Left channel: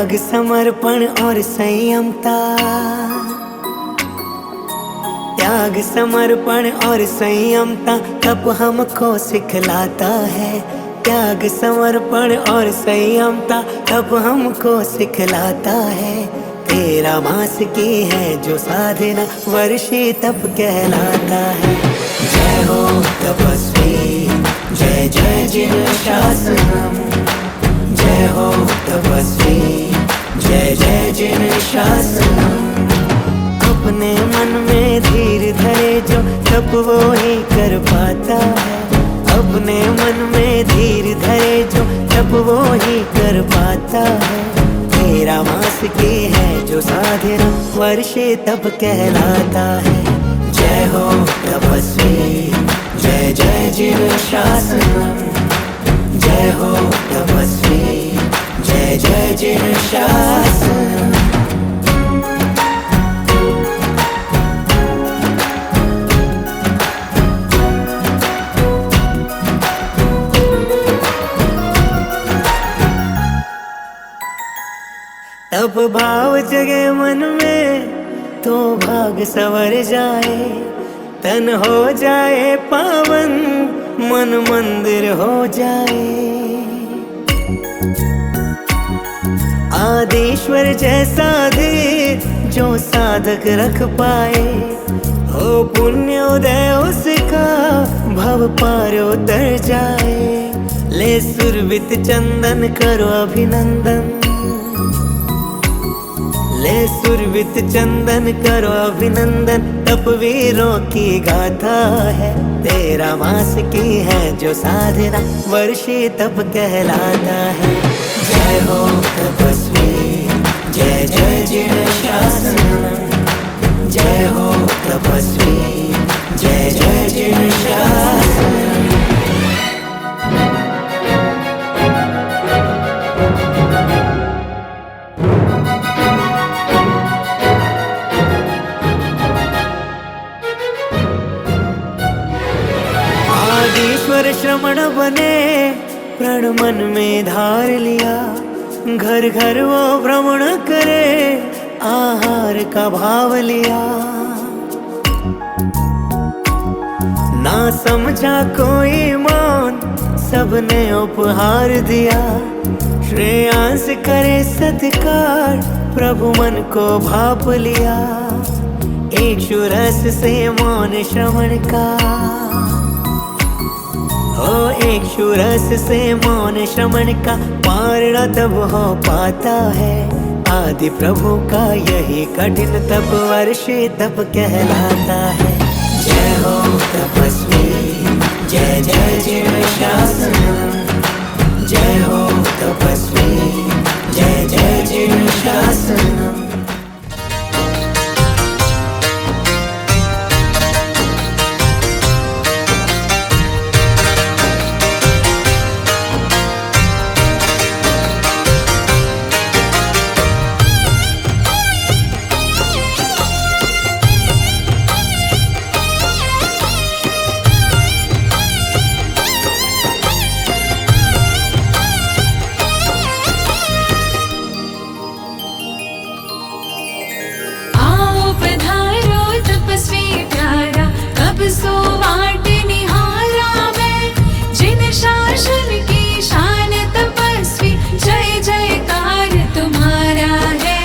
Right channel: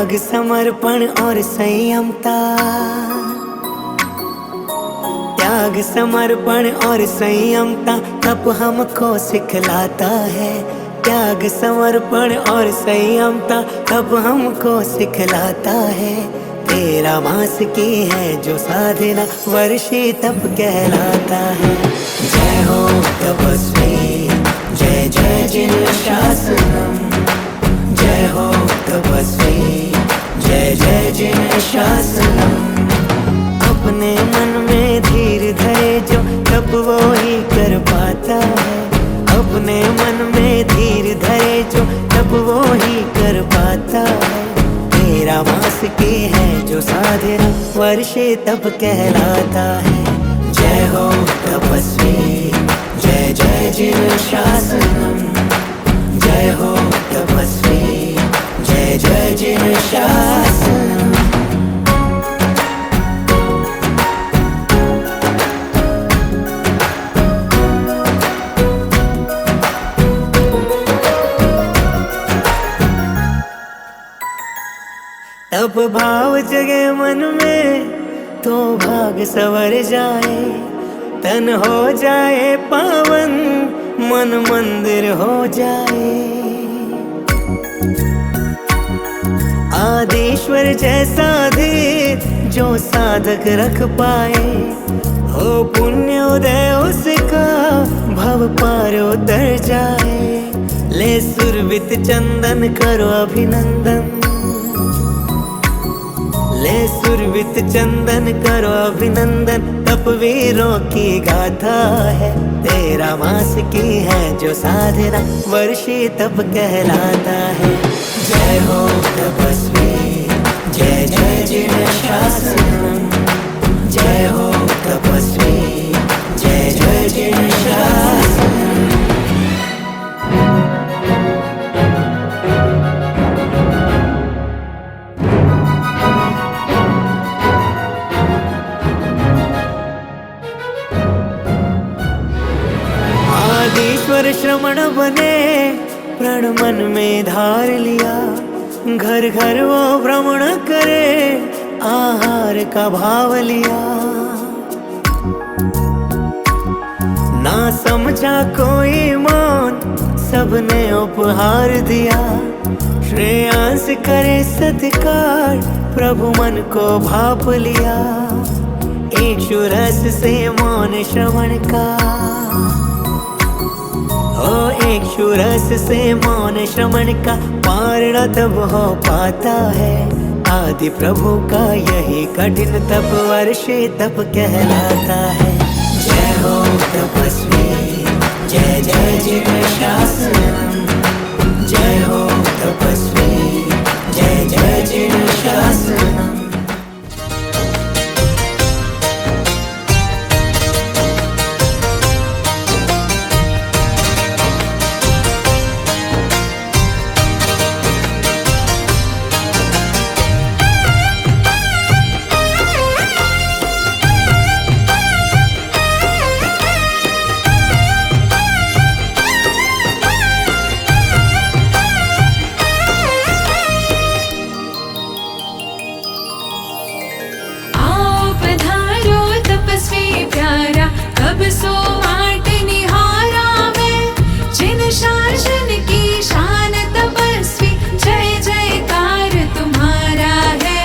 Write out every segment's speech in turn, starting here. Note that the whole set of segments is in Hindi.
त्याग समर्पण और संयमता, त्याग समर्पण और संयमता तप हमको सिखलाता है। त्याग समर्पण और संयमता तप हमको सिखलाता है। 13 मास की है जो साधना वर्षी तप कहलाता है। जय हो तपस्वी, जय जय जिन शासनम। जय हो तपस्वी, जय जय जिन शासनम। अपने मन में धीर धरे जो तप वो ही कर पाता है। अपने मन में धीर धरे जो तप वो ही कर पाता है। 13 मास की है जो साधना वर्षे तप कहलाता है। जय हो तपस्वी, जय जय जिन शासनम। जय हो तपस्वी, जय जय जिन शासनम। तप भाव जगे मन में तो भाग सवर जाए। तन हो जाए पावन, मन मंदिर हो जाए। आदिश्वर जैसा धीर जो साधक रख पाए। हो पुण्य उदय उसका भव पार उतर जाए। ले सुरभित चंदन करो अभिनंदन। ले सुरभित चंदन करो अभिनंदन। तपवीरों की गाथा है। 13 मास की है जो साधना वर्षी तप कहलाता है। जय हो तपस्वी, जय जय जिन शासनम। जय हो तपस्वी, जय जय जिन शासनम। आदिश्वर श्रमण बने, प्रण मन में धार लिया। घर घर वो भ्रमण करे, आहार का भाव लिया। ना समझा कोई मान, सबने उपहार दिया। श्रेयांस करे सत्कार, प्रभु मन को भाप लिया। एक रस से मौन श्रवण का, हो एक रस से मौन श्रवण का पारणा तब हो पाता है। आदि प्रभु का यही कठिन तप वर्षे तप कहलाता है। जय हो तपस्वी, जय जय जिन शासनम। जय हो तपस्वी, जय जय जिन शासनम। सो वाट निहारा मैं, जिन शासन की शान तपस्वी। जय जयकार तुम्हारा है,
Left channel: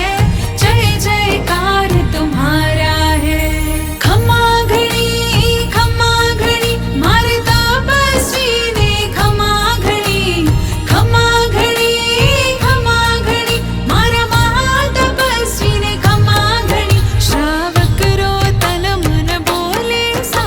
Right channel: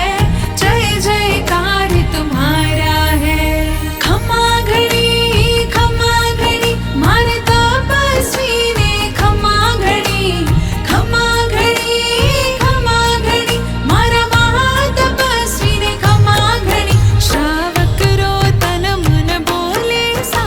जय जयकार तुम्हारा है। खमा घड़ी मार तपस्वी ने। खमा घड़ी मारा महातपस्वी ने। खमा घड़ी श्रावक रो तन मन बोले सा,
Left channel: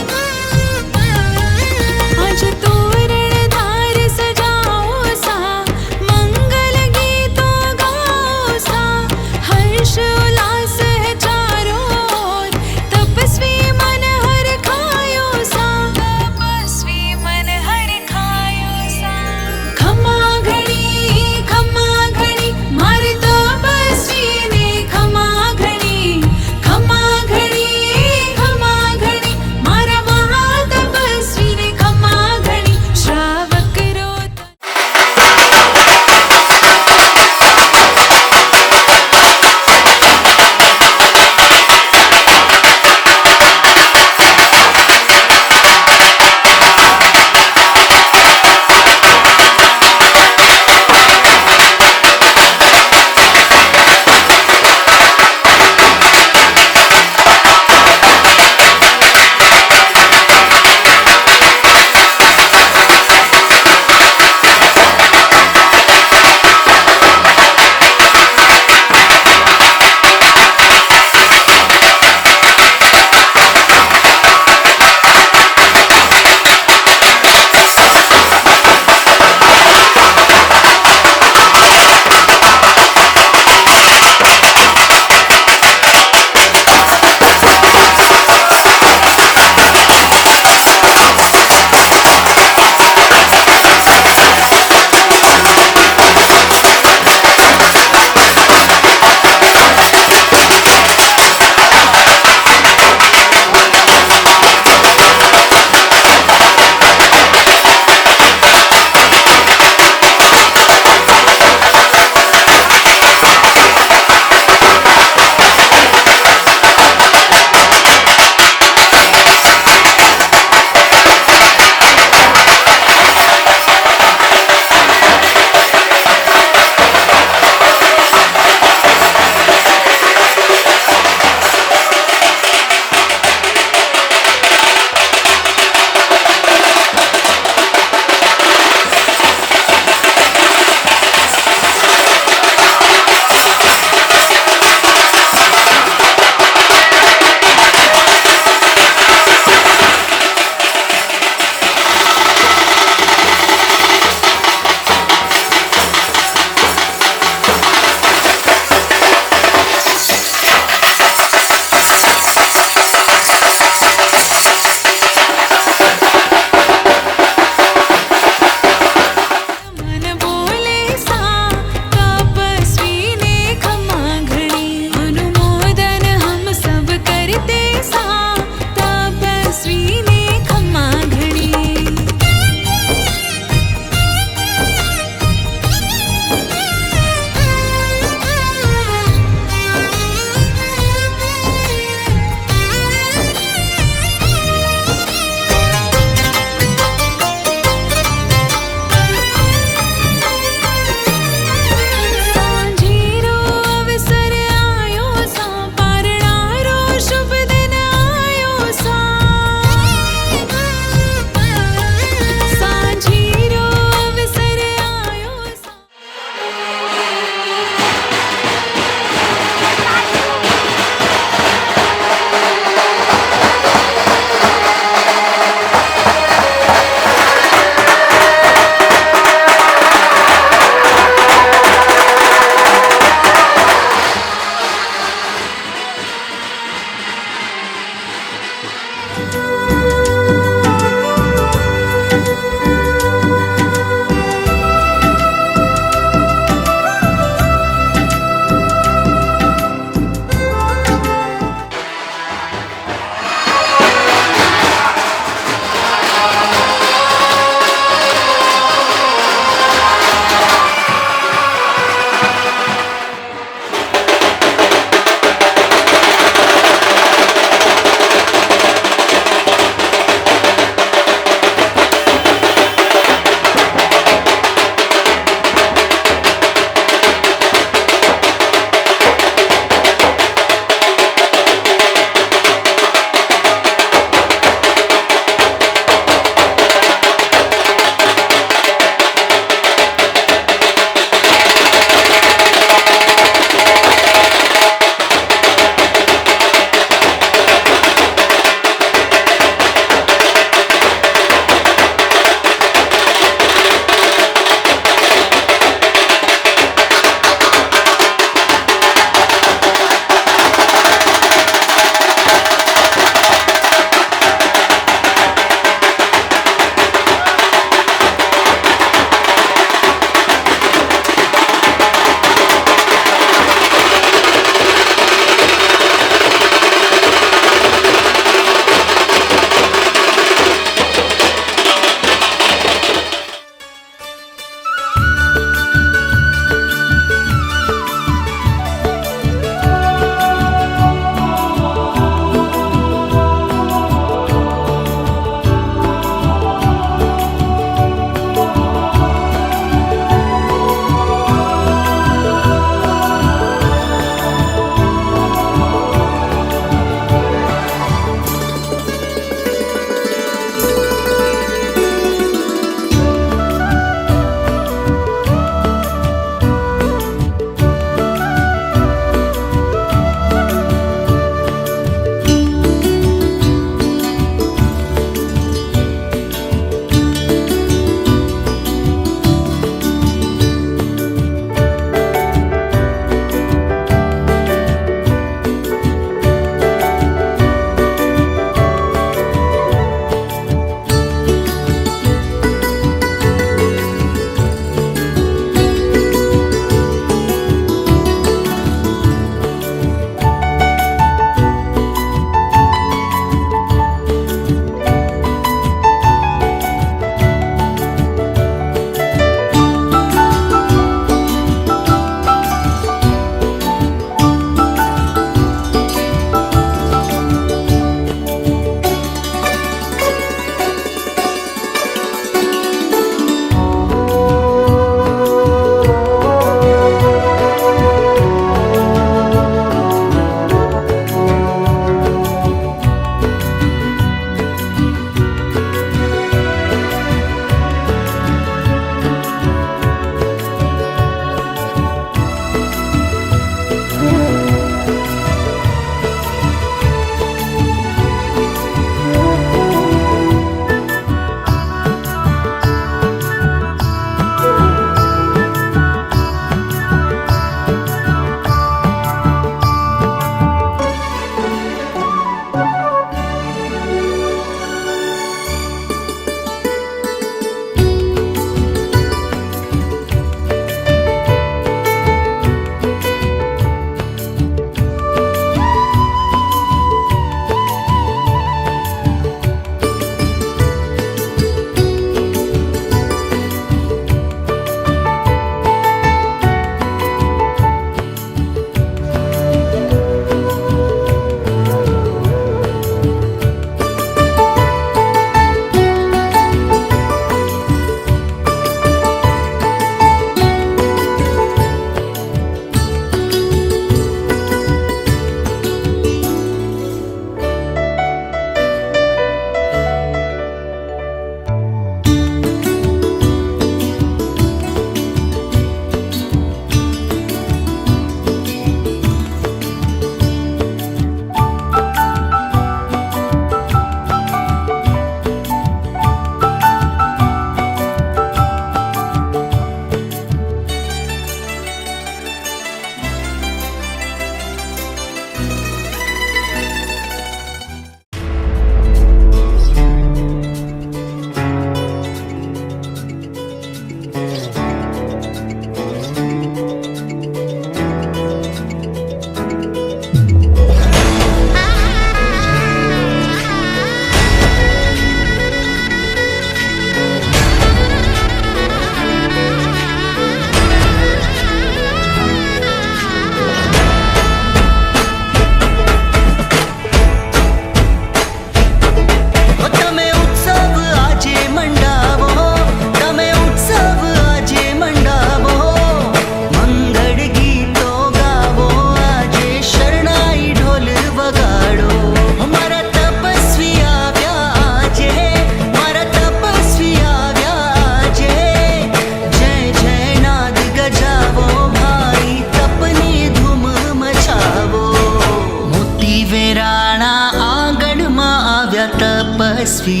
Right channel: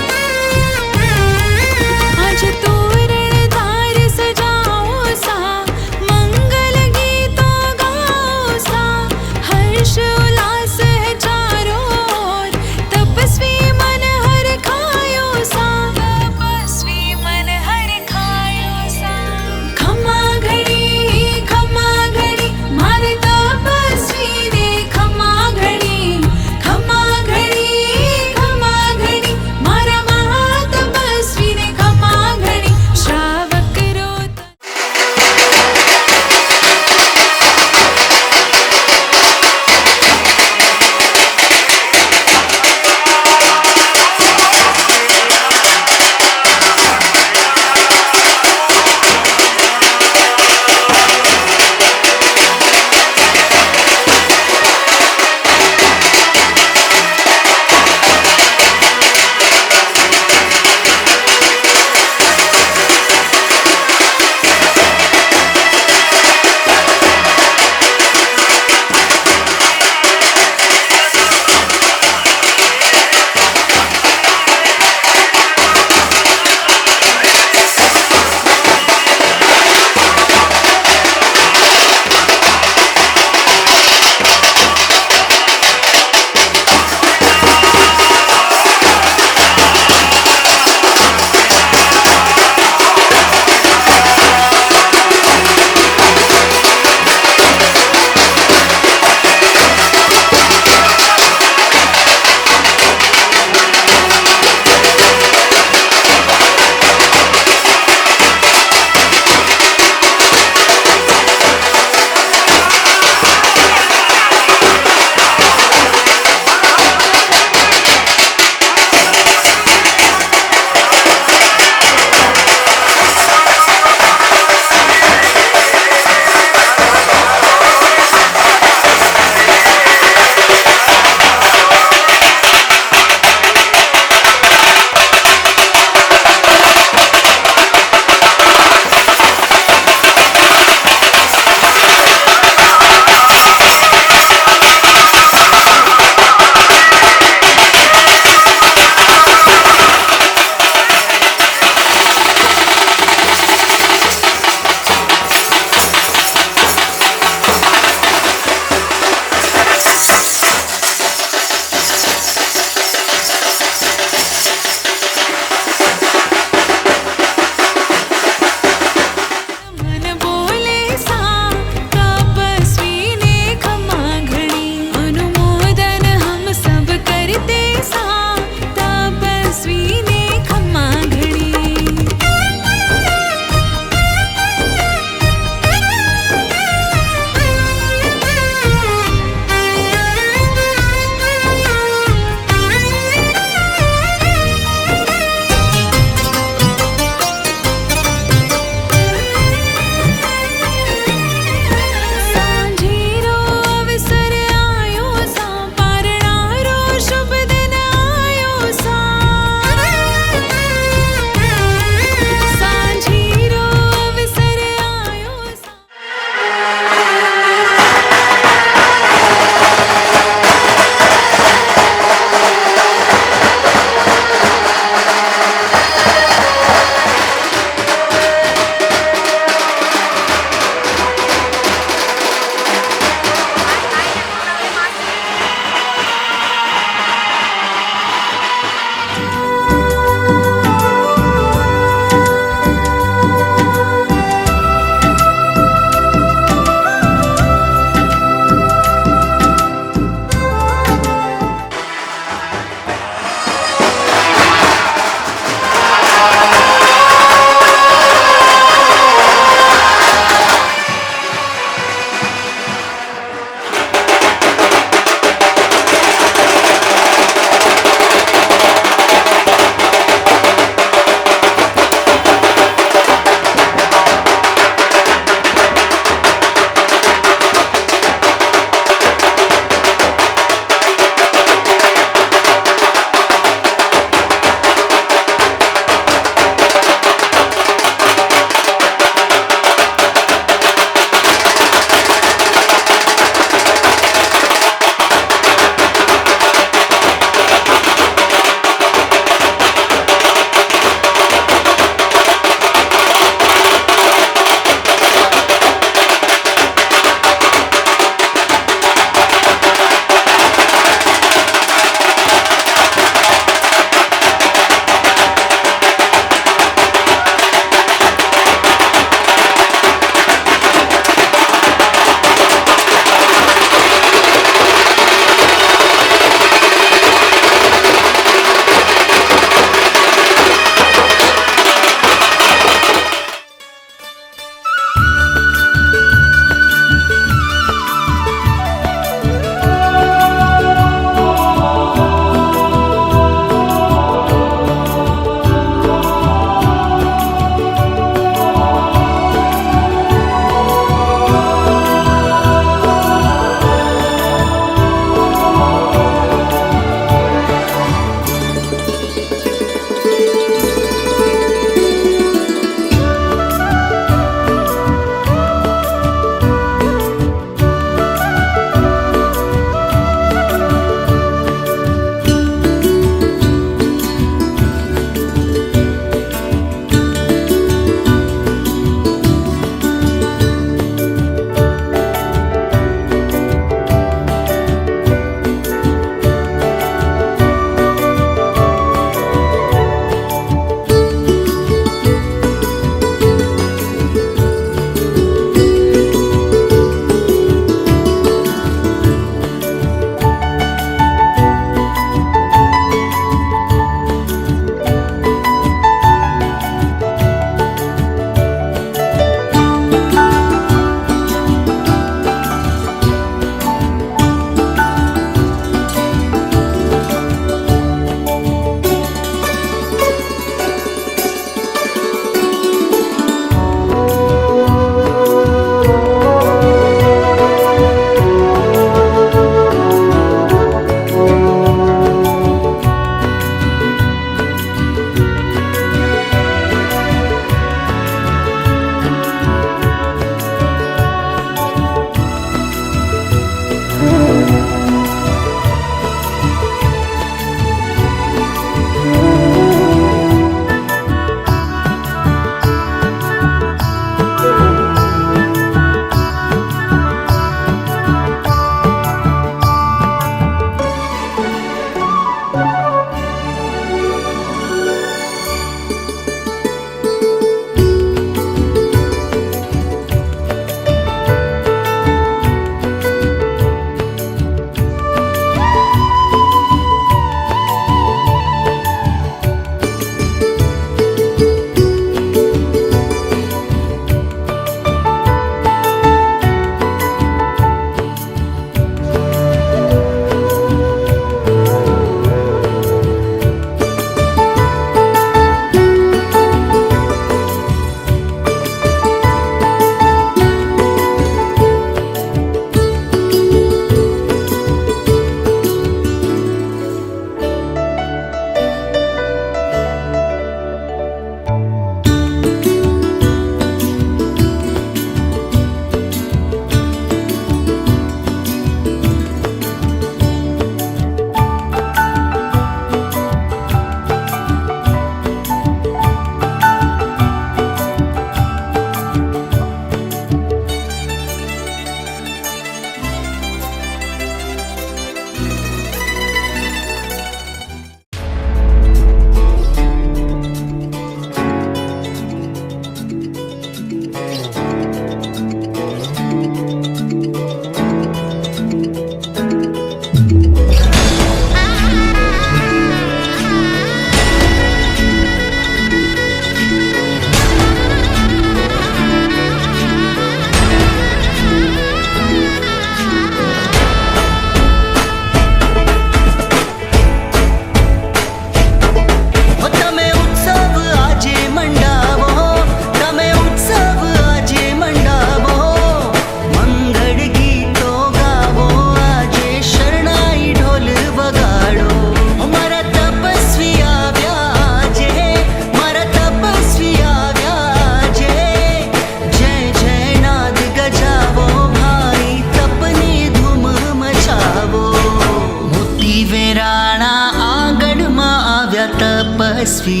તપસ્વી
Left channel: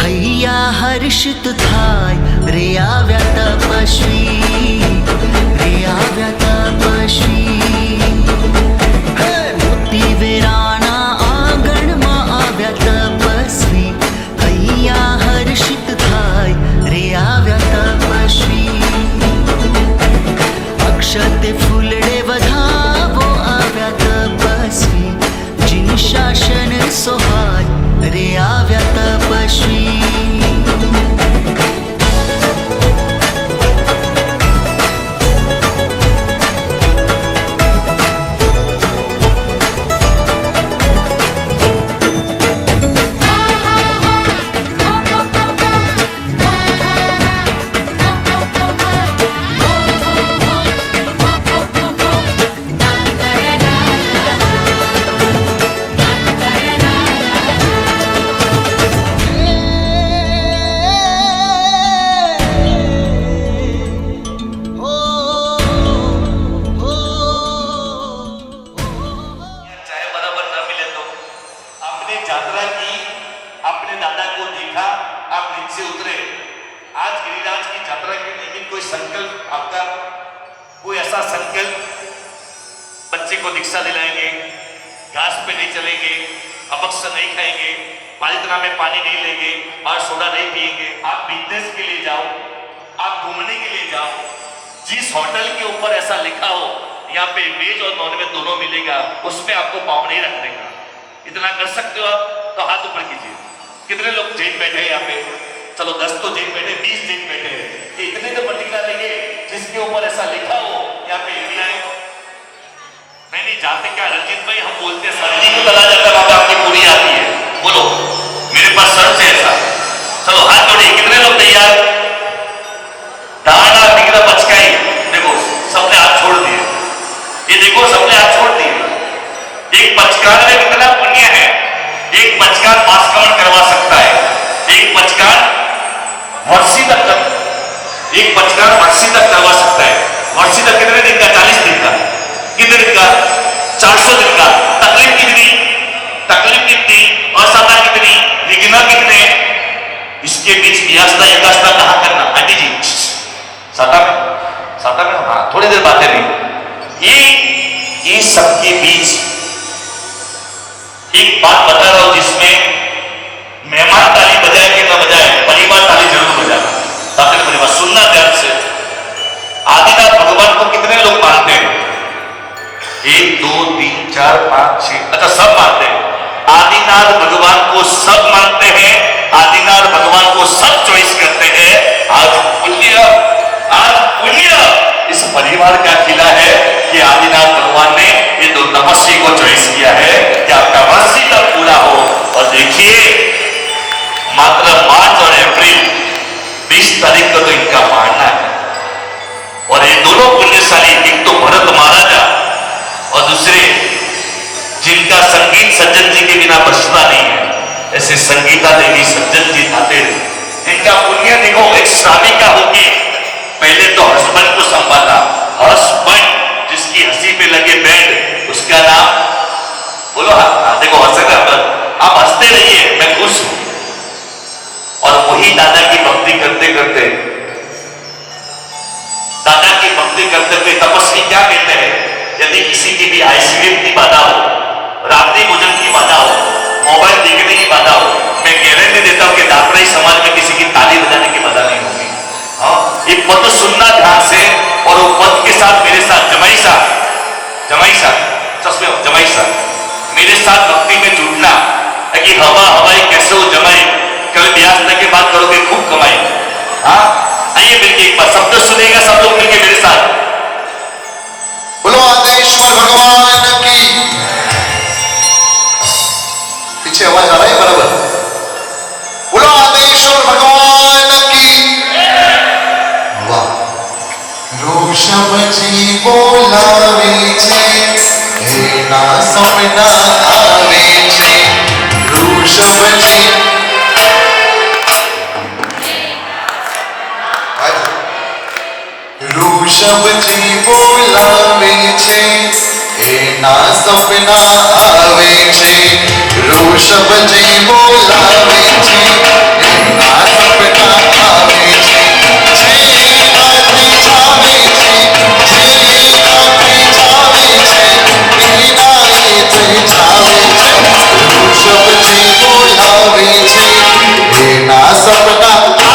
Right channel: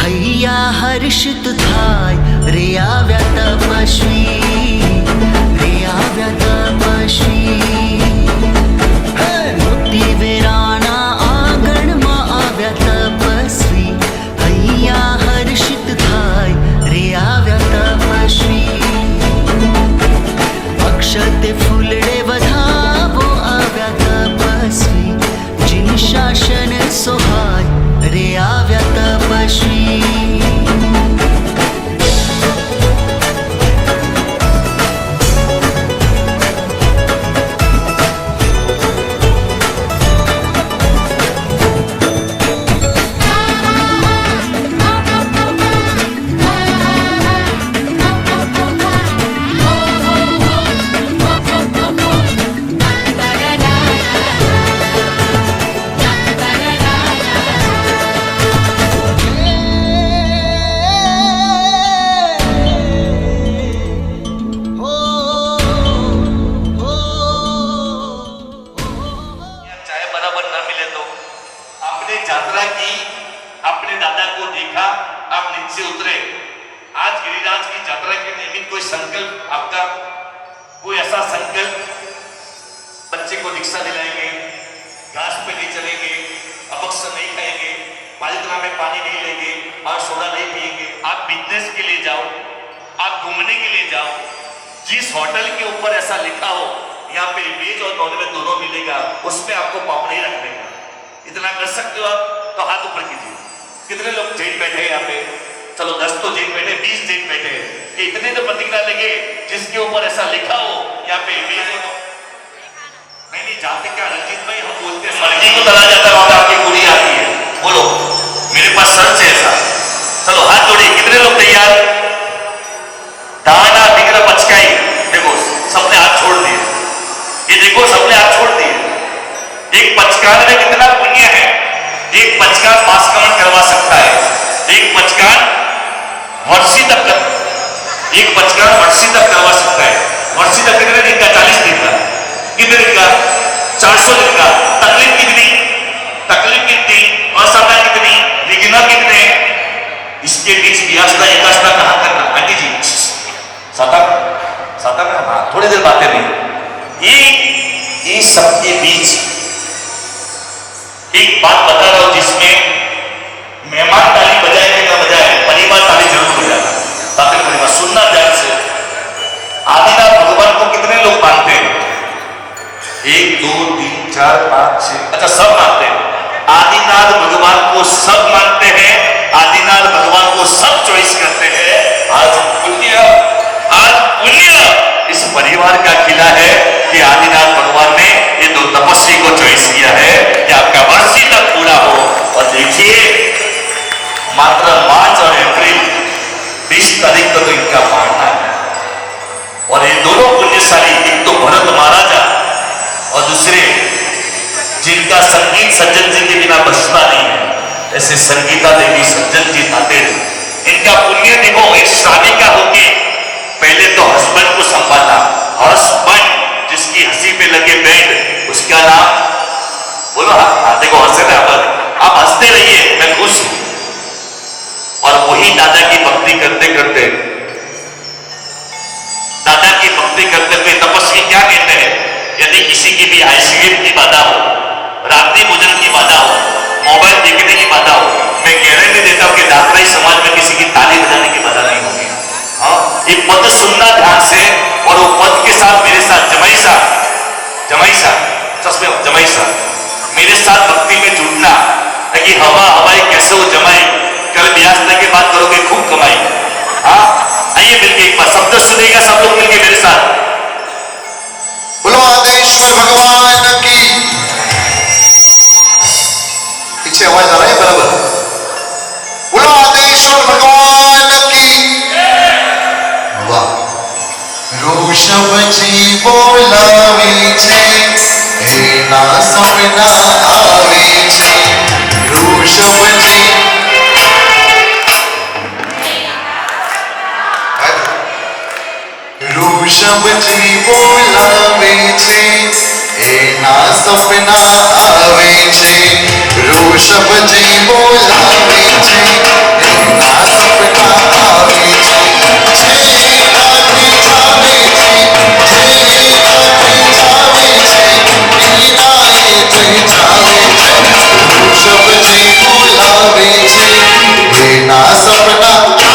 હૈયા હર્ષિત થાય રે આવ્યા તપસ્વી રે આવ્યા તપસ્વી હે મોતી વેરાના આંગણમાં આવ્યા તપસ્વી હૈયા હર્ષિત થાય રે આવ્યા તપસ્વી અક્ષતે ફૂલડે વધાવો આવ્યા તપસ્વી जिन शासन सोहाय रे આવ્યા તપસ્વી यात्रा की, अपने दादा को देखा, आप नीचे उतरे। आज गिरिराज की यात्रा के निमित्त कोई संकल्प आपका, कोई ऐसा संकल्प, बच्चे को दीक्षा दिलाएंगे, घास पे नहीं चलेंगे, अबक्स नहीं खाएंगे, पालितना में पानी नहीं लेंगे और सोडा नहीं पिएंगे। आप बिजनेस के लिए जाओ, आप घूमने के लिए जाओ, जिस होटल के ऊपर ऐसा लिखा हो यहाँ पे वेज और नॉन वेज दोनों मिलेगा, उसमें आपको पाँव नहीं रखने का। इतना कर सकते हो आप तो हाथ ऊपर कीजिए। कितने लोग जेल बैठे हैं यहाँ पे? चलो 10 तो जेल बैठे, 20 जेल बैठे हैं कि इतने तो प्रतिज्ञा लेंगे जिसके ऊपर ऐसा लिखा हो यहाँ पे नहीं जाते क्या रंजित भाई, हम बोलते हैं मर्जी को चला जाता है, वहां पे आपकी पूरी आती है। बोलो मेरे पास सर्च है ऐसा। चलो हाथ जोड़िए, कितने लोग तैयार? दाना बिगड़ा बचकाई, देखो सबने हाथ छोड़ दिए। ये देखो सबने हाथ छोड़ दिए। एक पचकार में कितना पुण्य है। एक पचकार बाष्करण करवा सकता है, एक पचकार वर्षी तक करवा सकता है। वर्षी तक कितने दिन का? 40 दिन का। कितने दिन का? 400 दिन का। तकलीफ कितनी? असमय कितनी? विघ्न कितने? इसके बीच व्यासना एकासना कहां करना? आंटी जी साता में हाँ, थोड़ी देर बातें नहीं। ये सबके बीच एक बात बता रहा हूं जिसमें मेहमान ताली बजाए कि ना बजाए, परिवार ताली जरूर बजाना। ताकि परिवार सुनना ध्यान से। आदिनाथ भगवान को कितने लोग मानते हैं? 1 2 3 4 5 6, अच्छा सब मानते हैं। आदिनाथ भगवान को सब मानते हैं, आदिनाथ भगवान को सब चॉइस करते हैं। आज पुण्य इस परिवार का किला है कि आदिनाथ भगवान ने ये दो तपस्वी को चॉइस किया है कि आपका वर्षी तक पूरा हो। और देखिए मात्र मार्च और अप्रैल 20 तारीख को तो इनका मारना है। और ये दोनों पुण्यशाली, एक तो भरत महाराजा और दूसरे जिनका संगीत सज्जन जी के बिना बचना नहीं है, ऐसे संगीता देवी सज्जन जी नाते। इनका पुण्य देखो, एक शादी का होके पहले तो हस्बैंड को संभालना, हस्बैंड जिसकी हंसी पे लगे बैंड, उसका नाम बोलो। हाँ देखो हंसना, आप हंसते रहिए, मैं खुश हूं। और वही दादा की भक्ति करते करते तपस्वी क्या कहते हैं? यदि किसी की भी आईसीयू की बाधा हो, रात्रि भोजन की बाधा हो, मोबाइल देखने की बाधा हो, मैं गारंटी देता हूं कि दातराई समाज में किसी की ताली बजाने की बाधा नहीं होगी। एक पद सुनना ध्यान से, और वो पद के साथ मेरे साथ जमाई साहब मेरे साथ भक्ति में जुड़ना, ताकि हवाई कैसे हो जमाई, कल ब्याज के बात करोगे खूब कमाई। हाँ आइए मिलके एक बार शब्द सुनेगा सब लोग मिलके मेरे साथ। बोलो आदेश्वर भगवान की। पीछे आवाज आ रहा है बराबर? बोलो आदेश्वर भगवान की। वाह। ऋषभजी बोलावे छे, एना सपना आवे छे। ऋषभजी बोलावे छे, एना सपना आवे छे। વૃષભજી બોલાવે છે એના સપના આવે છે જે રાત્રિ છાવે છે જે રાત્રિ છાવે છે એના એ તે છાવે છે વૃષભજી બોલાવે છે એના સપના આવે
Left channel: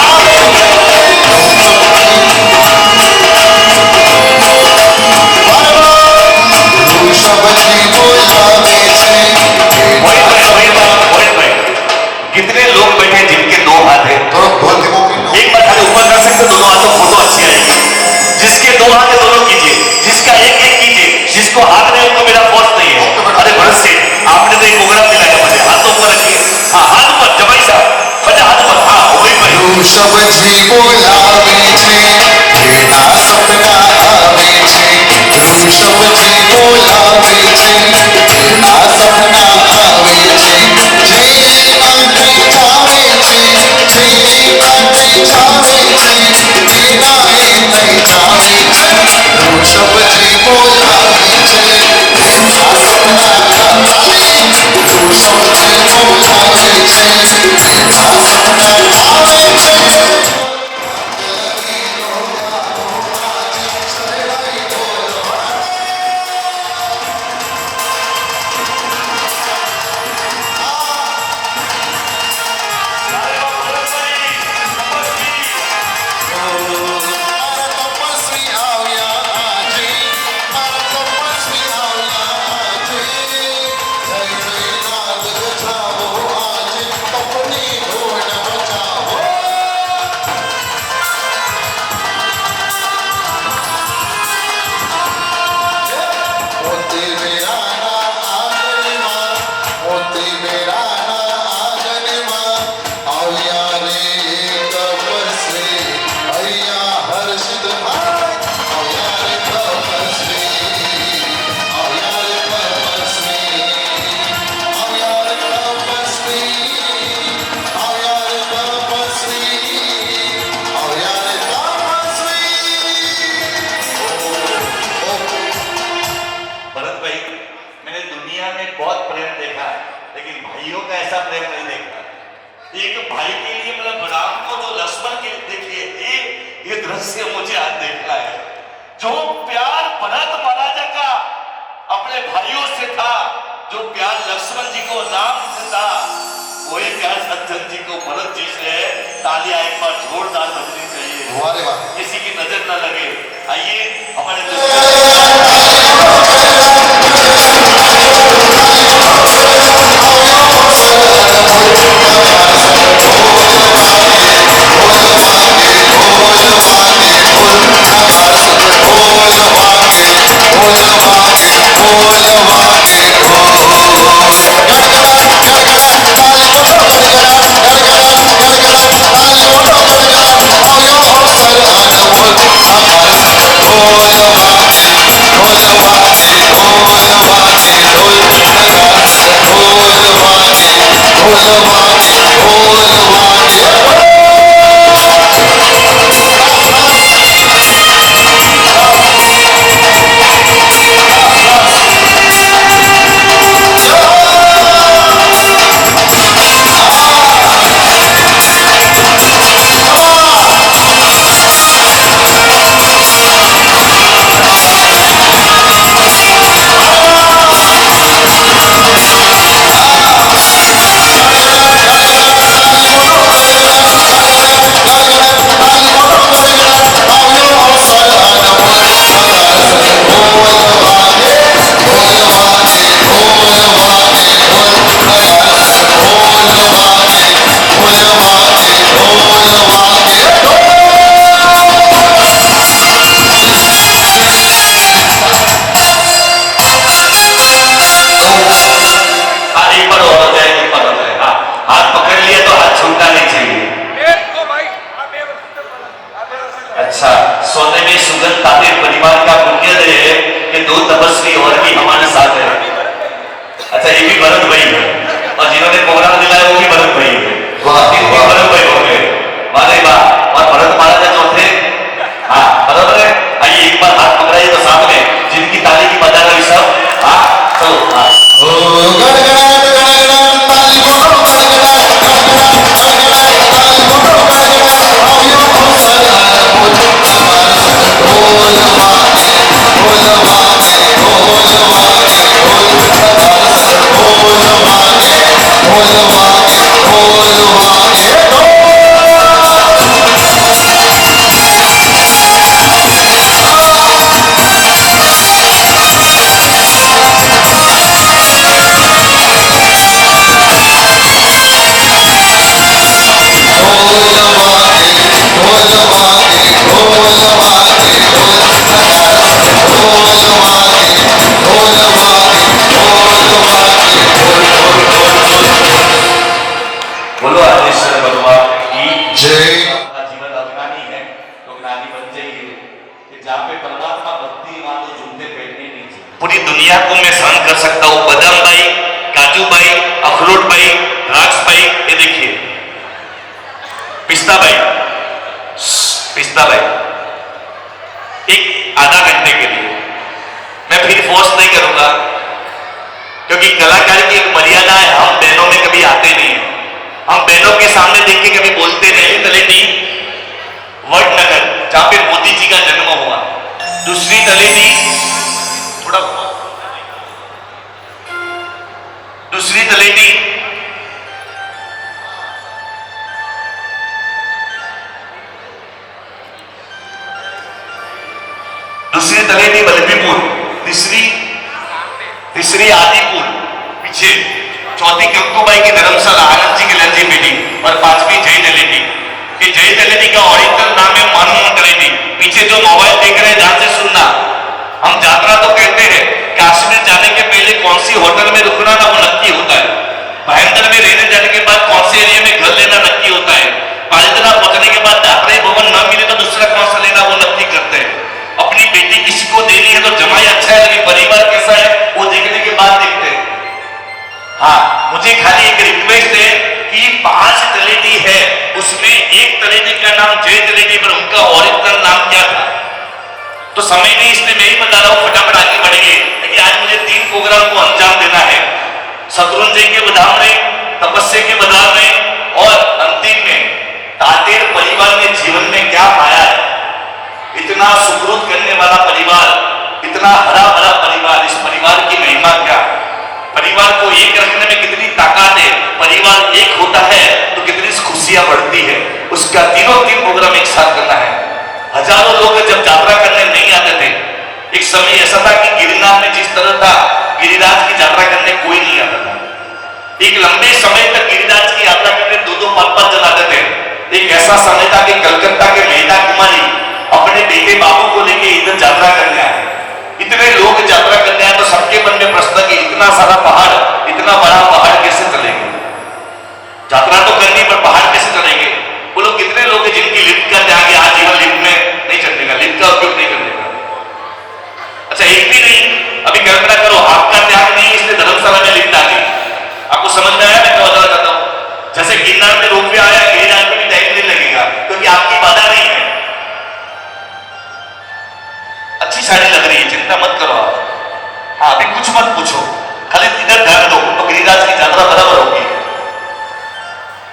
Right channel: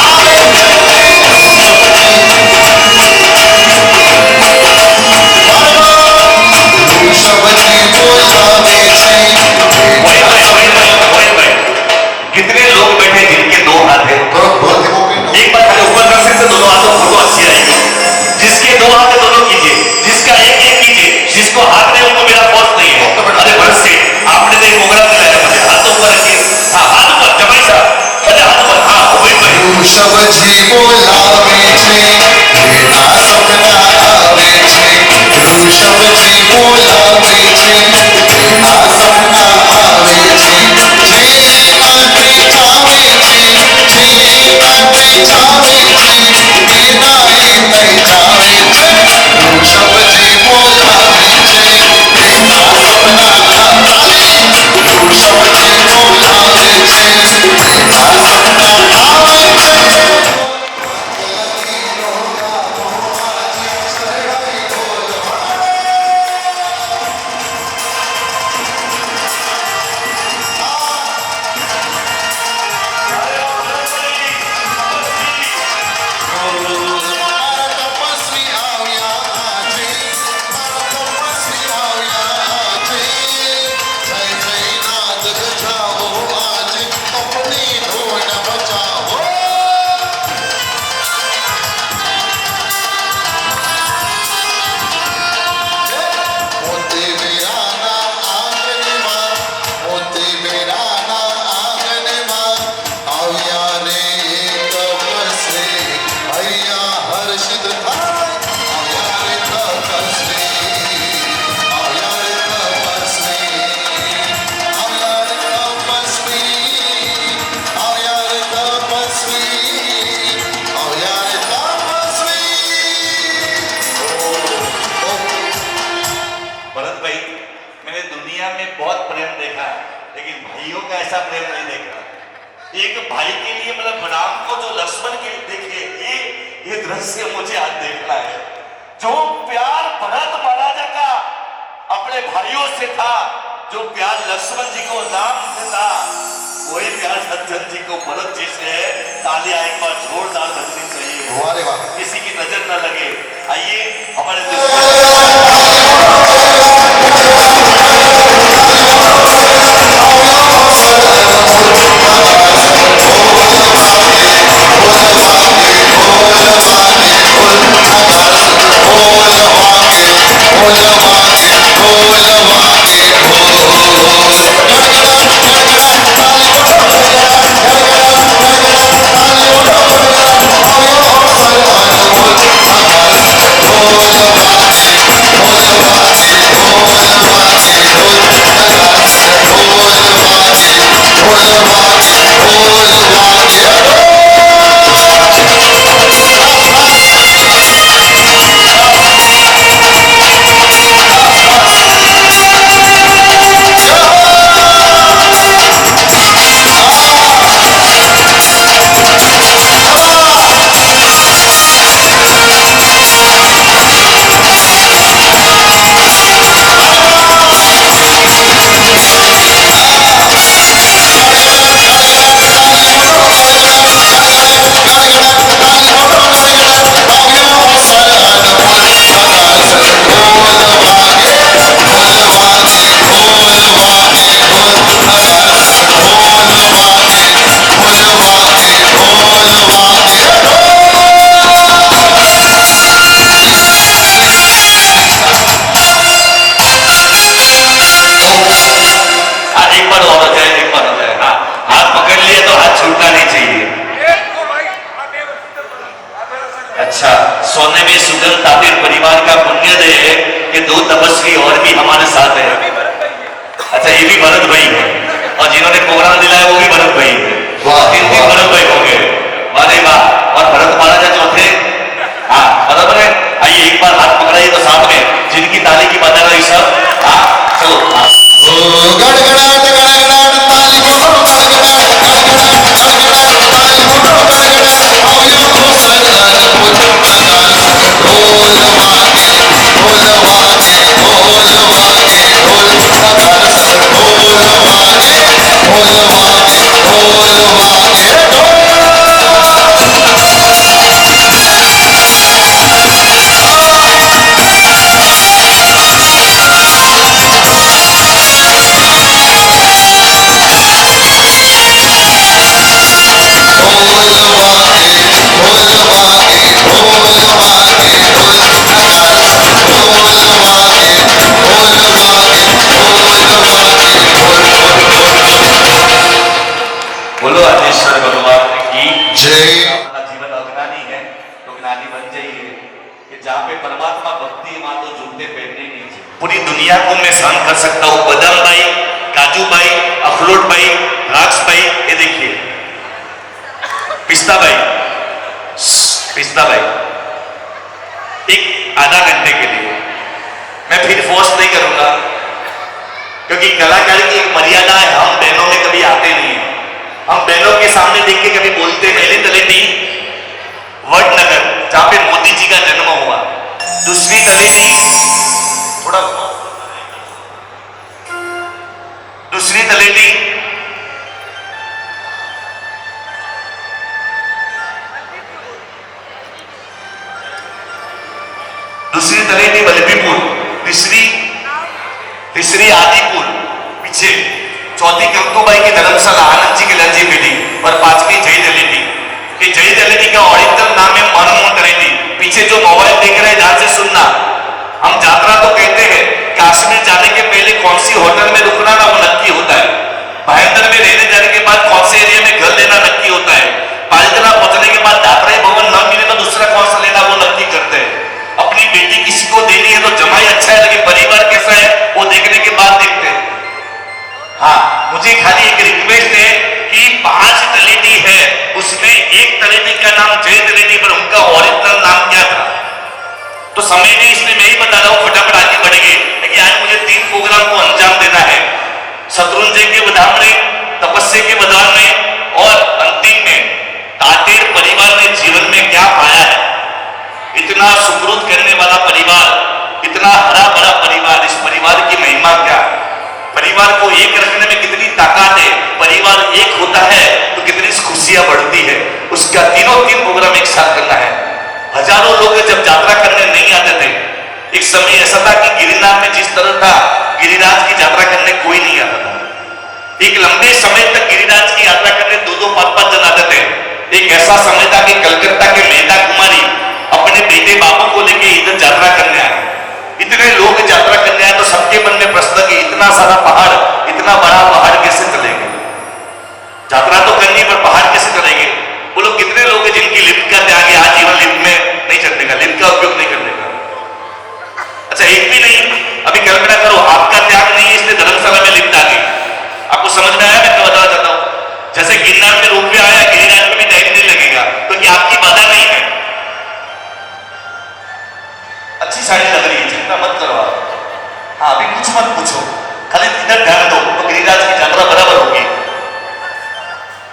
વૃષભજી બોલાવે છે कितने लोग बैठे जिनके दो हाथ है? थोड़ा बहुत देखो कि एक बार खाली ऊपर कर सकते, दोनों हाथों फोटो अच्छी आएगी। जिसके दो हाथ है दोनों कीजिए, जिसका एक एक कीजिए, जिसको हाथ नहीं उनको मेरा फोर्स नहीं है। अरे भरत सेठ, आपने तो एक उंगला दिलाया मुझे, हाथ ऊपर रखिए। हाँ, हाथ ऊपर जमाई साहब, बजा हाथ ऊपर। हाँ, वही वही। વૃષભજી બોલાવે છે એના સપના આવે છે વૃષભજી બોલાવે છે એના સપના આવે છે જે રાત્રિ છાવે છે જે રાત્રિ છાવે છે એના એ તઈ છાવે છે વૃષભજી બોલાવે છે એના સપના આવે વૃષભજી બોલાવે છે એના સપના આવે છે તપસ્વી આવ્યા આજે મારા તપસ્વી આવ્યા આજે જય જયનાથ ગજાવો આજે અપની ધોન બચાવો મોતી વેરાના આંગણમાં મોતી વેરાના આંગણમાં આવ્યા રે એક તપસ્વી અહીંયા હર્ષિત થાય આવ્યા રે તપસ્વી આવ્યા રે તપસ્વી આવ્યા રે તપસ્વી આવ્યા રે તપસ્વી આવ્યા રે તપસ્વી भरत भाई, मैंने दुनिया में बहुत प्रेम देखा है, लेकिन भाइयों का ऐसा प्रेम नहीं देखा। एक भाई के लिए मतलब राम को जो लक्ष्मण के देखिए, ये दृश्य मुझे आज देखना है। जो प्यार भरत महाराजा का अपने भाइयों से था, जो प्यार लक्ष्मण जी को राम से था, वही प्यार सज्जन जी को भरत जी से है। तालियां एक बार जोरदार बजनी चाहिए, वाह रे वाह किसी की नजर न लगे। आइए हमारे બોલ पूरी दुनिया को मैं सहन कर सकता हूं। बादाम भाई, काजू भाई, अखरोट भाई, द्राक्ष भाई, ये देखिए पिस्ता भाई, एक आधा घंटे के लिए मैं फिर फोर्स नहीं करूंगा, क्योंकि कलाकार की एक मर्यादा है। हम बहनों में कभी आते नहीं है, हम बहनों के सामने देख के कभी बोलते नहीं। तलेटी वडनगर जहां पे मोदी जी का जन्म हुआ, दूसरी तलेटी थोड़ा दूसरी तलेटी बल्लभीपुर, तीसरी आदिपुर पीछे, चौथी कंकुबाई की धर्मशाला आनंद जी की लंजी मिली, और पांचवी जय जलेबी। कि जय जलेबी का ओरिजिनल नाम है मनमोहन जलेबी। पीछे जो मोबाइल देख रहे हैं ध्यान से सुनना, हम यात्रा तो कहते हैं, काश्मीर जाने के पहले कौन सी होटल में रुकना ना वो नक्की होता है। भाईंदर में रहने जाने के बाद कौन से एरिया में घर लेना नक्की होता है। पालितना पहुंचने के बाद यात्रा भवन न मिले तो दूसरा कौन सा लेना वो नक्की करते हैं। अपनी बेटी किसी को देनी है तो जमाई अच्छा है लेकिन परिवार कैसा है वो देखने के बाद देखते हैं। हाँ, मुझे खाली एक रिक्वेस्ट है कि 5 तलेटी है, उसमें एक तलेटी का नाम जय तलेटी, पर उनका ओरिजिनल नाम क्या था तो समय नहीं, इसलिए मैं ही बता रहा हूं, फटाफट आगे बढ़ेंगे। लेकिन आज मुझे 3 प्रोग्राम को अंजाम देना है। शत्रुंजय के बदाम में, तपस्या के बदाम में, और अंतिम में तातेर परिवार ने जीवन में क्या पाया है। इतना सुकृत करने वाला परिवार, इतना हरा भरा परिवार, इस परिवार की महिमा क्या, परिवार को एक रखने में कितनी ताकत है, परिवार एक होता है तो कितनी खुशियां बढ़ती है। उसका तीनों प्रोग्राम एक साथ करना है। हजारों लोग जब यात्रा करने नहीं आते थे, एक समय ऐसा था कि गिरिनाथ में जिस तरह था, गिरिराज की यात्रा करने कोई नहीं आता था। एक लंबे समय तक गिरिराज की यात्रा करने 2-2, 5-5 जन आते थे। एक ऐसा समय था कि कलकत्ता के मेधा कुमारी अपने बेटे बाबू को लेके इधर यात्रा करने आए। इतने लोग यात्रा करने आए तो सबके मन में प्रश्न कि इतना सारा पहाड़, इतना बड़ा पहाड़ कैसे चलेंगे। यात्रा तो करनी पर पहाड़ कैसे चलेंगे। वो लोग कितने लोग हैं जिनकी लिफ्ट का त्याग है, आज जीवन लिफ्ट में नहीं चलने का, लिफ्ट का उपयोग नहीं करने का। अच्छा, एक भी नहीं, अभी कल्पना करो आपका त्याग नहीं है इसलिए धर्मशाला में लिफ्ट आ गई। आपको समझ में आया मैं क्या बताना चाहता हूं। जैसे गिरनार में रोपवे आया, गिरिराज में भी टाइम नहीं लगेगा क्योंकि आपकी बाधा नहीं है। अच्छी साड़ी लग रही है, चिंता मत करो आप। हाँ, अभी कुछ मत पूछो, खाली इधर ध्यान दो तो गिरिराज की यात्रा बराबर होगी।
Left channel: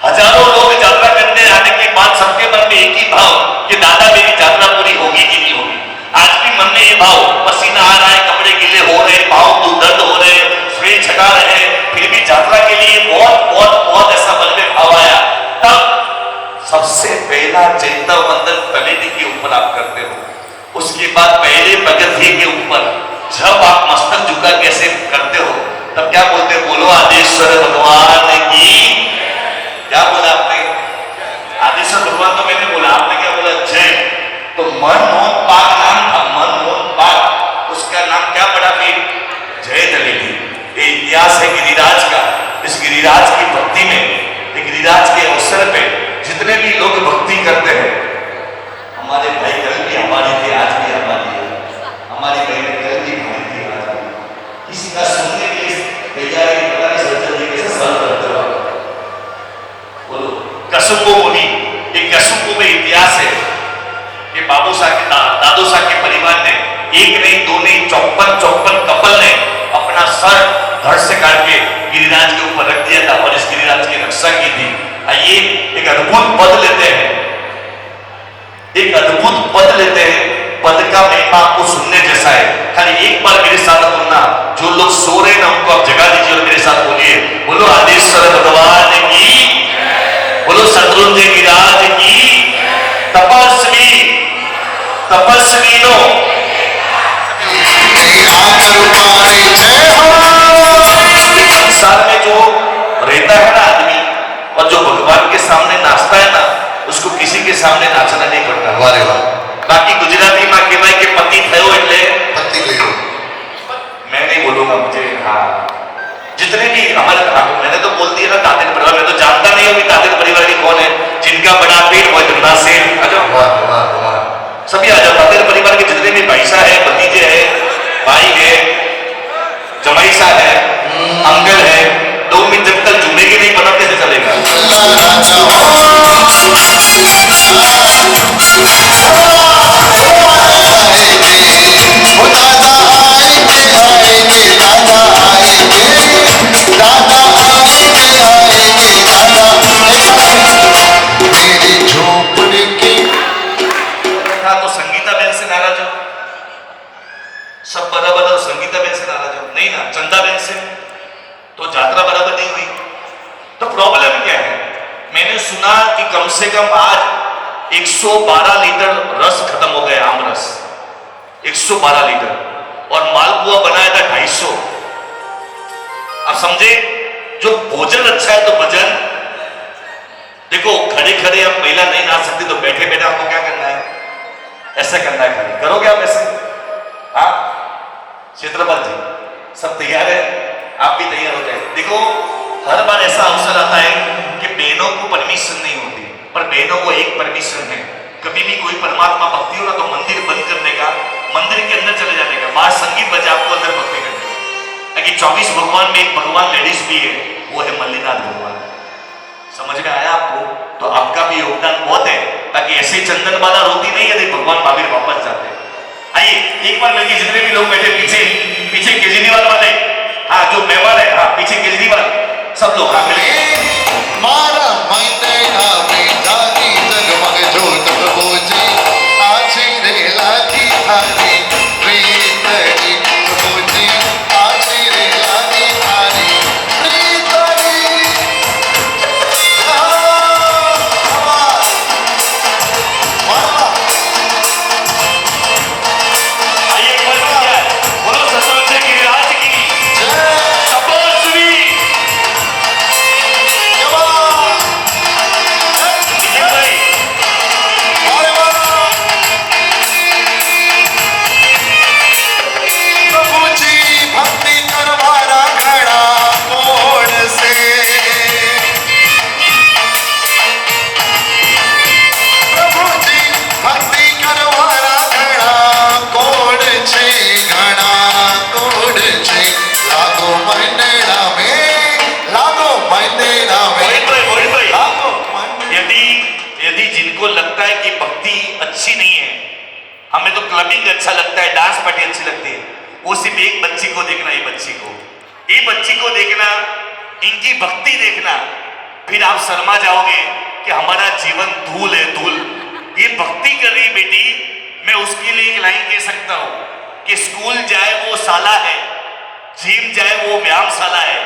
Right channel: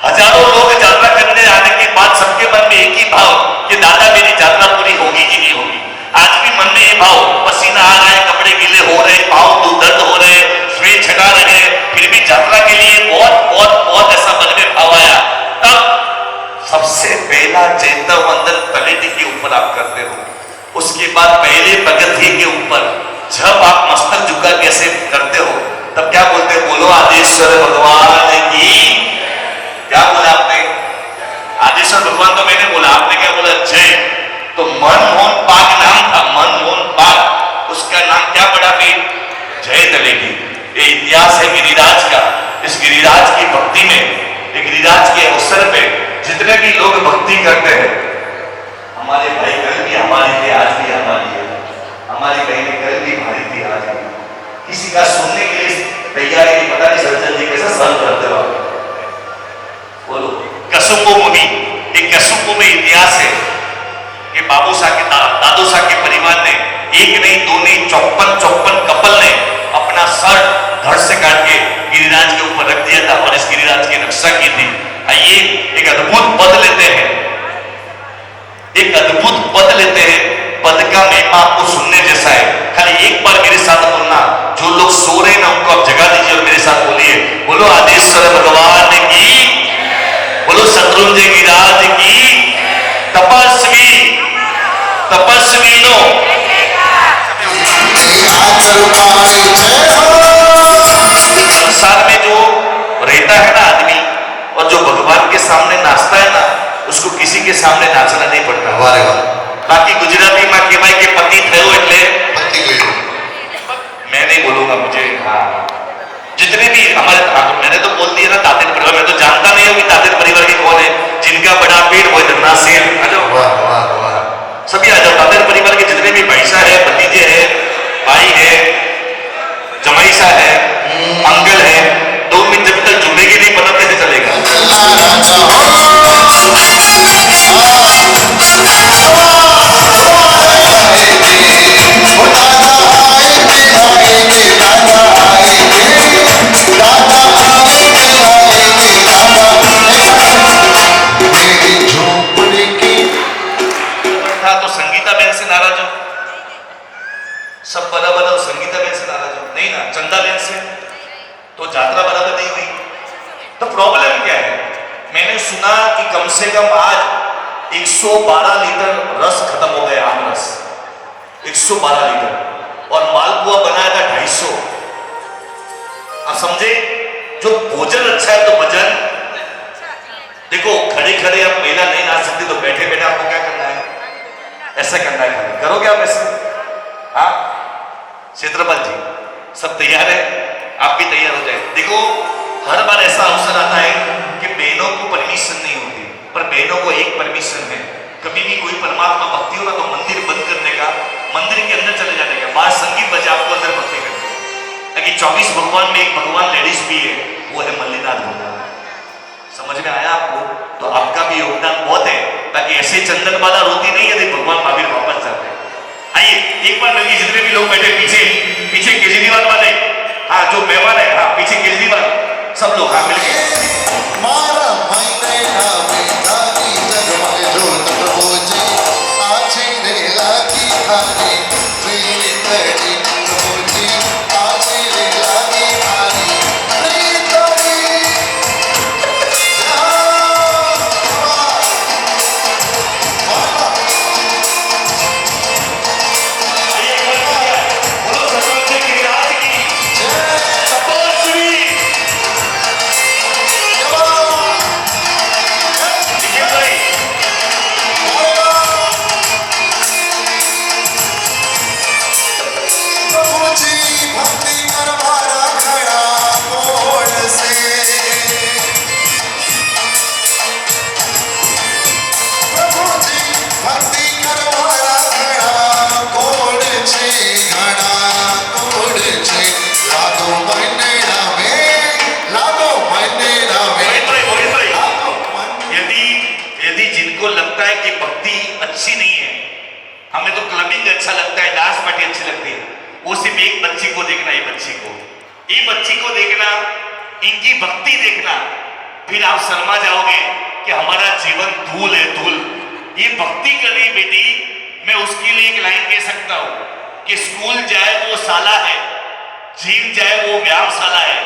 हजारों लोग यात्रा करने आने के बाद सबके मन में एक ही भाव कि दादा मेरी यात्रा पूरी होगी कि नहीं होगी। आज भी मन में ये भाव, पसीना आ रहा है, कपड़े गीले हो रहे, पाँव दर्द हो रहे, श्वेत छटा रहे, फिर भी यात्रा के लिए बहुत बहुत बहुत ऐसा मन में भाव आया। तब सबसे पहला चैतन्य वंदन तलेटी के ऊपर आप करते हो। उसके बाद पहले प्रगति के ऊपर जब आप मस्तक झुका कैसे करते हो तब क्या बोलते हैं, बोलो आदेश्वर भगवान की। क्या बोला आपने? आदेश्वर भगवान तो मैंने बोला, आपने क्या बोला? जय। तो मनमोहन पाग नाम था, मनमोहन पाग, उसका नाम क्या पड़ा फिर? जय तलेटी। ये इतिहास है गिरिराज का। इस गिरिराज की भक्ति में, गिरिराज के अवसर पे जितने भी लोग भक्ति करते हैं, हमारे भाई कल भी हमारी थी, आज भी हमारी है, हमारी बहन कल भी हमारी थी, आज भी। किसी का सुनने के लिए तैयार नहीं, पता नहीं सज्जन जी कैसे सर्व करते हो। बोलो कसुको मुनि, एक कसुको में इतिहास है कि बाबू साहब के दादू साहब के परिवार ने एक नहीं, दो नहीं, 54 कपल ने अपना सर धड़ से काट के गिरिराज के ऊपर रख दिया था और इस गिरिराज की रक्षा की थी। आइए एक अद्भुत पद लेते हैं, एक अद्भुत पद लेते हैं। पद का महिमा आपको सुनने जैसा है। खाली एक बार मेरे साथ बोलना, जो लोग सो रहे हैं उनको आप जगा लीजिए और मेरे साथ बोलिए, बोलो आदेश्वर भगवान की, बोलो शत्रुंजय गिरिराज की। तपस्वी तपस्वी लो संसार में जो रहता है ना आदमी, और जो भगवान के सामने नाचता है ना, उसको किसी के सामने नाचना नहीं पड़ता। वाह वाह। बाकी गुजराती में कहेवाय के पति थयो એટલે मैं नहीं बोलूंगा, मुझे हाँ जितने भी हमारे, मैंने तो बोल दिया ना तातेर परिवार, मैं तो जानता नहीं हूँ कि तातेर परिवार के कौन है। जिनका बड़ा पेड़ वो धरना से आ जाओ, वाह वाह वाह। सभी आ जाओ। तातेर परिवार के जितने भी पैसा है, भतीजे है, भाई है, कैसा है, अंकल है, 2 मिनट जब तक जुड़ेगी नहीं पता कैसे चलेगा। तो संगीता बहन से नाराज हो, सब बराबर और संगीता बहन से नाराज हो नहीं ना, चंदा बहन से तो यात्रा बराबर नहीं हुई। तो प्रॉब्लम क्या है? मैंने सुना कि कम से कम आज 112 लीटर रस खत्म हो गया, आम रस 112 लीटर, और मालपुआ बनाया था 250। आप समझे, जो भोजन अच्छा है तो भजन। देखो खड़े खड़े अब महिला नहीं नाच सकती, तो बैठे बैठे आपको क्या करना है, ऐसा करना है। खाली करोगे आप ऐसे? हाँ क्षेत्रपाल जी सब तैयार है, आप भी तैयार हो जाए। देखो हर बार ऐसा अवसर आता है कि बहनों को परमिशन नहीं होती, पर बहनों को एक परमिशन है, कभी भी कोई परमात्मा भक्ति हो ना तो मंदिर बंद करने का, मंदिर के अंदर चले जाने का, बाहर संगीत बजा, आपको अंदर भक्ति करनी है। ताकि 24 भगवान में एक भगवान लेडीज भी है, वो है मल्लीनाथ भगवान। समझ में आया आपको? तो आपका भी योगदान बहुत है, ताकि ऐसे चंदन बाला रोती नहीं यदि भगवान महावीर वापस जाते। आइए एक बार मिलकर जितने भी लोग बैठे पीछे पीछे केजरीवाल वाले, हाँ जो मेहमान है, हाँ पीछे केजरीवाल, सब लोग हाँ मिलके मारा मायने नामी लागी जगमग जोत प्रभुजी आजी रे लागी थारी प्रीत जी प्रभुजी आजी रे लागी थारी प्रीत जी। बोलो सरपंच की राज की तपस्वी प्रभुजी भक्ति करवारा खड़ा मोड़ से प्रभुजी भक्ति करवारा खड़ा कोड छे घड़ा कोड छे लागो मनेड़ा में मोहित भाई, यदि जिनको लगता है कि भक्ति अच्छी नहीं है, हमें तो क्लबिंग अच्छा लगता है, डांस पार्टी अच्छी लगती है, वो सिर्फ एक बच्ची को देखना, ये बच्ची को देखना, इनकी भक्ति देखना, फिर आप शर्मा जाओगे कि हमारा जीवन धूल है, धूल। ये भक्ति कर रही बेटी, मैं उसके लिए एक लाइन कह सकता हूँ कि स्कूल जाए वो शाला है, जिम जाए वो व्यायामशाला है,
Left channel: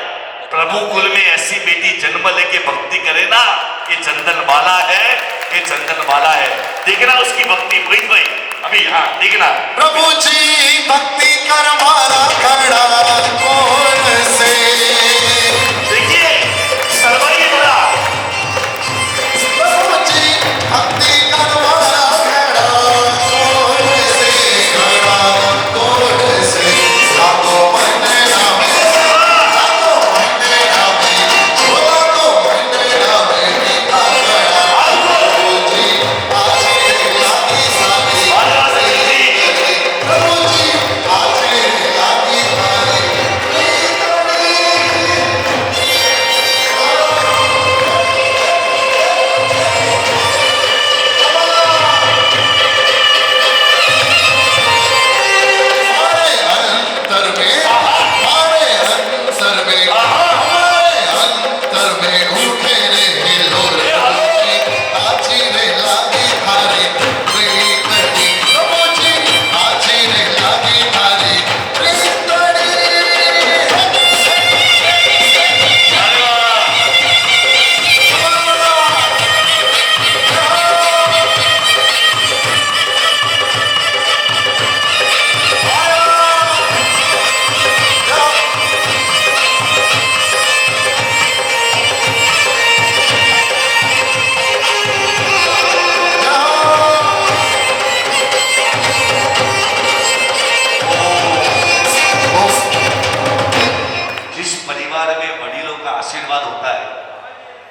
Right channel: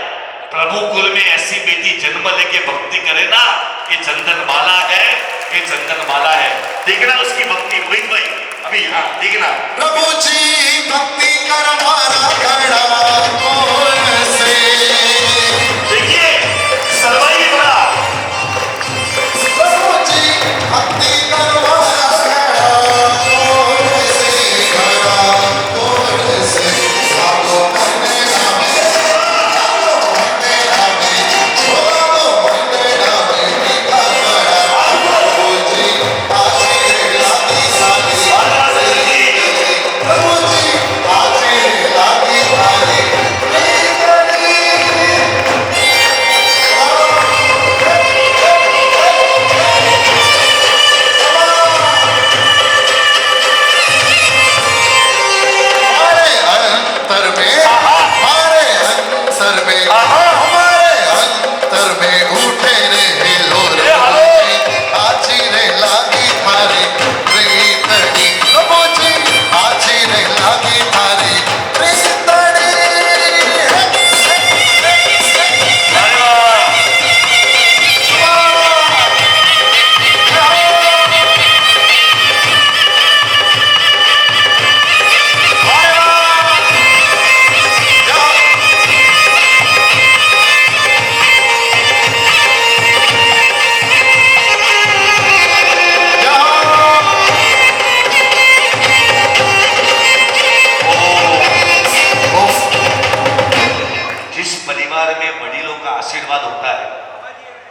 प्रभु कुल में ऐसी बेटी जन्म लेके भक्ति करे ना, ये चंदन माला है, ये चंदन माला है। देखना उसकी भक्ति वही भाई, अभी हाँ देखना। प्रभुजी भक्ति करवारा खड़ा कोड से देखिए सरवाई बड़ा प्रभुजी भक्ति करवारा खड़ा कोड से खड़ा कोड से लागो मनेड़ा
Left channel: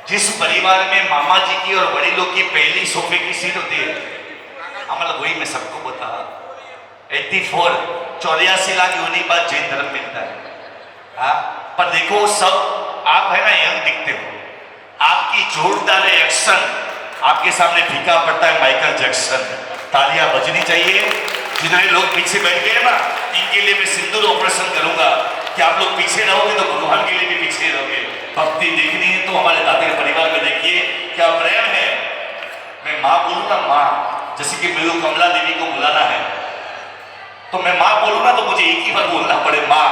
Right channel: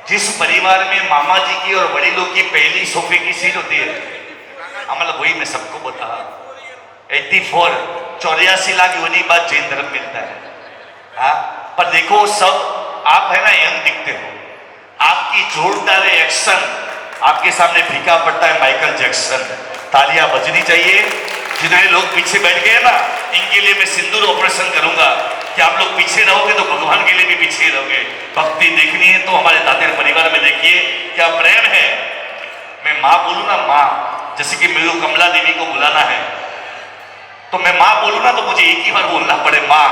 जिस परिवार में मामा जी की और बड़ी लोग की पहली सोफे की सीट होती है, हमारा वही मैं सबको बता 84 84 लाख यूनि बाद जैन धर्म मिलता है। हाँ, पर देखो सब आप है ना यंग दिखते हो, आपकी जोरदार एक्शन आपके सामने फीका पड़ता है माइकल जैक्सन। तालियां बजनी चाहिए। जिन्हें लोग पीछे बैठ गए ना, इनके लिए मैं सिंदूर ऑपरेशन करूंगा कि आप लोग पीछे रहोगे तो भगवान के लिए भी पीछे रहोगे। भक्ति देखनी है तो हमारे दादर परिवार में देखिए क्या प्रेम है। मैं माँ बोलूंगा माँ, जैसे कि मेरे को कमला देवी को बुलाना है तो मैं माँ बोलूंगा तो मुझे एक ही बार बोलना पड़े माँ,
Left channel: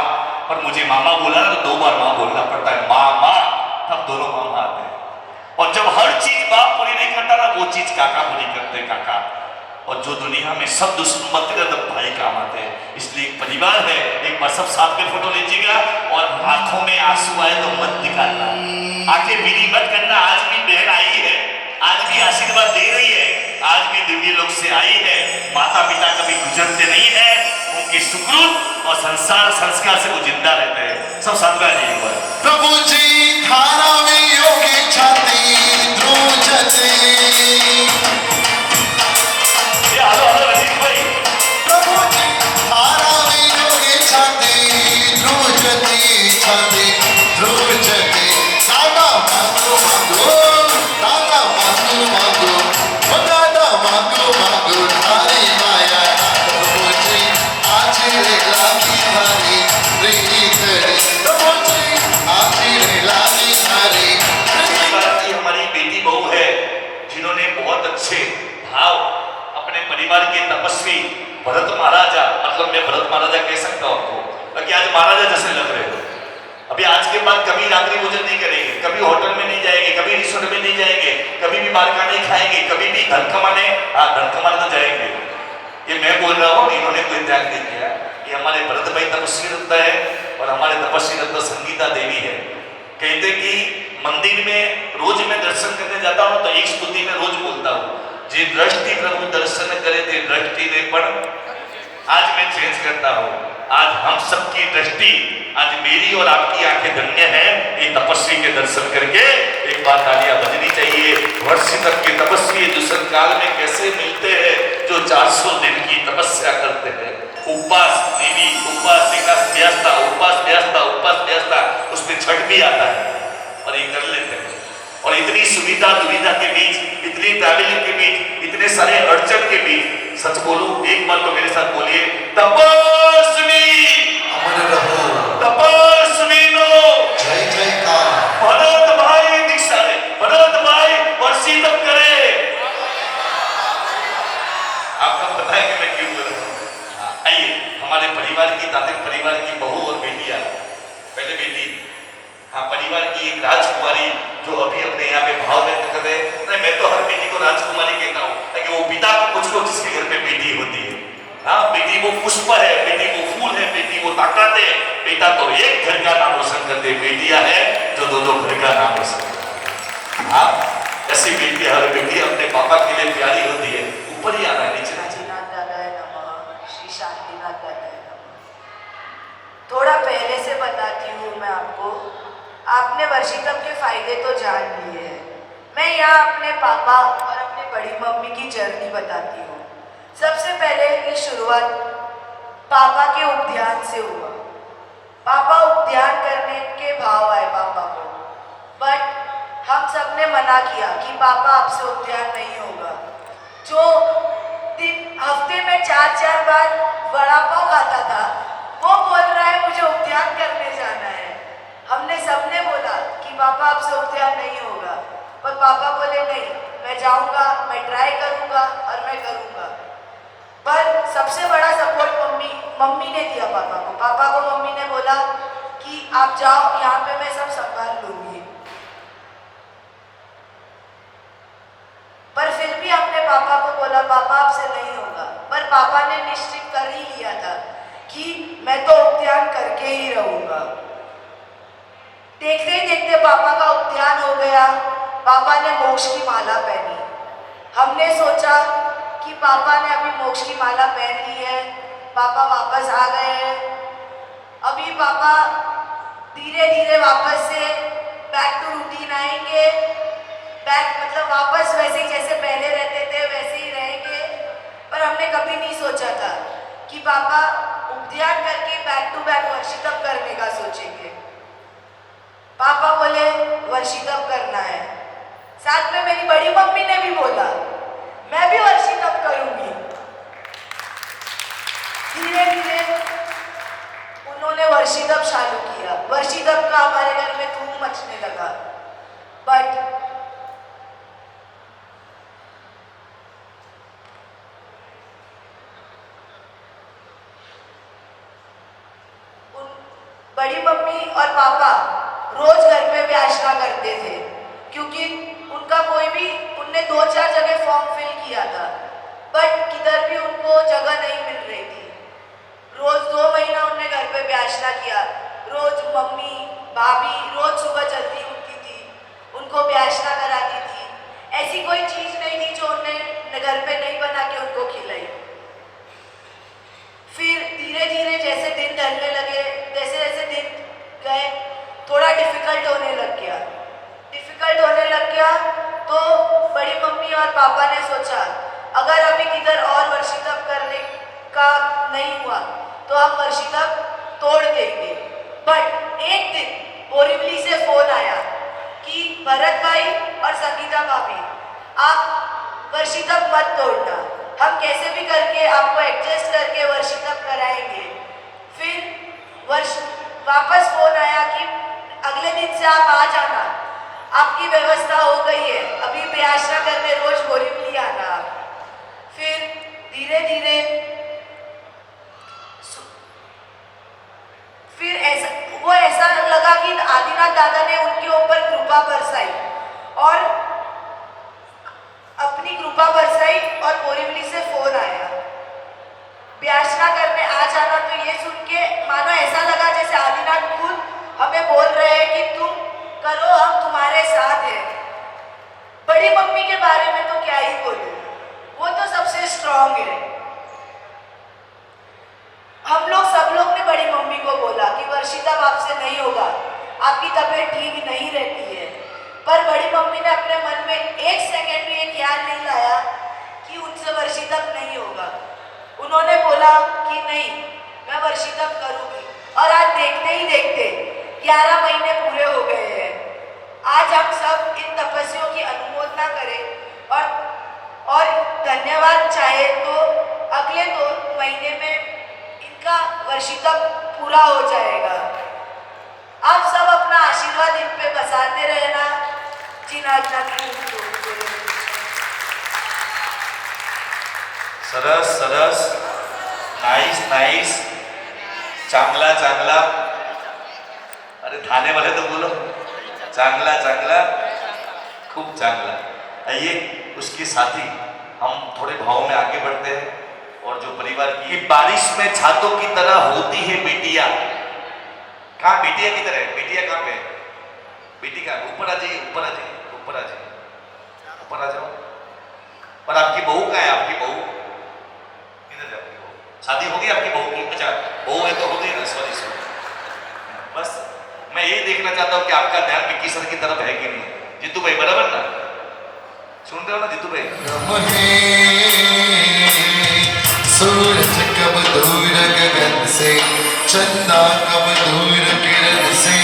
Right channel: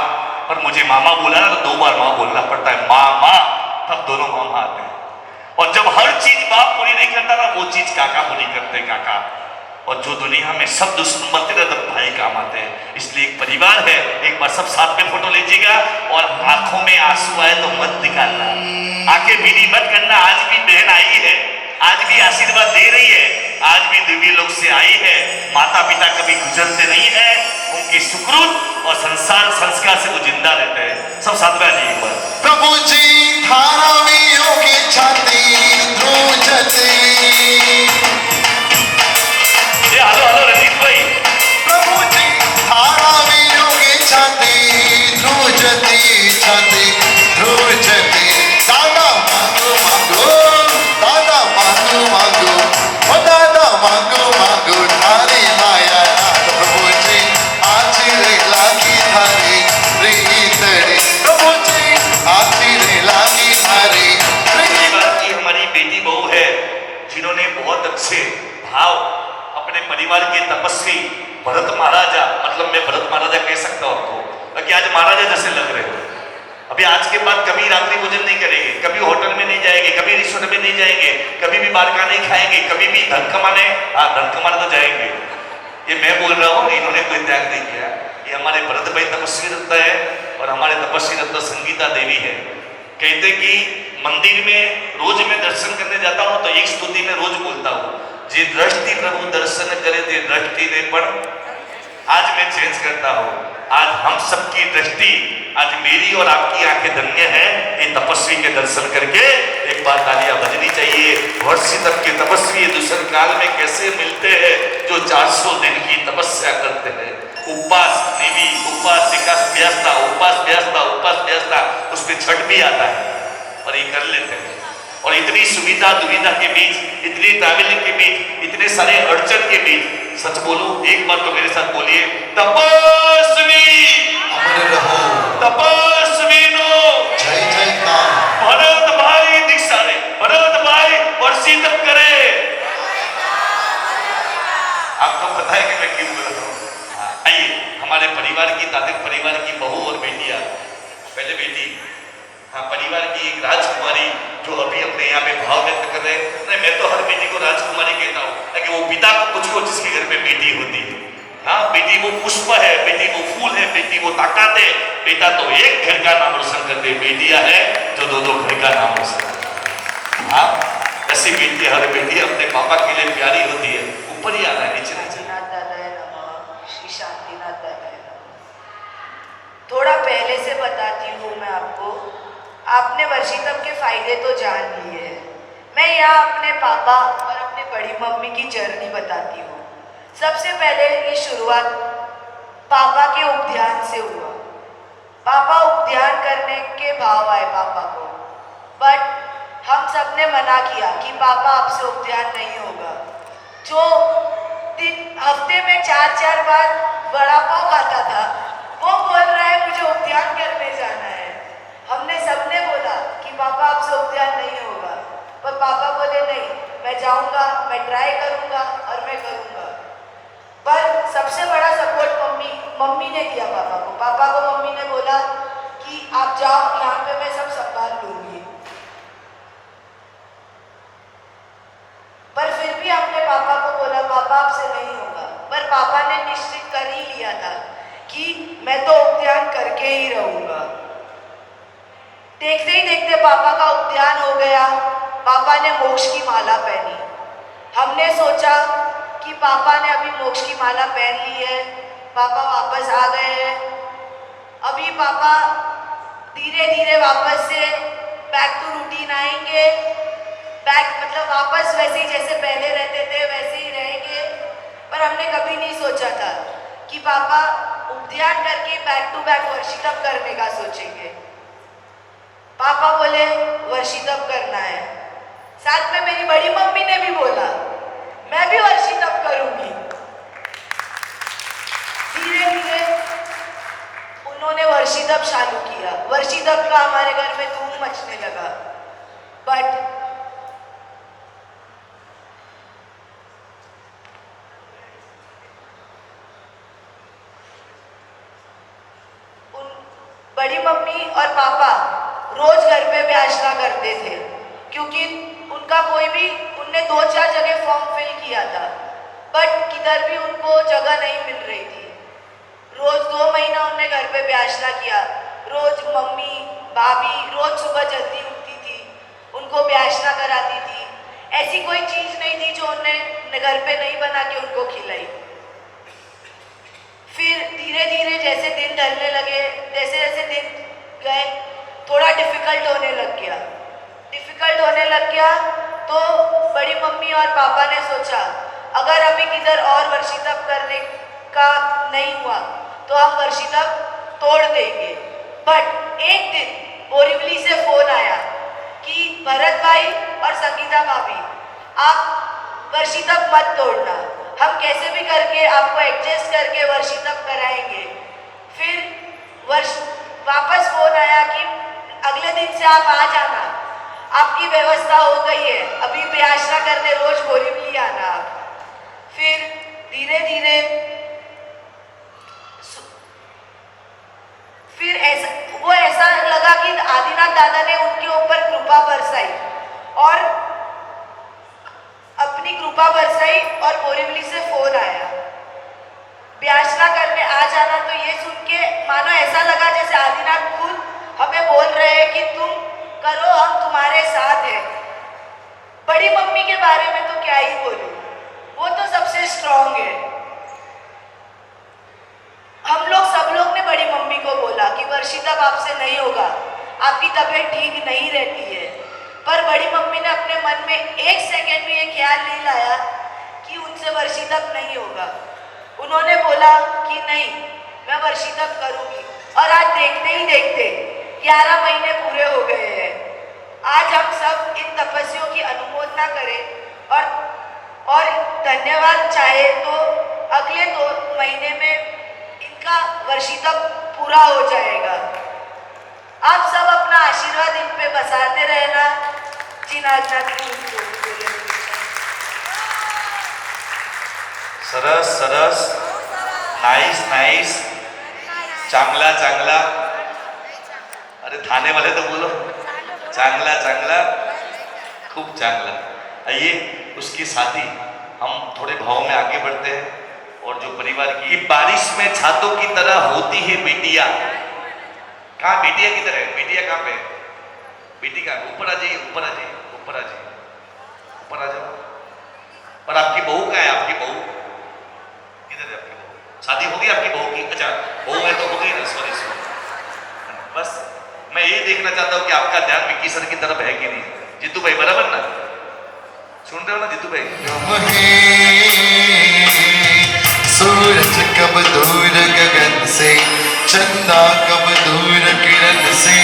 पर मुझे मामा बोला ना तो 2 बार माँ बोलना पड़ता है। माँ माँ, तब दोनों मामा आते हैं। और जब हर चीज बाप पूरी नहीं करता ना, वो चीज काका पूरी करते हैं, काका। और जो दुनिया में सब दुश्मन बनते ना, तब भाई काम आते हैं। इसलिए एक परिवार है, एक बार सब साथ में फोटो लीजिएगा और आंखों में आंसू आए तो मत निकालना, आंखें भीनी मत करना। आज भी बहन आई है, आज भी आशीर्वाद दे रही है, आज भी दिव्य लोक से आई है। माता पिता कभी गुजरते नहीं है, उनके सुकृत और संसार संस्कार से वो जिंदा रहते हैं। सब साथ में आ जाइए ऊपर। प्रभु जी थारा वियोगी छाती ध्रुजते, हेलो रंजीत भाई। प्रभु जी थारा वियोगी छाती ध्रुजते, छाती ध्रुजते। दादा मांगो मांगो, दादा मांगो मांगो, ओ दादा मांगो मांगो थारी माया। प्रभु जी आज रे लागी थारी रीत रे, प्रभु जी आज रे लागी थारी रीत। की हमारी बेटी बहू है जिन्होंने बहुत अच्छे भाव अपने परिवार के तपस्वी भरत महाराजा, मतलब मैं भरत महाराजा कह सकता हूँ आपको कि आज महाराजा जैसे लग रहे हो। अभी आज के बाद कभी रात्रि भोजन नहीं करेंगे, कभी होटल में नहीं जाएंगे, कभी रिसोर्ट में नहीं जाएंगे, कभी भी बाहर का नहीं खाएंगे, कभी भी घर कमाने, हाँ घर कमाने तो जाएंगे। ये मैं बोल रहा हूँ, इन्होंने कोई त्याग नहीं किया। ये हमारे भरत भाई तपस्वी रत्न है और हमारे तपस्वी रत्न संगीता देवी है। कहते कि मंदिर में रोज मैं दर्शन करने जाता हूँ तो एक स्तुति में रोज बोलता हूँ, जे दृष्टि प्रभु दर्शन करे ते दृष्टि नहीं पड़। आज मैं चेंज करता हूँ, आज हम सबकी दृष्टि, आज मेरी और आपकी आंखें धन्य है ये तपस्वी के दर्शन करके। एक बार तालियां बजनी चाहिए। वर्ष तक के तपस्वी दूसरे काल में कैसे मिलते हैं, जो 400 दिन की तपस्या करते हैं। उपवास देवी, उपासिका व्यवस्था, उपवास व्यवस्था, उपवास व्यवस्था, उसमें छठ भी आता है और ये कर लेते हैं। और इतनी सुविधा दुविधा के बीच, इतनी ट्रैवलिंग के बीच, इतने सारे अड़चन के बीच, सच बोलूं एक बार तो मेरे साथ बोलिए, तपस्वी अमर रहो, तपस्वी लो जय जयकार। भरत भाई दीक्षा ले, भरत भाई वर्षी तब करे। आपको पता है कि मैं क्यों बोल रहा हूँ। आइए हमारे परिवार की, तातिक परिवार की बहू और बेटियां, पहले बेटी, हाँ परिवार की एक राजकुमारी जो अभी अपने यहाँ पे भाव व्यक्त कर रहे हैं। नहीं, मैं तो हर बेटी को राजकुमारी कहता हूँ ताकि वो पिता को कुछ हो जिसके घर में बेटी होती है। हाँ, बेटी वो पुष्प है, बेटी वो फूल है, बेटी वो ताकत है। बेटा तो एक घर का नाम रोशन करते, बेटियां है जो 2-2 घर का नाम रोशन करते। हाँ, ऐसी बेटी, हर बेटी अपने पापा के लिए प्यारी होती है। ऊपर ही आना है, नीचे नहीं चलना। श्री शांतिनाथ दादा है। थोड़ा पहले से बताती हूँ मैं आपको, आपने वर्षितम के फायदे तो जान लिए हैं। मैं यहाँ अपने पापा और अपने बड़ी मम्मी की जर्नी बताती हूँ। सबसे पहले ये शुरुआत पापा के उपध्यान से हुआ। पापा उपध्यान करने के भाव आए पापा को, बट हम सब ने मना किया कि पापा आपसे उपध्यान नहीं होगा। जो हफ्ते में 4-4 बार वड़ा पाव खाता था, वो बोल रहा है मुझे उपध्यान करने जाना है। हमने सबने बोला कि पापा आपसे उपध्यान नहीं होगा, पर पापा बोले नहीं, मैं जाऊंगा, मैं ट्राई करूंगा और मैं करूंगा। पर सबसे बड़ा सपोर्ट मम्मी ने दिया पापा को। पापा को मम्मी ने बोला कि आप जाओ, यहाँ पे मैं सब संभाल लूंगी। पर फिर भी हमने पापा को बोला पापा आपसे नहीं होगा, पर पापा ने निश्चित कर ही लिया था कि मैं तो उपध्यान करके ही रहूंगा। देखते ही देखते पापा का उपध्यान हो गया। पापा ने मोक्ष की माला पहनी। हमने सोचा कि पापा ने अभी मोक्ष की माला पहन ली है, पापा वापस आ गए हैं, अभी पापा धीरे धीरे वापस से बैक टू रूटीन आएंगे, बैक मतलब वापस वैसे ही जैसे पहले रहते थे वैसे ही रहेंगे। पर हमने कभी नहीं सोचा था कि पापा उपध्यान करके बैक टू बैक वर्षितम करने का सोचेंगे। बड़ी मम्मी और पापा रोज घर में व्यासना करते थे, क्योंकि उनका कोई भी उनने 2-4 जगह फॉर्म फिल किया था, बट किधर भी उनको जगह नहीं मिल रही थी। रोज 2 महीना उनने घर पे व्यासना किया। रोज मम्मी भाभी रोज सुबह जल्दी उठती थी, उनको व्यासना कराती थी। ऐसी कोई चीज नहीं थी जो उन्हें घर पे नहीं बना के उनको खिलाई। फिर धीरे धीरे जैसे दिन ढलने लगे, जैसे जैसे दिन गए, थोड़ा डिफिकल्ट होने लग गया। तो बड़ी मम्मी और पापा ने सोचा अगर अभी किधर और वर्षितप करने का नहीं हुआ तो हम वर्षितप तोड़ देंगे। बट एक दिन बोरीवली से फोन आया कि भरत भाई और संगीता भाभी, आप वर्षितप मत तोड़ना, हम कैसे भी करके आपको एडजस्ट करके वर्षितप कराएंगे। फिर वापस फोन आया कि अगले दिन से आप आ जाना, आपकी व्यवस्था हो गई है, अभी व्यासना करने रोज बोरीवली आना। फिर धीरे धीरे ऐसा लगा कि आदिनाथ दादा ने उनके ऊपर कृपा बरसाई और अपनी कृपा बरसाई और बोरीवली से फोन आया व्यासना करने आ जाना। तो ये सुन के मानो ऐसा लगा जैसे आदिनाथ खुद हमें बोल रहे हैं कि तुम करो, हम तुम्हारे साथ हैं। बड़ी मम्मी के बारे में तो क्या ही बोलूं, वो तो सबसे स्ट्रांग है। सब लोग ने बड़ी मम्मी को बोला कि वर्षितप आपसे नहीं होगा, आपकी तबीयत ठीक नहीं रहती है, पर बड़ी मम्मी ने अपने मन में 1 सेकंड भी ये ख्याल नहीं लाया कि उनसे वर्षितप नहीं होगा। उन्होंने बोला कि नहीं, मैं वर्षितप करूंगी। और आज देखते ही देखते 11 महीने पूरे हो गए हैं। आज हम सब इन तपस्वियों की अनुमोदना करें और धन्यवाद चाहे तो अगले 2 महीने में इनका वर्षितप पूरा हो जाएगा। आप सब अपना आशीर्वाद इन पे बसाते रहना। सरस सरस, नाइस नाइस, चांगला चांगला, अरे थाने वाले तो बोलो, चांगला चांगला, खूब चांगला। आइए उसके साथ ही हम थोड़े भाव में आगे बढ़ते हैं। और जो परिवार की ये बारिश में छातों की तरह होती है बेटिया, कहाँ बेटिया की तरह, बेटिया कहाँ पे, बेटी कहाँ, ऊपर आ जाइए, ऊपर आ जाइए, ऊपर आ जाइए, ऊपर आ जाओ। और आपकी बहू कहाँ है, आपकी बहू किधर है, आपकी बहू, शादी होगी आपकी बहू की? अच्छा बहू है तो हो गई ना, सॉरी सॉरी। बस मैं यही देखना चाहता हूँ कि आपका ध्यान विक्की सर की तरफ है कि नहीं। जीतू भाई बराबर ना, सुन रहे हो ना जीतू भाई? सूरज कब दूर गगन से, चंदा कब दूर किरण से,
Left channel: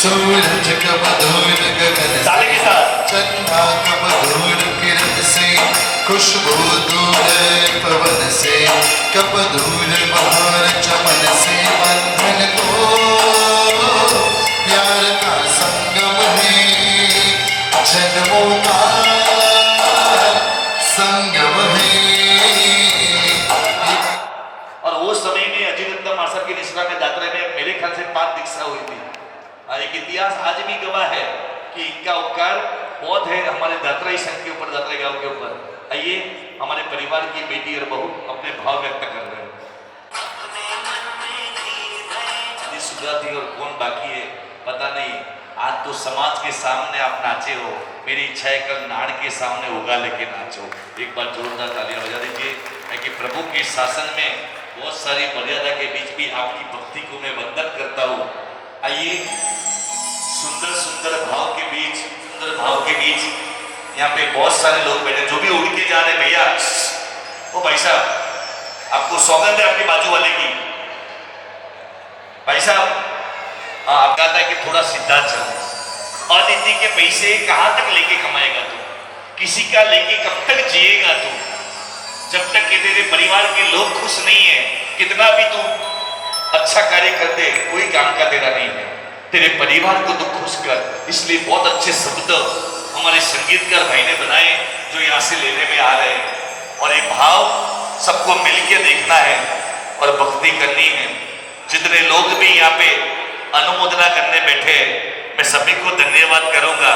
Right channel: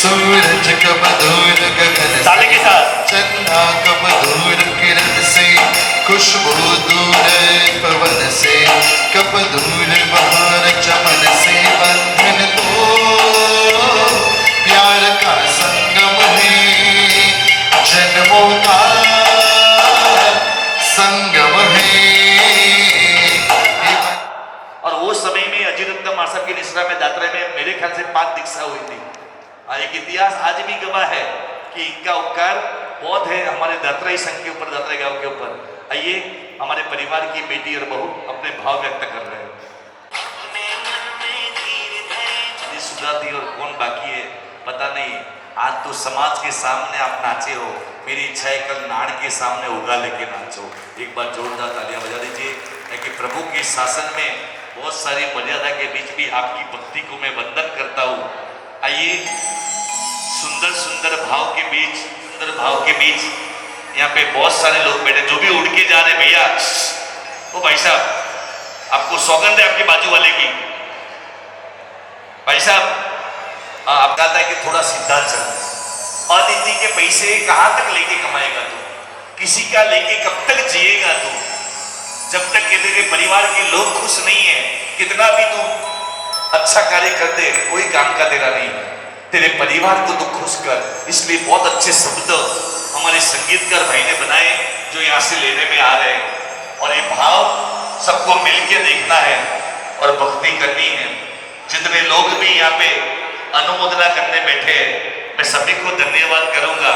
सूरज कब दूर गगन ताले के साथ, चंदा कब दूर किरण से, खुशबू दूर पवन से, कब दूर बहार चमन से। बंधन तो प्यार का संगम है, जन्मों का संगम है। और वो समय में अजित मासा की निश्रा में यात्रा में मेरे ख्याल से 5 दीक्षा हुई थी। एक इतिहास आज भी गवाह है कि इनका उपकार बहुत है हमारे दात्राई संघ के ऊपर, दात्राई गांव के ऊपर। आइए हमारे परिवार की बेटी और बहू अपने भाव व्यक्त कर रहे हैं। सुधा थी और कौन बाकी है पता नहीं। आज तो समाज के सामने आप नाचे हो, मेरी इच्छा है कल नाड़ के सामने उगा लेके नाचो। एक बार जोरदार तालियां बजा दीजिए कि प्रभु के शासन में बहुत सारी मर्यादा के बीच भी आपकी भक्ति को मैं वंदन करता हूँ। आइए सुंदर सुंदर भाव के बीच, सुंदर भाव के बीच यहाँ पे बहुत सारे लोग बैठे जो भी उड़ के जा रहे। भैया ओ भाई साहब आपको सौगंध है आपके बाजू वाले की। भाई साहब आप कहता है कि थोड़ा सीधा चल। और दीदी के पैसे कहाँ तक लेके कमाएगा तू, किसी का लेके कब तक जिएगा तू, जब तक कि तेरे परिवार के लोग खुश नहीं है। कितना भी तू अच्छा कार्य कर दे कोई काम का तेरा नहीं है, तेरे परिवार को तो खुश कर। इसलिए बहुत अच्छे शब्द हमारे संगीतकार भाई ने बनाए जो यहाँ से लेने में आ रहे हैं। और ये भाव सबको मिलकर देखना है और भक्ति करनी है। जितने लोग भी यहाँ पे अनुमोदना करने बैठे, मैं सभी को धन्यवाद करूंगा,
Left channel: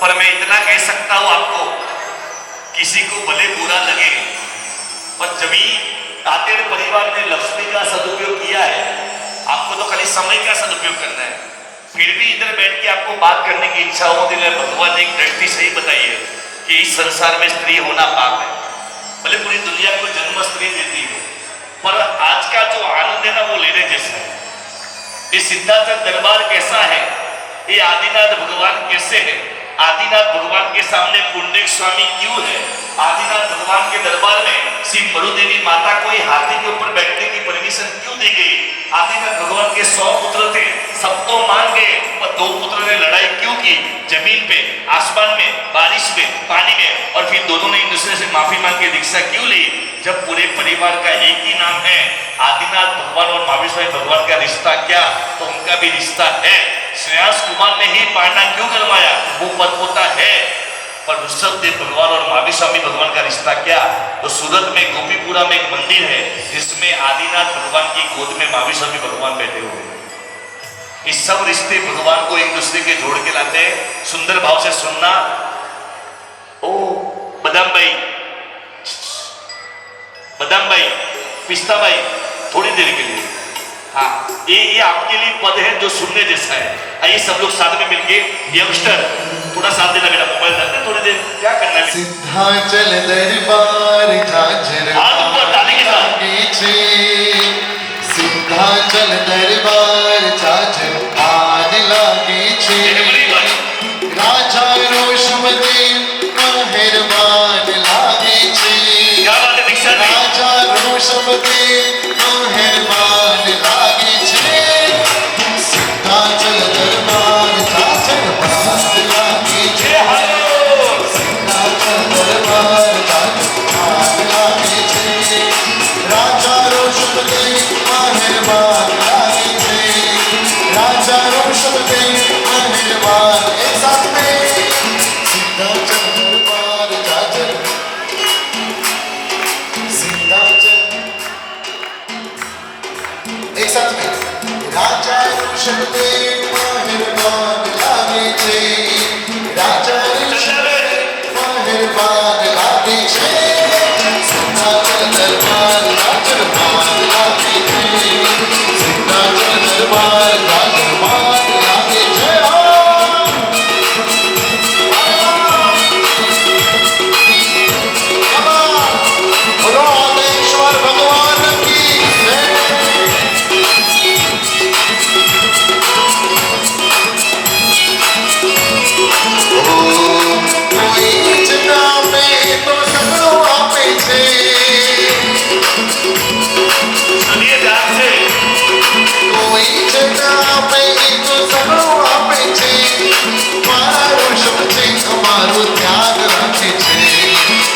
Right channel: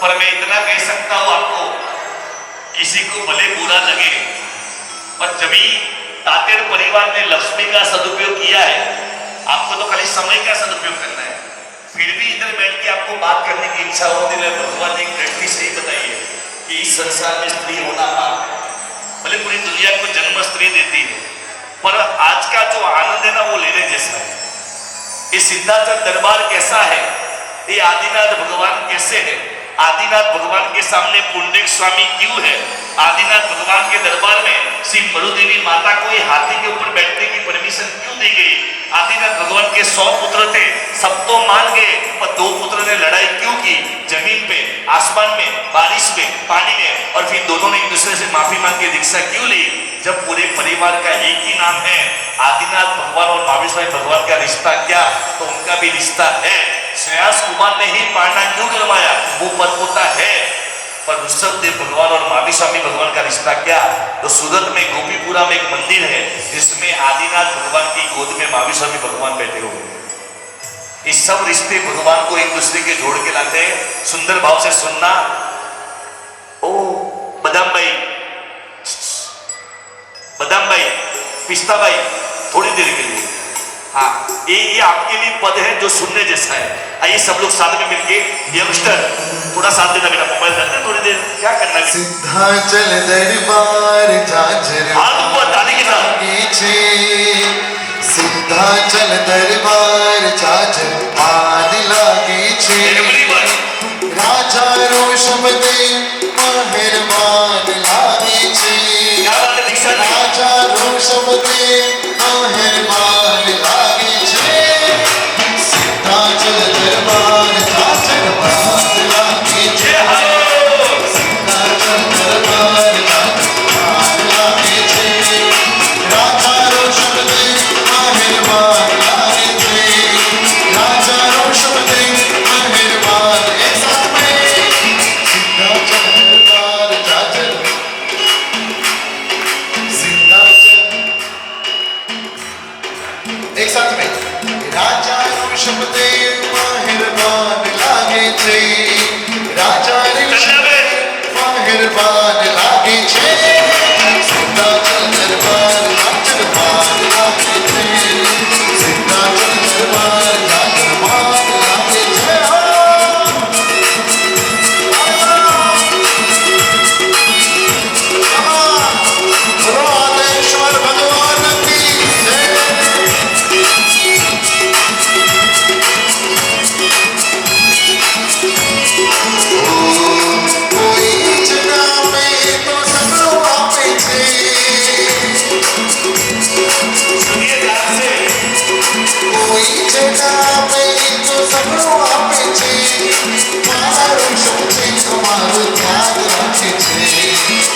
पर मैं इतना कह सकता हूं आपको, किसी को भले बुरा लगे, पर जब तातेर परिवार ने लक्ष्मी का सदुपयोग किया है, आपको तो खाली समय का सदुपयोग करना है। फिर भी इधर बैठ के आपको बात करने की इच्छा होती है। भगवान ने एक दृष्टि सही बताई है कि इस संसार में स्त्री होना पाप है, भले पूरी दुनिया को जन्म स्त्री देती है, पर आज का जो आनंद है ना वो लेने जैसा है। ये सिद्धाचल दरबार कैसा है, ये आदिनाथ भगवान कैसे है, आदिनाथ भगवान के सामने पुंडरीक स्वामी क्यों है, आदिनाथ भगवान के दरबार में श्री मरुदेवी माता को ये हाथी के ऊपर बैठने की परमिशन क्यों दी गई, आदिनाथ भगवान के 100 पुत्र थे, सब तो मान गए, पर 2 पुत्र ने लड़ाई क्यों की, जमीन पे, आसमान में, बारिश में, पानी में, और फिर दोनों ने एक दूसरे से माफी मांग के दीक्षा क्यों ली, जब पूरे परिवार का एक ही नाम है आदिनाथ भगवान और महावीर स्वामी भगवान का रिश्ता क्या, तो उनका भी रिश्ता है। श्रेयास कुमार ने ही पारना क्यों करवाया, वो परपोता है, पर ऋषभदेव भगवान और महावीर स्वामी भगवान का रिश्ता क्या, तो सूरत में गोपीपुरा में एक मंदिर है जिसमें आदिनाथ भगवान की गोद में महावीर स्वामी भगवान बैठे हुए हैं। इस सब रिश्ते भगवान को एक दूसरे के जोड़ के लाते हैं। सुंदर भाव से सुनना। ओ बदाम भाई, बदाम भाई, पिस्ता भाई, थोड़ी देर के लिए, हाँ, ये आपके लिए पद है जो सुनने जैसा है। आइए सब लोग साथ में मिलके, यंगस्टर थोड़ा साथ देना, मेरा मोबाइल करना थोड़ी देर, क्या करना है? सिद्धाचल दरबार झांझर हाथ ऊपर डाली के साथ। सिद्धाचल दरबार झांझर आग लागे छे, बिल्कुल ही राजा रोषमती मेहरबान लागे छे, क्या बात है दीक्षा जी? राजा रोषमती मेहरबान लागे छे, सिद्धाचल दरबार झांझर आग लागे छे, जय हो। सिद्धाचल दरबार झांझर आग लागे छे, राजा रोषमती मेहरबान लागे छे, राजा रोषमती मेहरबान। एक साथ में सिद्धाचल दरबार झांझर, सिद्धाचल, एक साथ में राजा ऋषभते मेहरबान लागे छे, राजा ऋषभते मेहरबान लागे छे, सिद्धाचल दरबार झांझर आग लागे छे, सिद्धाचल दरबार झांझर आग लागे छे। बोलो नाथेश्वर भगवान की जय। कोई जगह पे तो सब आपे छे, सुनिए ध्यान से। कोई जगह पे तो सब आपे छे, मारा रोषमती हमारो ध्यान राखे छे,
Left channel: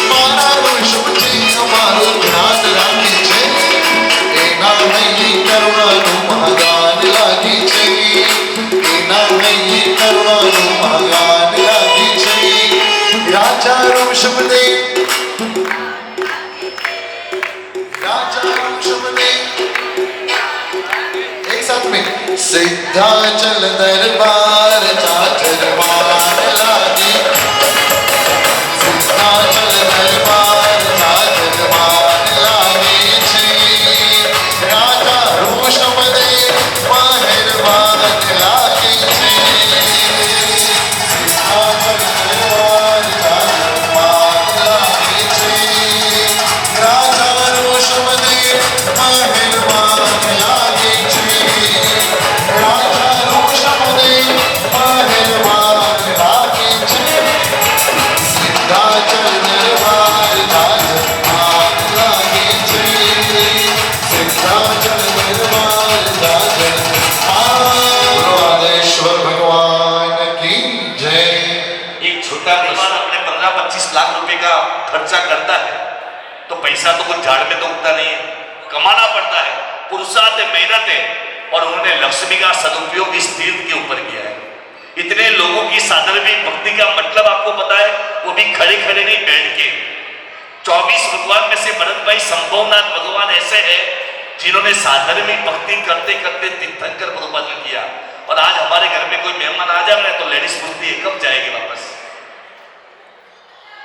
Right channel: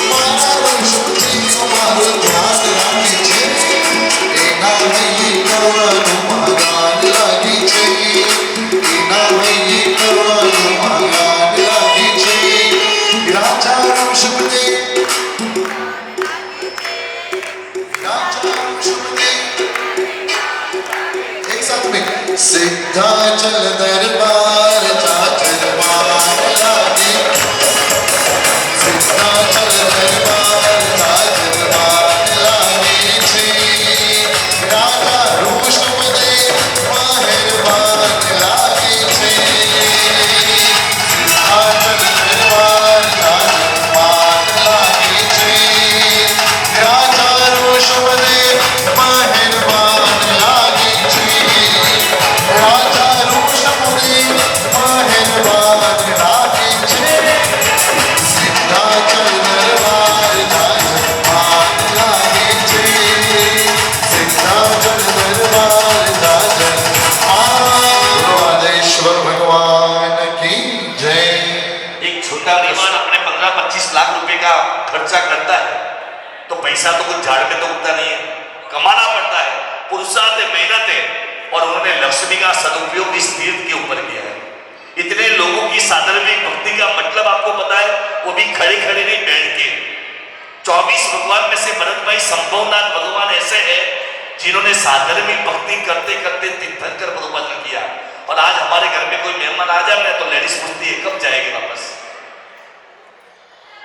मारा रोषमती हमारो ध्यान राखे छे, एना नहीं करवानो महागान लागी छे, एना नहीं करवानो महागान लागी छे, राजा रोषमती, राजा रोषमती। एक साथ में सिद्धाचल दरबार झांझर आग लागे, सिद्धाचल दरबार झांझर आग लागे छे, राजा रोषमती मेहरबान लागे छे, सिद्धाचल दरबार झांझर आग लागे छे, राजा रोषमती मेहरबान लागे छे, राजा रोषमती मेहरबान लागे छे, सिद्धाचल दरबार झांझर आग लागे छे, सिद्धाचल दरबार झांझर आग। राधेश्वर भगवान की जय। एक छोटा मेहमान अपने 15-25 लाख रुपए का खर्चा करता है, तो पैसा तो कुछ झाड़ में तो उगता नहीं है, कमाना पड़ता है, पुरुषार्थ है, मेहनत है, और उन्होंने लक्ष्मी का सदुपयोग इस तीर्थ के ऊपर किया है। इतने लोगों की साधर्मिक भक्ति का मतलब आपको पता है, वो भी खड़े खड़े नहीं, बैठ के। 24 भगवान में से भरत भाई संभवनाथ भगवान ऐसे है जिन्होंने साधर्मी भक्ति करते करते तीर्थंकर प्रभुपाद ने किया। और आज हमारे घर में कोई मेहमान आ जाए तो लेडीज पूछती है कब जाएगी वापस।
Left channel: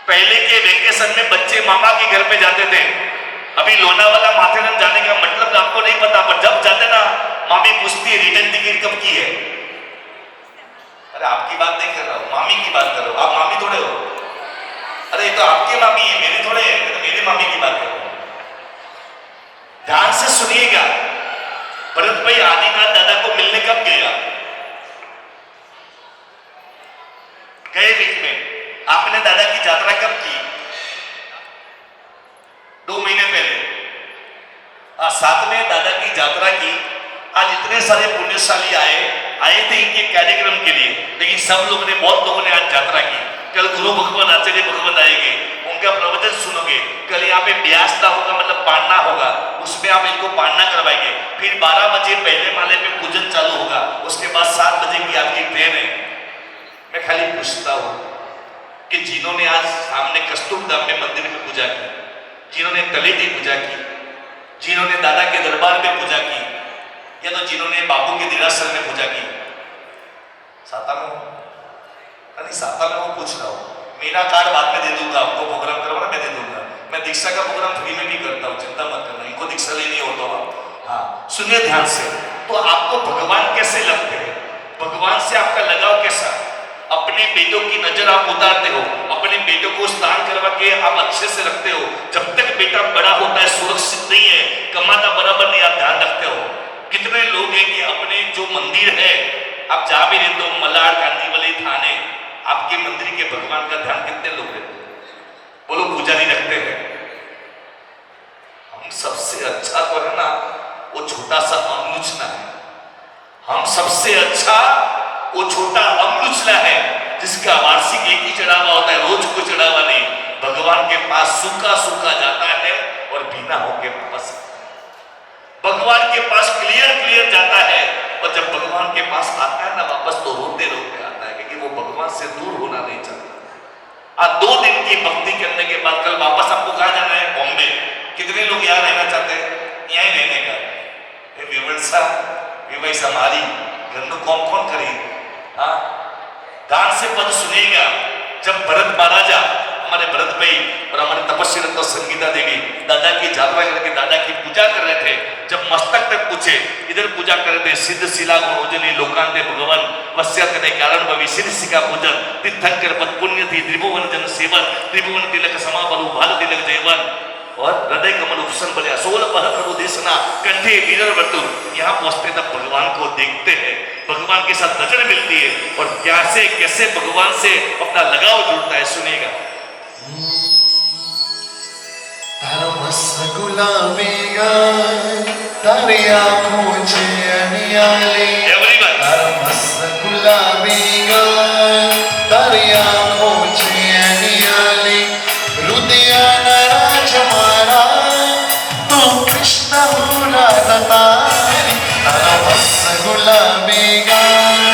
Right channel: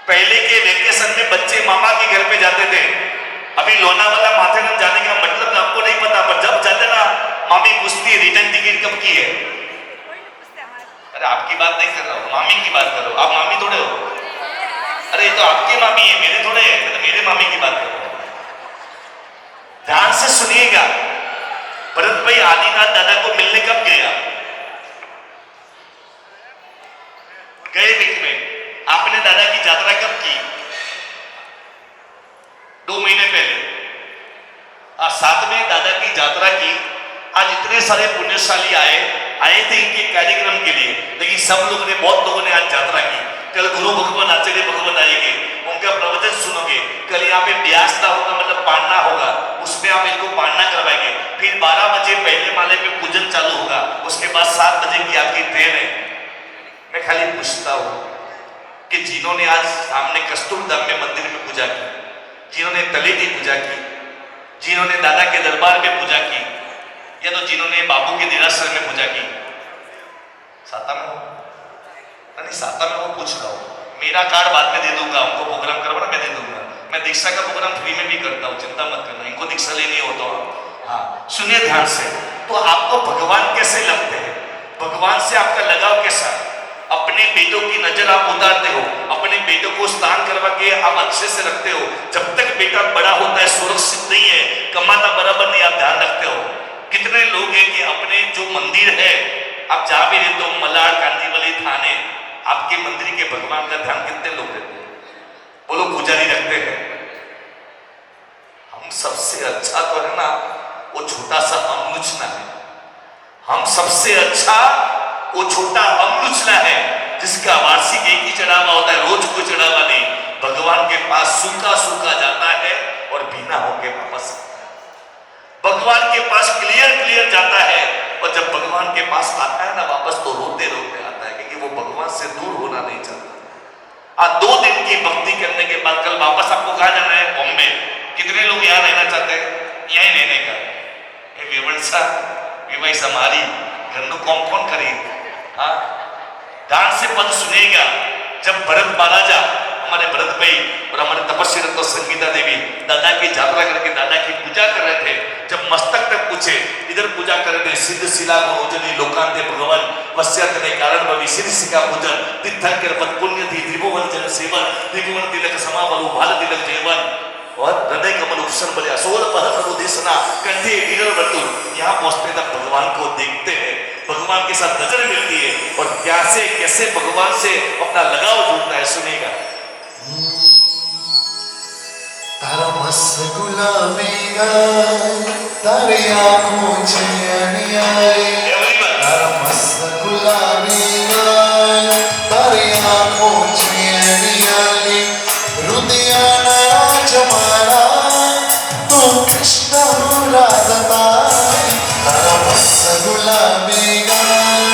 पहले के वेकेशन में बच्चे मामा के घर में जाते थे। अभी लोनावाला माथेरन जाने का मतलब आपको नहीं पता, पर जब जाते ना मामी पूछती है रिटर्न टिकट कब की है। अरे आपकी बात नहीं कर रहा हूं, मामी की बात कर रहा हूं। आप मामी थोड़े हो, अरे ये तो आपकी मामी है, मेरे थोड़े है, तो मेरे मामी की बात कर रहा हूं। ध्यान से सुनिएगा, भरत भाई आदिनाथ दादा को मिलने कब गया? गए बीच में आपने दादा की यात्रा कब की? 2 महीने पहले। साथ में दादा की यात्रा की। आज इतने सारे पुण्यशाली आए थे इनके कार्यक्रम के लिए, लेकिन सब लोगों ने, बहुत लोगों ने आज यात्रा की। कल गुरु भगवान आचार्य भगवत आएंगे, उनका प्रवचन सुनोगे। कल यहाँ पे ब्यासता होगा, मतलब पांडा होगा, उसमें आप इनको पांडा करवाएंगे। फिर 12 बजे पहले माले पे पूजन चालू होगा, उसके बाद 7 बजे की आपकी ट्रेन है। मैं खाली पूछता हूँ कि जिन्होंने आज सामने कस्तूरधाम में मंदिर में पूजा की, जिन्होंने तले की पूजा की, जिन्होंने दादा के दरबार में पूजा की, या तो जिन्होंने बापू के देरासर में पूजा की, साता में हो? नहीं, साता में वो पूछ रहा हूँ। मेरा कार्ड बाद में दे दूंगा, आपको प्रोग्राम करवाना मैं दे दूंगा। मैं दीक्षा का प्रोग्राम फ्री में भी करता हूँ, चिंता मत करना। इनको दीक्षा लेनी हो तो हाँ सुनिए ध्यान से। तो आपको भगवान कैसे लगते हैं? भगवान से आपका लगाव कैसा? अपने बेटों की नजर आप उतारते हो, अपने बेटों को स्नान करवा के आप अच्छे से रखते हो। जब तक बेटा बड़ा होता है, सुरक्षित नहीं है, कमाना बराबर नहीं, आप ध्यान रखते हो। कितने लोग हैं कि अपने जो मंदिर है, आप जा भी रहते हो मलाड, कांदीवली, थाने, आपके मंदिर के भगवान का ध्यान कितने लोग रखते हैं? बोलो पुजारी रखते हैं। हम सबसे अच्छा तो है ना वो छोटा सा अमलुचना है। हम सबसे अच्छा वो छोटा अमलुचना है जिसका वार्षिक एक ही चढ़ावा होता है, रोज को चढ़ावा नहीं। भगवान के पास सूखा सूखा जाता है और भीना होके वापस। भगवान के पास क्लियर जाता है, और जब भगवान के पास आता है ना वापस, तो रोते रोते आता है, क्योंकि वो भगवान से दूर होना नहीं चाहता। आज 2 दिन की भक्ति करने के बाद कल वापस आपको कहाँ जाना है? बॉम्बे। कितने लोग यहाँ रहना चाहते हैं? यहीं रहने का हमारी रंग कौन करेगी? हाँ, ध्यान से पद सुनेगा। जब भरत महाराजा, हमारे भरत भाई और हमारे तपस्वी डॉक्टर संगीता देवी दादा की यात्रा करके दादा की पूजा कर रहे थे, जब मस्तक तक पूछे, इधर पूजा कर रहे थे। सिद्ध शिला रोजनी लोकांते भगवान वश्यत ने कारण भविष्य का पूजन तीर्थंकर पद पुण्य थी त्रिभुवन जन सेवन त्रिभुवन तिलक समावल भाल तिलक जयवन और हृदय कमल उपसन बलिया सोल पहर अनुदेशना कंठे वीर वर्तु। यहाँ पहुंचते तक भगवान को देखते हैं, भगवान के साथ नजर मिलती है और कैसे कैसे भगवान से अपना लगाव जुड़ता है। सुनेगा तारा मस्त गुलाबी गाय तारी आँखों से अनियारी, तारा मस्त गुलाबी गाय तारी आँखों से अनियारी, रुदिया नाराज मारा तू कृष्ण हो राधा तारी, तारा मस्त गुलाबी गाय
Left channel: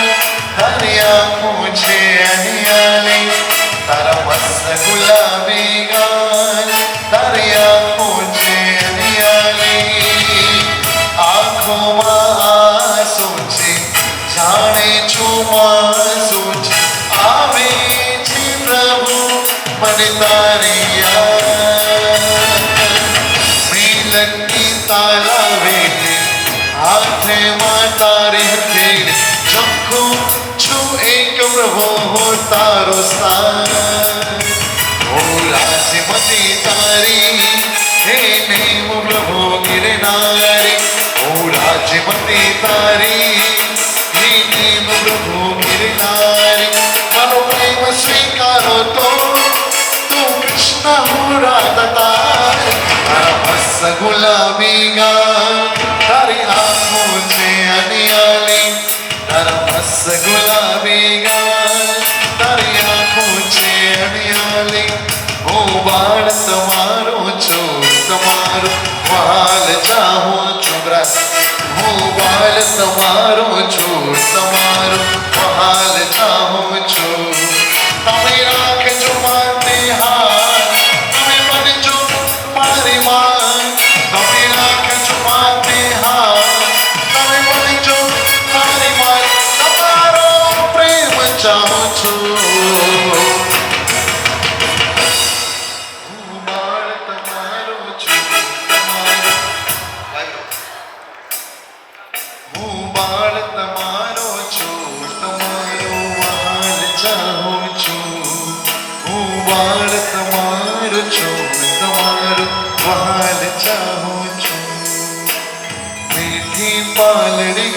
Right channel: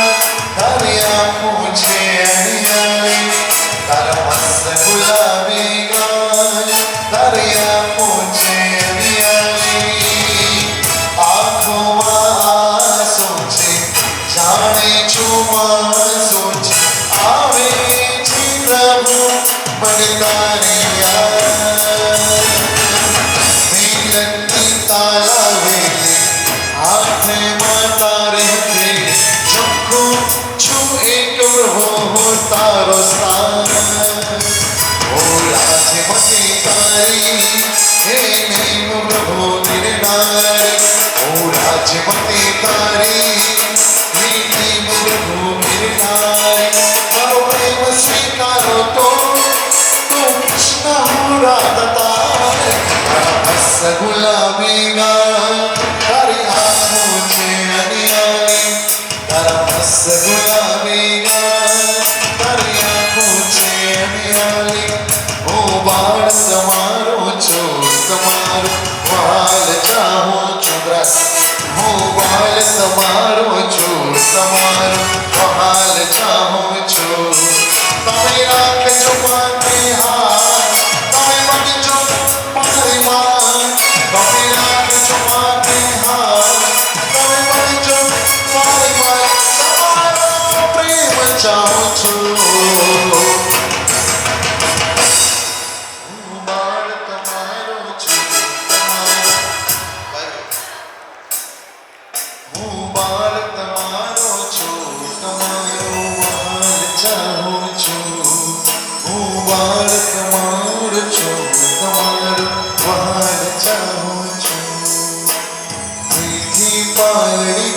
तारी आँखों से अनियारी, तारा मस्त गुलाबी गाय तारी आँखों से अनियारी, आँखों आंसू से जाने छुमा सोच आवे जी प्रभु मन तारे मिलन की ताला वेले हाथ माता रहते सबको छू एक प्रभु हो तारो सा ओ राजमती तारी हे नेम प्रभु गिरनारी, ओ राजमती तारी हे नेम प्रभु गिरनारी, मानो प्रेम स्वीकारो तो तू कृष्ण हो राधा तारी, तारा मस्त गुलाबी गाय तारी आँखों से अनियारी, तारा मस्त गुलाबी गाय तारी आँखों से अनियारी, ओ बाण तुम्हारो चोर तुम्हारो बाल चाहो चुरा, ओ बाल तुम्हारो चोर तुम्हारो बाल चाहो चोर, तुम्हें राख जो माते हाथ तुम्हें बन जो मारी मान, तुम्हें राख जो माते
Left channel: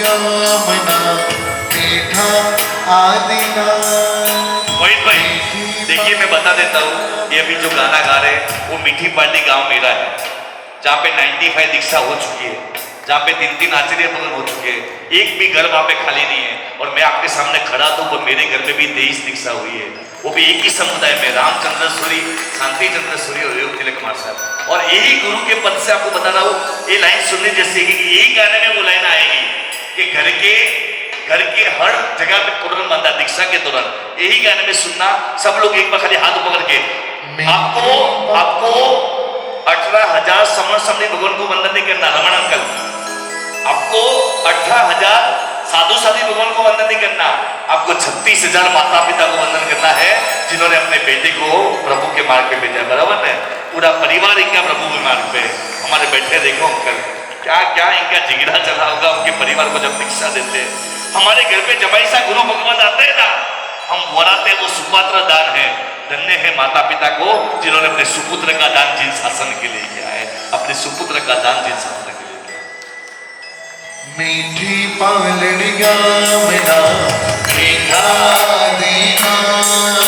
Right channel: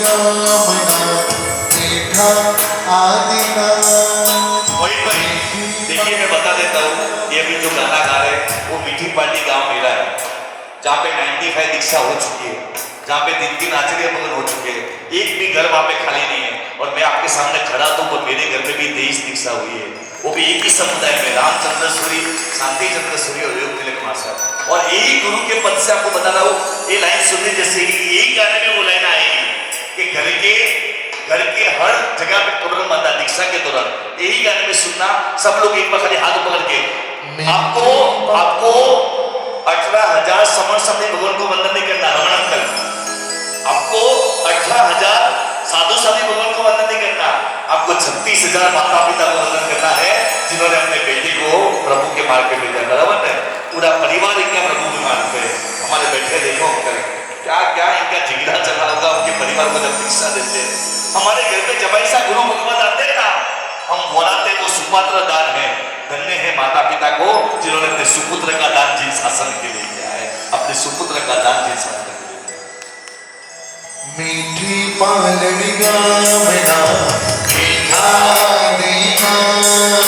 गावना मीठा आदिनाथ। मोहित भाई देखिए, मैं बता देता हूँ, ये अभी जो गाना गा रहे हैं वो मीठी पार्टी गांव मेरा है, जहाँ पे 95 दीक्षा हो चुकी है, जहाँ पे 3 आचार्य बदल हो चुके हैं, एक भी घर वहाँ पे खाली नहीं है। और मैं आपके सामने खड़ा तो वो मेरे घर में भी 23 दीक्षा हुई है, वो भी एक ही समुदाय में, रामचंद्र सूरी, शांति चंद्र सूरी और योग तिलक कुमार साहब। और यही गुरु के पद से आपको बता रहा हूँ, ये लाइन सुनने जैसे कि यही गाने में वो लाइन आएगी कि घर के हर जगह पे तोरण बंधा दीक्षा के दौरान यही गाने में सुनना। सब लोग एक बार खाली हाथ पकड़ के आपको 18,000 समर समझे भगवान को वंदन नहीं करना, रमण अंकल, आपको 18,000 साधु साधी भगवान को वंदन नहीं करना, आपको 36,000 माता पिता को वंदन करना है, जिन्होंने अपने बेटे को प्रभु के मार्ग पे भेजा। बराबर है, पूरा परिवार इनका प्रभु के मार्ग पे। हमारे बैठे देखो अंकल, क्या क्या इनका जिगरा चला होगा उनके परिवार को जब दीक्षा देते। हमारे घर पे जब ऐसा गुरु भगवान आते हैं ना, हम वराते वो सुपात्र दान है। धन्य है माता पिता को जिन्होंने अपने सुपुत्र का दान जिन शासन के लिए किया है, अपने सुपुत्र का दान जिन शासन के लिए किया। मीठी पालड़ी गावना मीठा आदिनाथ।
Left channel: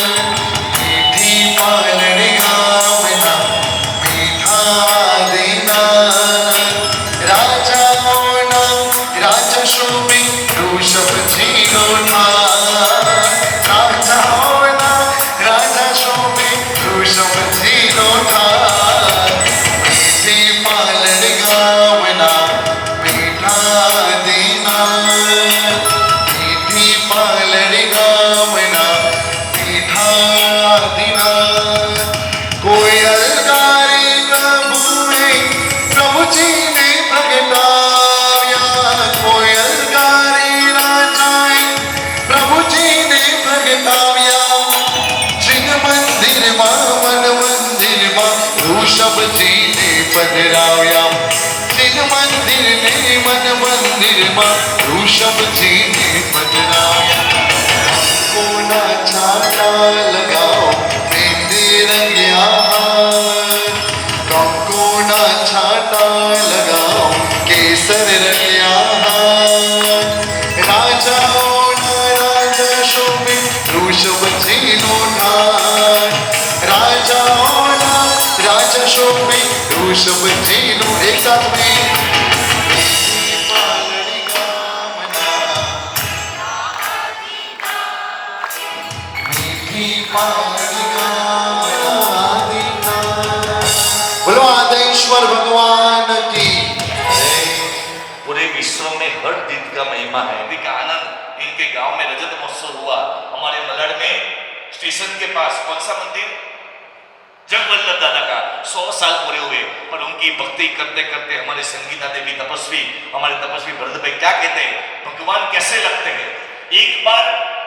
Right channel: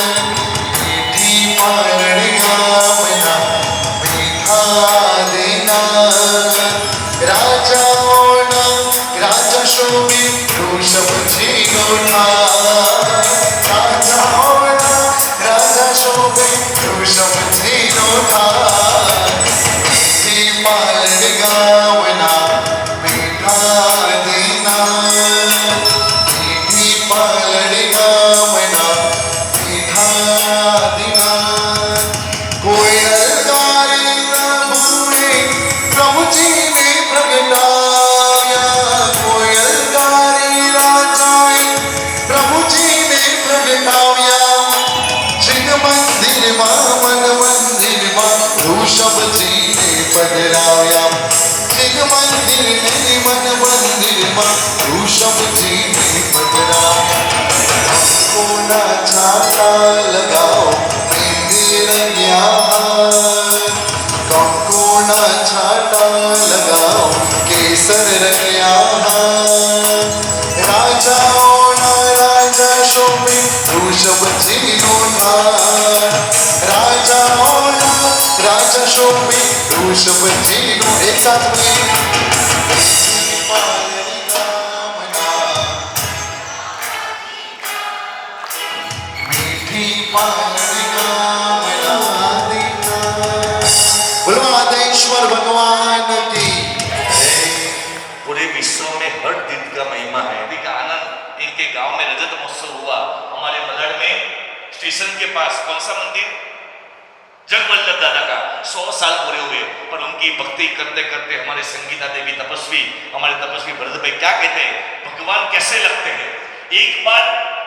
मीठी पालड़ी गावना मीठा आदिनाथ। राजा ओना राजा शोभे वृषभ जीरोना। राजा ओना राजा शोभे वृषभ जीरोना। मीठी पालड़ी गावना मीठा आदिनाथ। मीठी पालड़ी गावना मीठा आदिनाथ। कोयल गारी प्रभु जी ने प्रगटाया। कोयल गारी राजाए प्रभु जी ने प्रगटाया। सिंह मंदिर मां मन मंदिर मां वृषभ जी ने पधराया। सिंह मंदिर ने मन मंदिर मां वृषभ जी ने पधराया। कोना छाता लगाओ मेहंदी रंगिया हाथ। कोना छाता लगाओ केसर रंगिया हाथ। राजा ओना राजा शोभे वृषभ जीनो नाथ। राजा ओना राजा शोभे वृषभ जीनो। एक साथ में पालड़ी गावना मीठी पालड़ी गावना आदिनाथ। बोलो आदेश्वर भगवान की जय। पूरे विश्व में हर दिन का महिमा है। अभी का आनंद इनके गांव में रजत महोत्सव हुआ, हमारे मलड़ में स्टेशन के पास। कौन सा मंदिर? जगवल्लभ दादा का 100 साल पूरे हुए। पर उनकी भक्ति करते करते हमारे संगीता देवी तपस्वी, हमारे तपस्वी भरत भाई क्या कहते हैं, भगवान कैसे लगते हैं। एक बार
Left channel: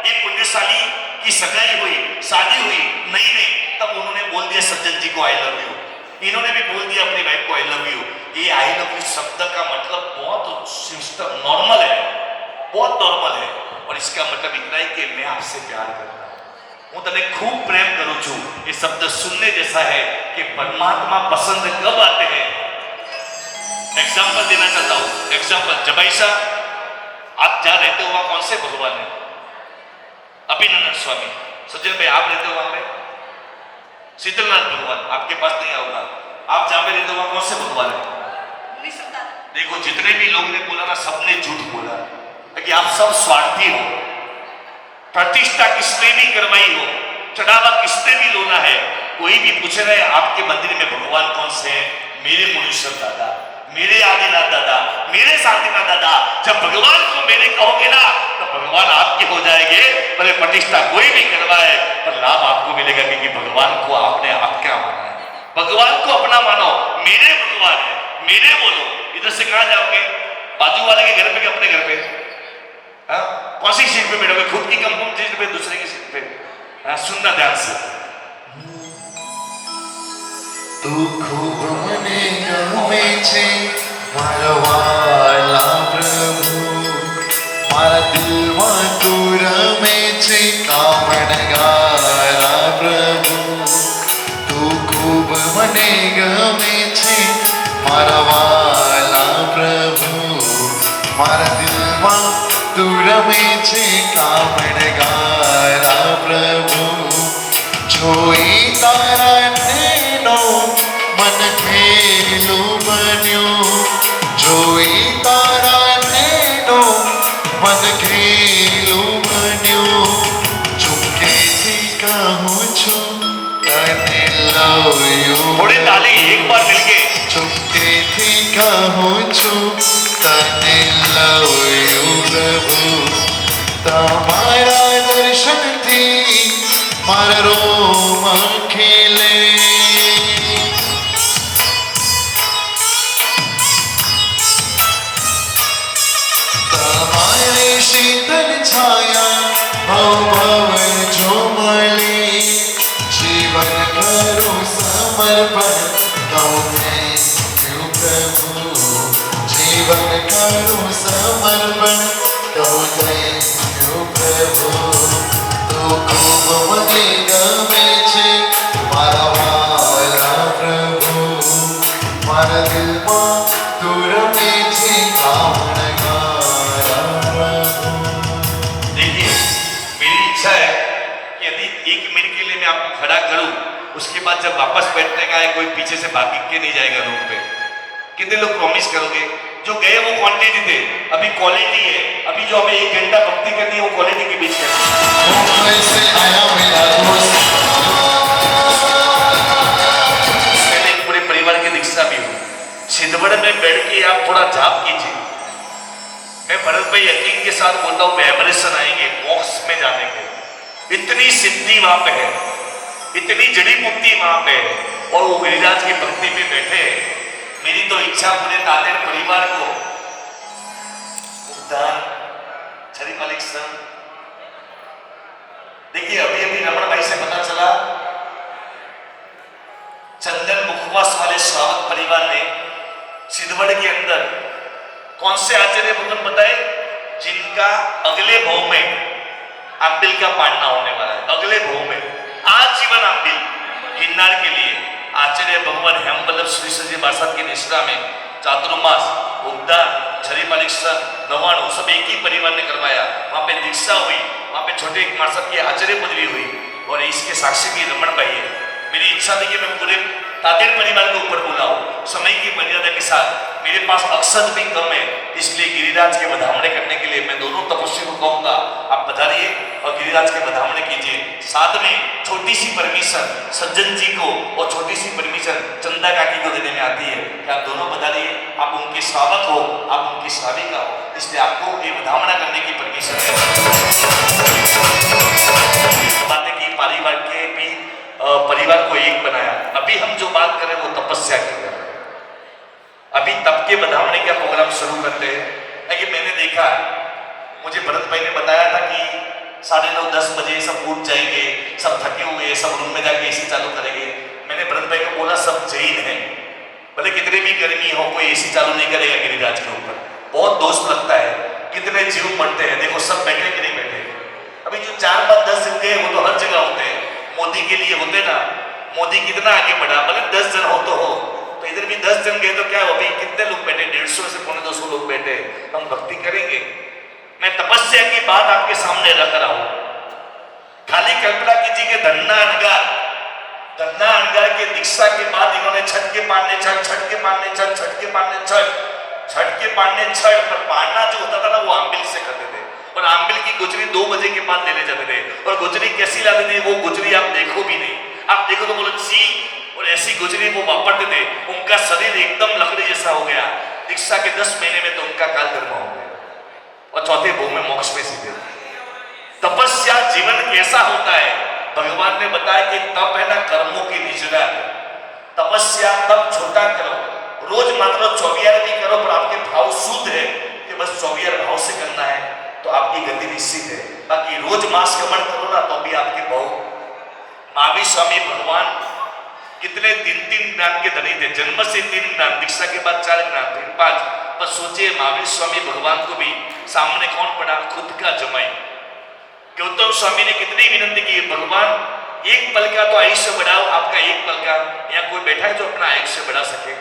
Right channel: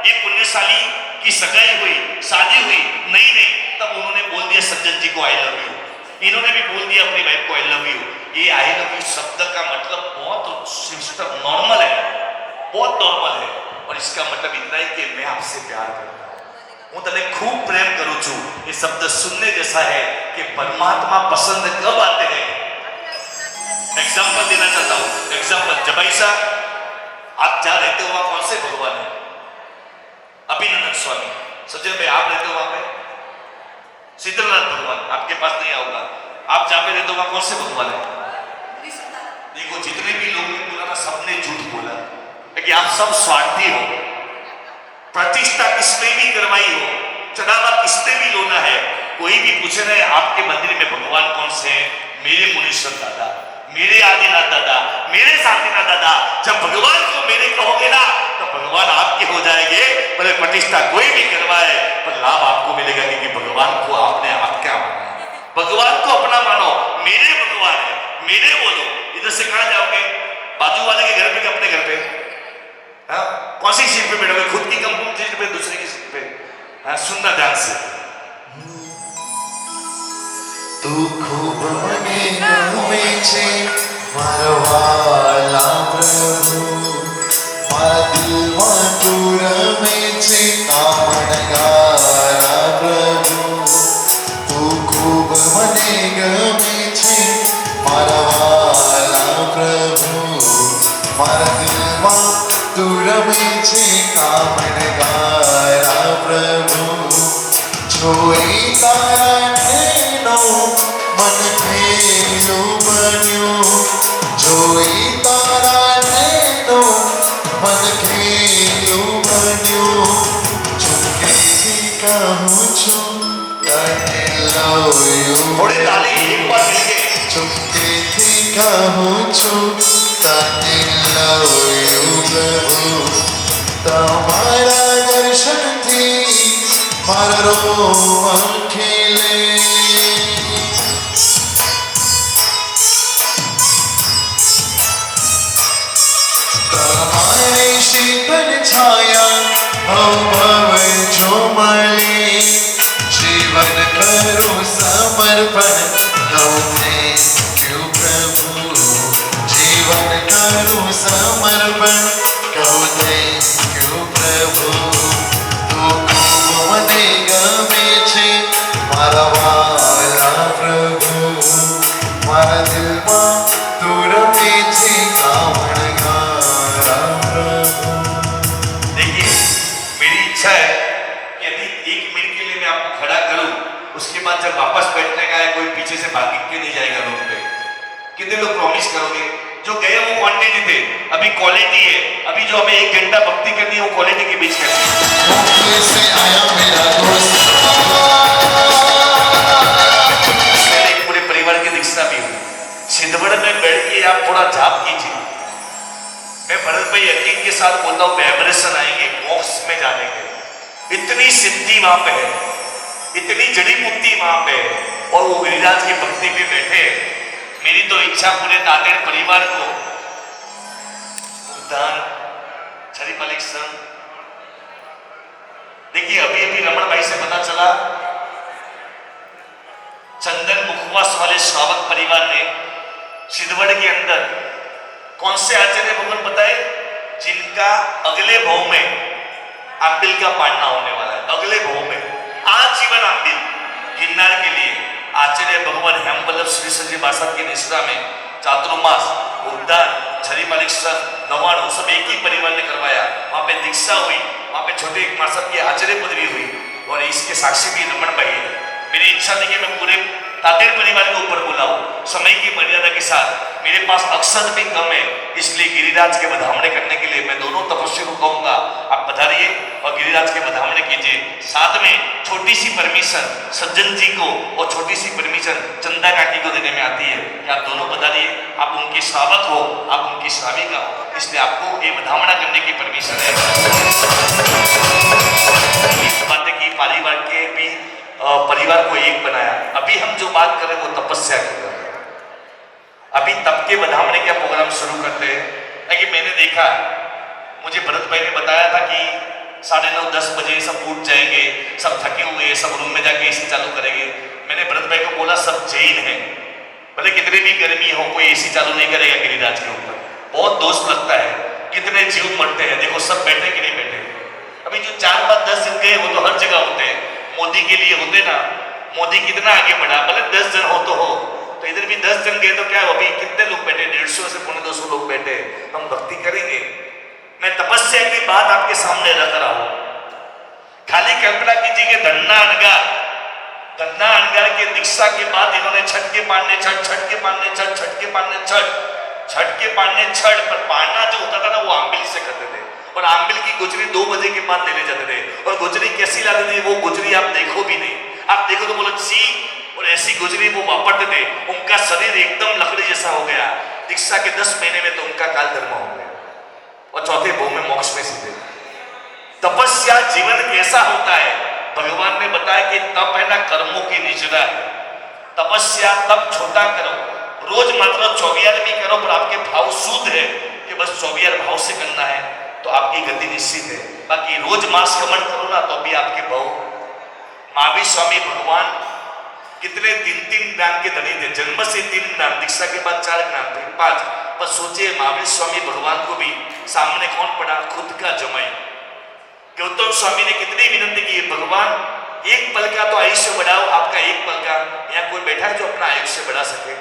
एक पुण्यशाली की सगाई हुई, शादी हुई नई में, तब उन्होंने बोल दिया सज्जन जी को आई लव यू। इन्होंने भी बोल दिया अपनी वाइफ को आई लव यू। ये आई लव यू शब्द का मतलब बहुत सिस्टम नॉर्मल है, बहुत नॉर्मल है। और इसका मतलब इतना ही कि मैं आपसे प्यार करता हूं, હું તને खूब प्रेम करूं છું। ये शब्द सुनने जैसा है कि परमात्मा पसंद कब आते हैं। एग्जाम्पल देना चाहता हूं, एग्जाम्पल। जबाईसा आप जहां रहते हो वहां कौन से भगवान है? अभिनंदन स्वामी। सज्जन भाई आप रहते हो वहां पे शीतलनाथ भगवान, आपके पास नहीं आऊंगा। आप जहां पे रहते हो वहां कौन से भगवान है? देखो जितने भी लोग ने बोला ना, सबने झूठ बोला, क्योंकि आप सब स्वार्थी हो। प्रतिष्ठा किसने भी करवाई हो, चढ़ावा किसने भी लोना है। कोई भी पूछे ना आपके मंदिर में भगवान कौन से हैं? मेरे मुनीश्वर दादा, मेरे आदिनाथ दादा, मेरे शांतिनाथ दादा। जब भगवान को मेरे कहोगे ना तो भगवान आपके हो जाएंगे। भले प्रतिष्ठा कोई भी करवाए पर लाभ आपको मिलेगा, क्योंकि भगवान को आपने आपका माना है। भगवान को अपना मानो, मेरे भगवान है, मेरे बोलो। इधर से कहां जाओगे? बाजू वाले के घर पे कि अपने घर पे? कौन सी सीट पे बैठोगे? खुद की कंपनी सीट पे, दूसरे की सीट पे? सुनना ध्यान से। तू खूब મને ગમે છે મારો વાલા પ્રભુ. મારા દિલમાં તું રમે છે કામણગારા પ્રભુ. તું ખૂબ મને ગમે છે મારા વાલા પ્રભુ. મારા દિલમાં दूर में छे कामण गारा प्रभु जोई तारा नो मन खेलू बन्यो जोई तारा नो मन खेलू बन्यो चुपके थी कहूँ छु तने लवयो थोड़ी ताली एक बार मिलके चुपके थी कहूँ छु तने लवयो प्रभु તમારા દર્શનથી મારા રોમ ખીલે તમારી શીતળ છાયા ભવ જો મળે જીવન કરું સમર્પણ કહું થેન્ક યુ પ્રભુ જીવન કરું સમર્પણ કહું થેન્ક યુ પ્રભુ તો ખૂબ મને ગમે છે મારા વાલા પ્રભુ મારા દિલમાં તું રમે છે કામણગારા પ્રભુ देखिए मेरी इच्छा है कि यदि 1 मिनट के लिए मैं आपको खड़ा करूं उसके बाद जब वापस बैठने का है कोई पीछे से भाग के नहीं जाएगा रूम पे कितने लोग प्रॉमिस करोगे जो गए वो क्वांटिटी थे अभी क्वालिटी है अभी जो हमें 1 घंटा भक्ति करनी है वो क्वालिटी के बीच करनी है मुंबई से आया मेरा दोस्त मैंने पूरे परिवार की दीक्षा भी हुई छिंदवड़ में बैठ के आप थोड़ा जाप कीजिए मैं भरत भाई यकीन के साथ बोलता हूँ वाइब्रेशन आएंगे मोक्ष में जाने के इतनी सिद्धि वहां पे है इतनी जड़ी बूटी वहां पे है और वो गिरिराज की भक्ति में बैठे हैं मेरी तो इच्छा पूरे नादेड़ परिवार को उद्धार छरी मालिक संघ देखिए अभी अभी रमन भाई से पता चला चंदन मुखवास वाले स्वागत परिवार ने सिद्धवड़ के अंदर कौन से आचार्य भगवान बताए जिनका अगले भाव में आंबिल का पाटना होने वाला है अगले भाव में आजीवन आंबिल गिरनार के लिए आचार्य भगवान हेमवल्लभ श्री सजी बासात की निष्ठा में चातुर्मास उद्दान छरी मालिक सर गवाणों सब एक ही परिवार ने करवाया वहां पे दीक्षा हुई वहां पे छोटे मार्शल की आचार्य पदवी हुई और इसके साक्षी भी रमन भाई है मेरी इच्छा थी कि मैं पूरे तातेर परिवार को ऊपर बुलाऊं समय की मर्यादा के साथ मेरे पास मकसद भी कम है इसलिए गिरिराज के बधावने करने के लिए मैं दोनों तपस्या को कहूंगा आप पधारिए और गिरिराज के बधावने कीजिए साथ में छोटी सी परमिशन सज्जन जी को और छोटी सी परमिशन चंदा काकी को देने में आती है कि आप दोनों पधारिए आप उनके स्वागत हो आप उनकी स्वामिका हो इसलिए आपको ये बधावना करने की परमिशन है इस बातें की परिवार के भी परिवार को एक बनाया अभी हम जो बात कर रहे हैं वो तपस्या की है अभी तब के बधावने का प्रोग्राम शुरू करते हैं कि मैंने देखा मुझे भरत भाई ने बताया था कि 9:30-10 बजे सब उठ जाएंगे सब थके हुए सब रूम में जाके एसी चालू करेंगे मैंने भरत भाई को बोला सब जैन है भले कितनी भी गर्मी हो कोई एसी चालू नहीं करेगा गिरिराज के ऊपर बहुत दोष लगता है कितने जीव मरते हैं देखो सब बैठे कि नहीं बैठे अभी जो 4-5-10 दिन गए वो तो हर जगह होते हैं मोदी के लिए होते ना मोदी कितना आगे बढ़ा भले 10 जन हो तो इधर भी 10 जन गए तो क्या अभी कितने लोग बैठे 150 से 200 लोग बैठे हम भक्ति करेंगे मैं तपस्या की बात आपके सामने रख रहा हूं खाली कल्पना कीजिए कि धन्ना अनगार के दीक्षा के बाद इन्होंने छठ के पाड़ने छठ पर पाड़ना जो होता था ना वो आंबिल से करते थे और आंबिल की गुजरी 2 बजे के बाद देने जाते थे और गुजरी कैसी लगती थी वो गुजरी आप देखो भी नहीं आप देखो तो बोलो सी और ऐसी गुजरी वो वापरते थे उनका शरीर एकदम लकड़ी जैसा हो गया दीक्षा के 10 महीने में तो उनका काल धर्म हो गया और चौथे भोग में मोक्ष में सीधे तपस्या जीवन कैसा होता है भगवान ने बताया कि तप है ना कर्मों की निचरा है तपस्या तप छोटा करो रोज मात्र 24 भी करो पर आपके भाव शुद्ध है कि बस 24 भाव से करना है तो आपकी गति निश्चित है बाकी रोज मास गमन करो ना तो भी आपके भाव महावीर स्वामी भगवान कितने 3 ज्ञान के धनी थे जन्म से 3 ज्ञान दीक्षा के बाद 4 ज्ञान फिर 5 पर सोचिए महावीर स्वामी भगवान को भी सामने कौन पड़ा खुद का जमाई गौतम स्वामी ने कितनी विनती की भगवान एक पल का तो आयुष्य बढ़ाओ आपका एक पल का यहाँ कोई बैठा है जो अपना आयुष्य बढ़ा सके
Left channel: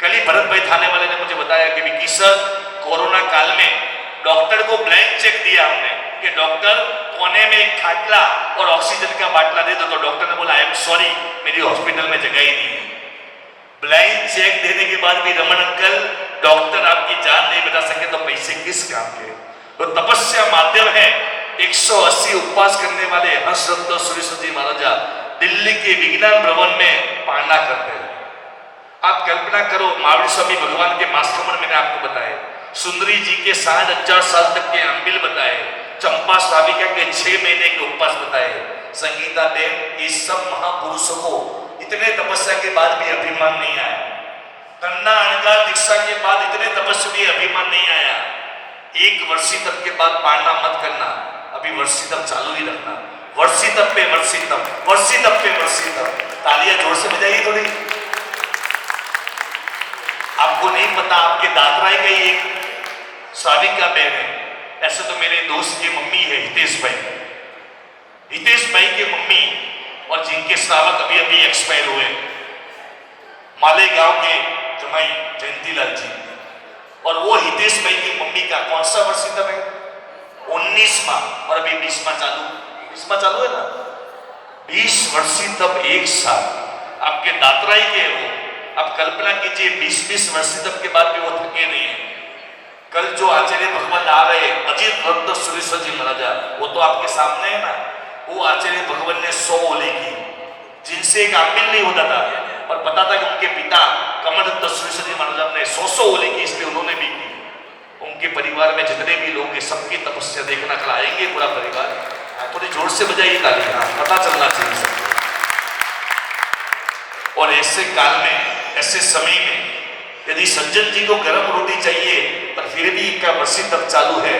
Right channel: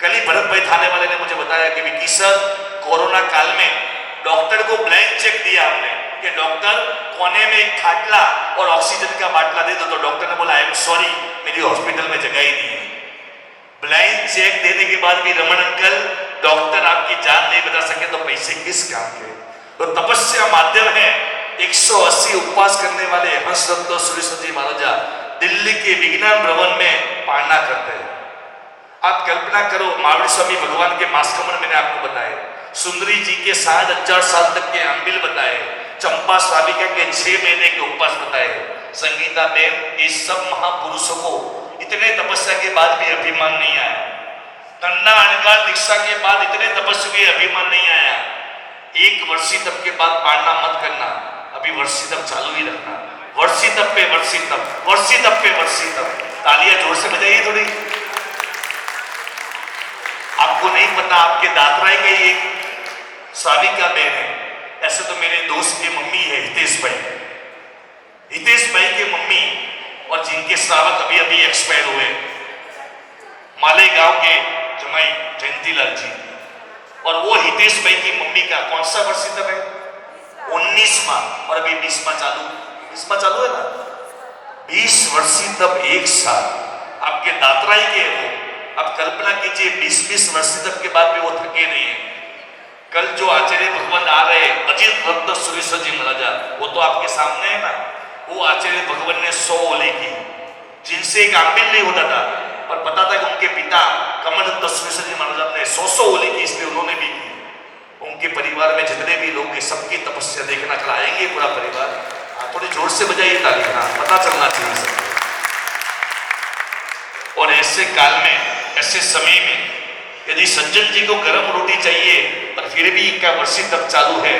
कल ही भरत भाई थाने वाले ने मुझे बताया कि विकी सर कोरोना काल में डॉक्टर को ब्लैंक चेक दिया हमने कि डॉक्टर कोने में एक खाटला और ऑक्सीजन का बाटला दे दो। तो डॉक्टर ने बोला आई एम सॉरी, मेरी हॉस्पिटल में जगह ही नहीं है। ब्लैंक चेक देने के बाद भी रमन अंकल डॉक्टर आपकी जान नहीं बचा सके तो पैसे किस काम के। तो तपस्या माध्यम है। 180 उपवास करने वाले हर्षरत्न सुरेश्वर जी महाराजा दिल्ली के विज्ञान भवन में पालना करते हैं। आप कल्पना करो, महावीर स्वामी भगवान के मास्कमण मैंने आपको बताए, सुंदरी जी के 60,000 साल तक के अम्बिल बताए, चंपा स्वामिका के 6 महीने के उपवास बताए, संगीता बेन, ये सब महापुरुषों को इतने तपस्या के बाद भी अभिमान नहीं आया। तन्ना अनगा दीक्षा के बाद इतने तपस्वी अभिमान नहीं आया। एक वर्षी तप के बाद पाड़ना मत करना, अभी वर्षी तप चालू ही रखना। वर्षी तप पे वर्षी तप, वर्षी तप पे वर्षी तप। तालियां जोर से बजाइए थोड़ी। आपको नहीं पता, आपके दादराई का एक साविका बहन है। ऐसे तो मेरे दोस्त की मम्मी है हितेश भाई, हितेश भाई की मम्मी, और जिनके श्रावक अभी अभी एक्सपायर हुए, मालेगांव के जमाई जयंतीलाल जी। और वो हितेश भाई की मम्मी का कौन सा वर्षी तप है? 19वां, और अभी 20वां चालू है ना। 20 वर्षी तप एक साथ आपके दादराई के हो। अब कल्पना कीजिए 20 वर्षी तप के बाद भी वो थके नहीं है। कल जो आचार्य भगवान आ रहे अजीत रत्न सुरेश्वर जी महाराजा, वो तो आपके सामने है ना। वो आचार्य भगवान ने 100 ओले की, जिनसे एक आमिल नहीं होता था, और पता था कि उनके पिता कमल रत्न सुरेश्वर जी महाराजा ने 100 ओले की, इसलिए उन्होंने भी की। उनके परिवार में जितने भी लोग हैं सबकी तपस्या देखना, कल आएंगे पूरा परिवार। थोड़ी जोर से बजाइए तालियां, पता चलना चाहिए सबको। और ऐसे काल में, ऐसे समय में यदि सज्जन जी को गर्म रोटी चाहिए पर फिर भी इनका वर्षी तप चालू है,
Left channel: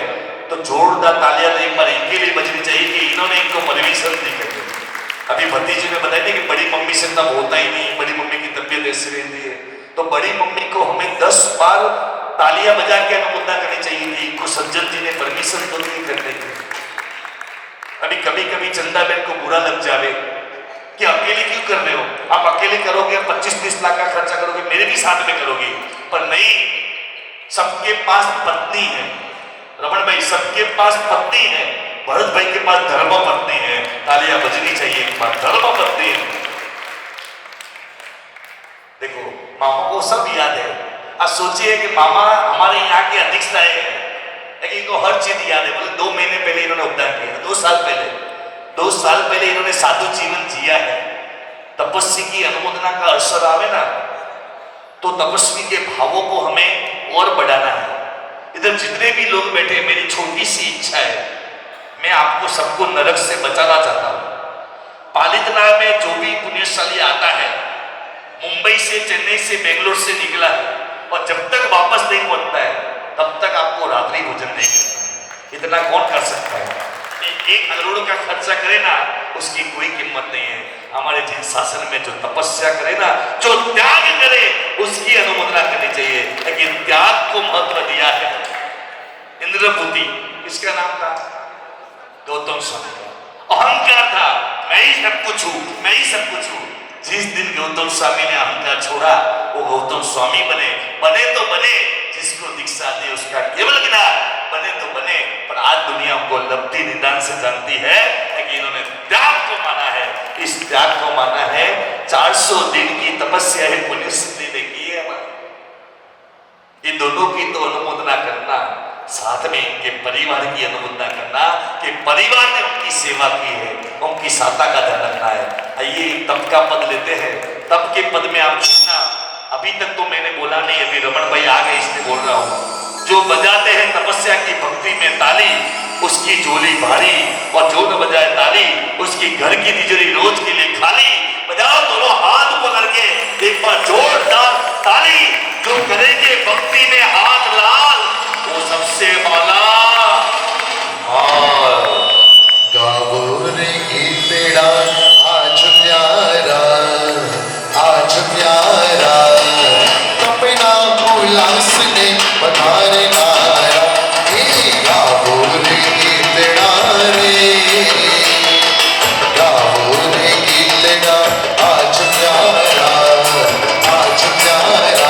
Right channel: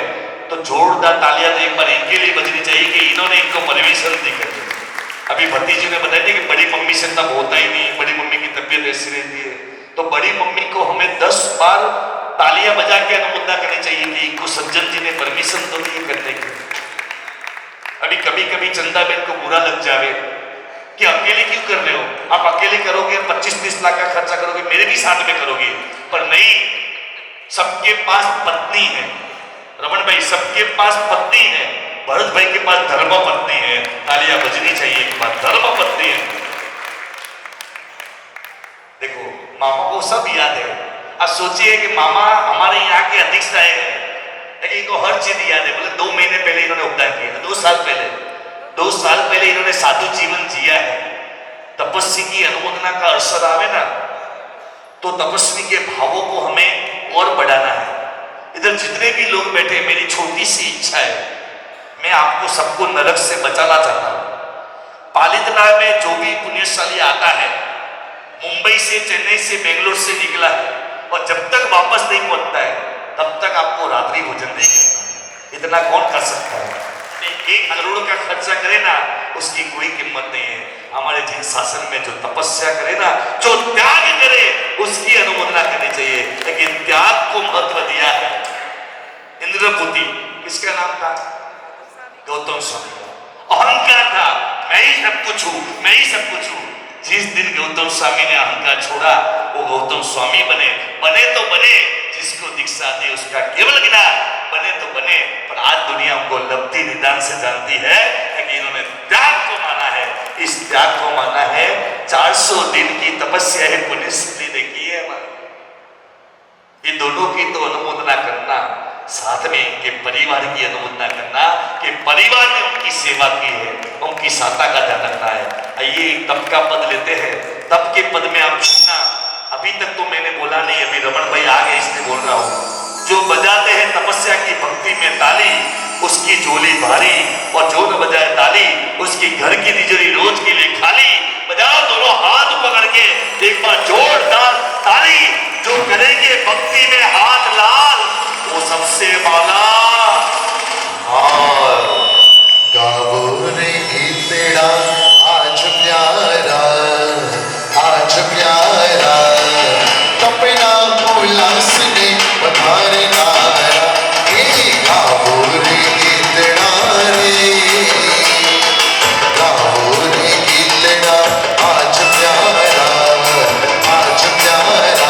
तो जोरदार तालियां तो एक बार इनके लिए बजनी चाहिए कि इन्होंने इनको परमिशन दी करके। अभी भतीजी ने बताया कि बड़ी मम्मी से तब होता ही नहीं, बड़ी मम्मी की तबीयत ऐसी रहती है। तो बड़ी मम्मी को हमें 10 बार तालियां बजा के अनुमोदना करनी चाहिए कि इनको सज्जन जी ने परमिशन तो दी करने की। अभी कभी कभी चंदा बहन को बुरा लग जावे कि अकेले क्यों कर रहे हो, आप अकेले करोगे 25-30 लाख का खर्चा करोगे, मेरे भी साथ में करोगे। पर नहीं, सबके पास पत्नी है रमन भाई, सबके पास पत्नी है। भरत भाई के पास धर्म पत्नी है। तालियां बजनी चाहिए, एक बार धर्म पत्नी है। देखो मामा को सब याद है। अब सोचिए कि मामा हमारे यहाँ के अध्यक्ष रहे हैं, इनको हर चीज याद है। बोले 2 महीने पहले इन्होंने उपदान किया, 2 साल पहले इन्होंने साधु जीवन जिया है। तपस्वी की अनुमोदना का अवसर आवे ना, तो तपस्वी के भावों को हमें और बढ़ाना है। इधर जितने भी लोग बैठे, मेरी छोटी सी इच्छा है, मैं आपको सबको नरक से बचाना चाहता हूं। पालितनाथ में जो भी पुण्यशाली आता है, मुंबई से, चेन्नई से, बेंगलोर से निकला है, और जब तक वापस नहीं पहुंचता है तब तक आपको रात्रि भोजन नहीं करना। इतना कौन कर सकता है? 1 करोड़ का खर्चा करे ना, उसकी कोई कीमत नहीं है। हमारे जिन शासन में जो तपस्या करे ना, जो त्याग करे, उसकी अनुमोदना करनी चाहिए। लेकिन त्याग को महत्व दिया है। इंद्रपुति किसका नाम था? गौतम स्वामी का। अहंकार था, मैं ही सब कुछ हूं, मैं ही सब कुछ हूं। जिस दिन गौतम स्वामी ने अहंकार छोड़ा, वो गौतम स्वामी बने तो बने, जिसको दीक्षा दी उसका केवल गिना, बने तो बने। पर आज दुनिया उनको लब्धि निदान से जानती है कि इन्होंने त्याग को माना है। इस त्याग को माना है। 400 दिन की तपस्या है, पुण्यसिद्धि देखी है हमारी। ये दोनों की तो अनुमोदना करना, साथ में इनके परिवार की अनुमोदना करना कि परिवार ने उनकी सेवा की है, उनकी सहायता का ध्यान रखना है। आइए तप का पद लेते हैं। तप के पद में आप सुनना, अभी तक तो मैंने बोला नहीं, अभी रमन भाई आ गए इसलिए बोल रहा हूं। जो बजाते हैं तपस्या की भक्ति में ताली, उसकी झोली भारी, और जो न बजाए ताली, उसकी घर की तिजोरी रोज के लिए खाली। बजाओ दोनों हाथ पकड़ के एक बार जोरदार ताली। जो करेंगे भक्ति में हाथ लाल, वो सबसे मौला। गाओ रे बेड़ा आज प्यारा, आज प्यारा, कपिला उल्लास ने पधारे नारा। गाओ रे बेड़ा रे, गाओ रे बेड़ा आज प्यारा, आज प्यारा,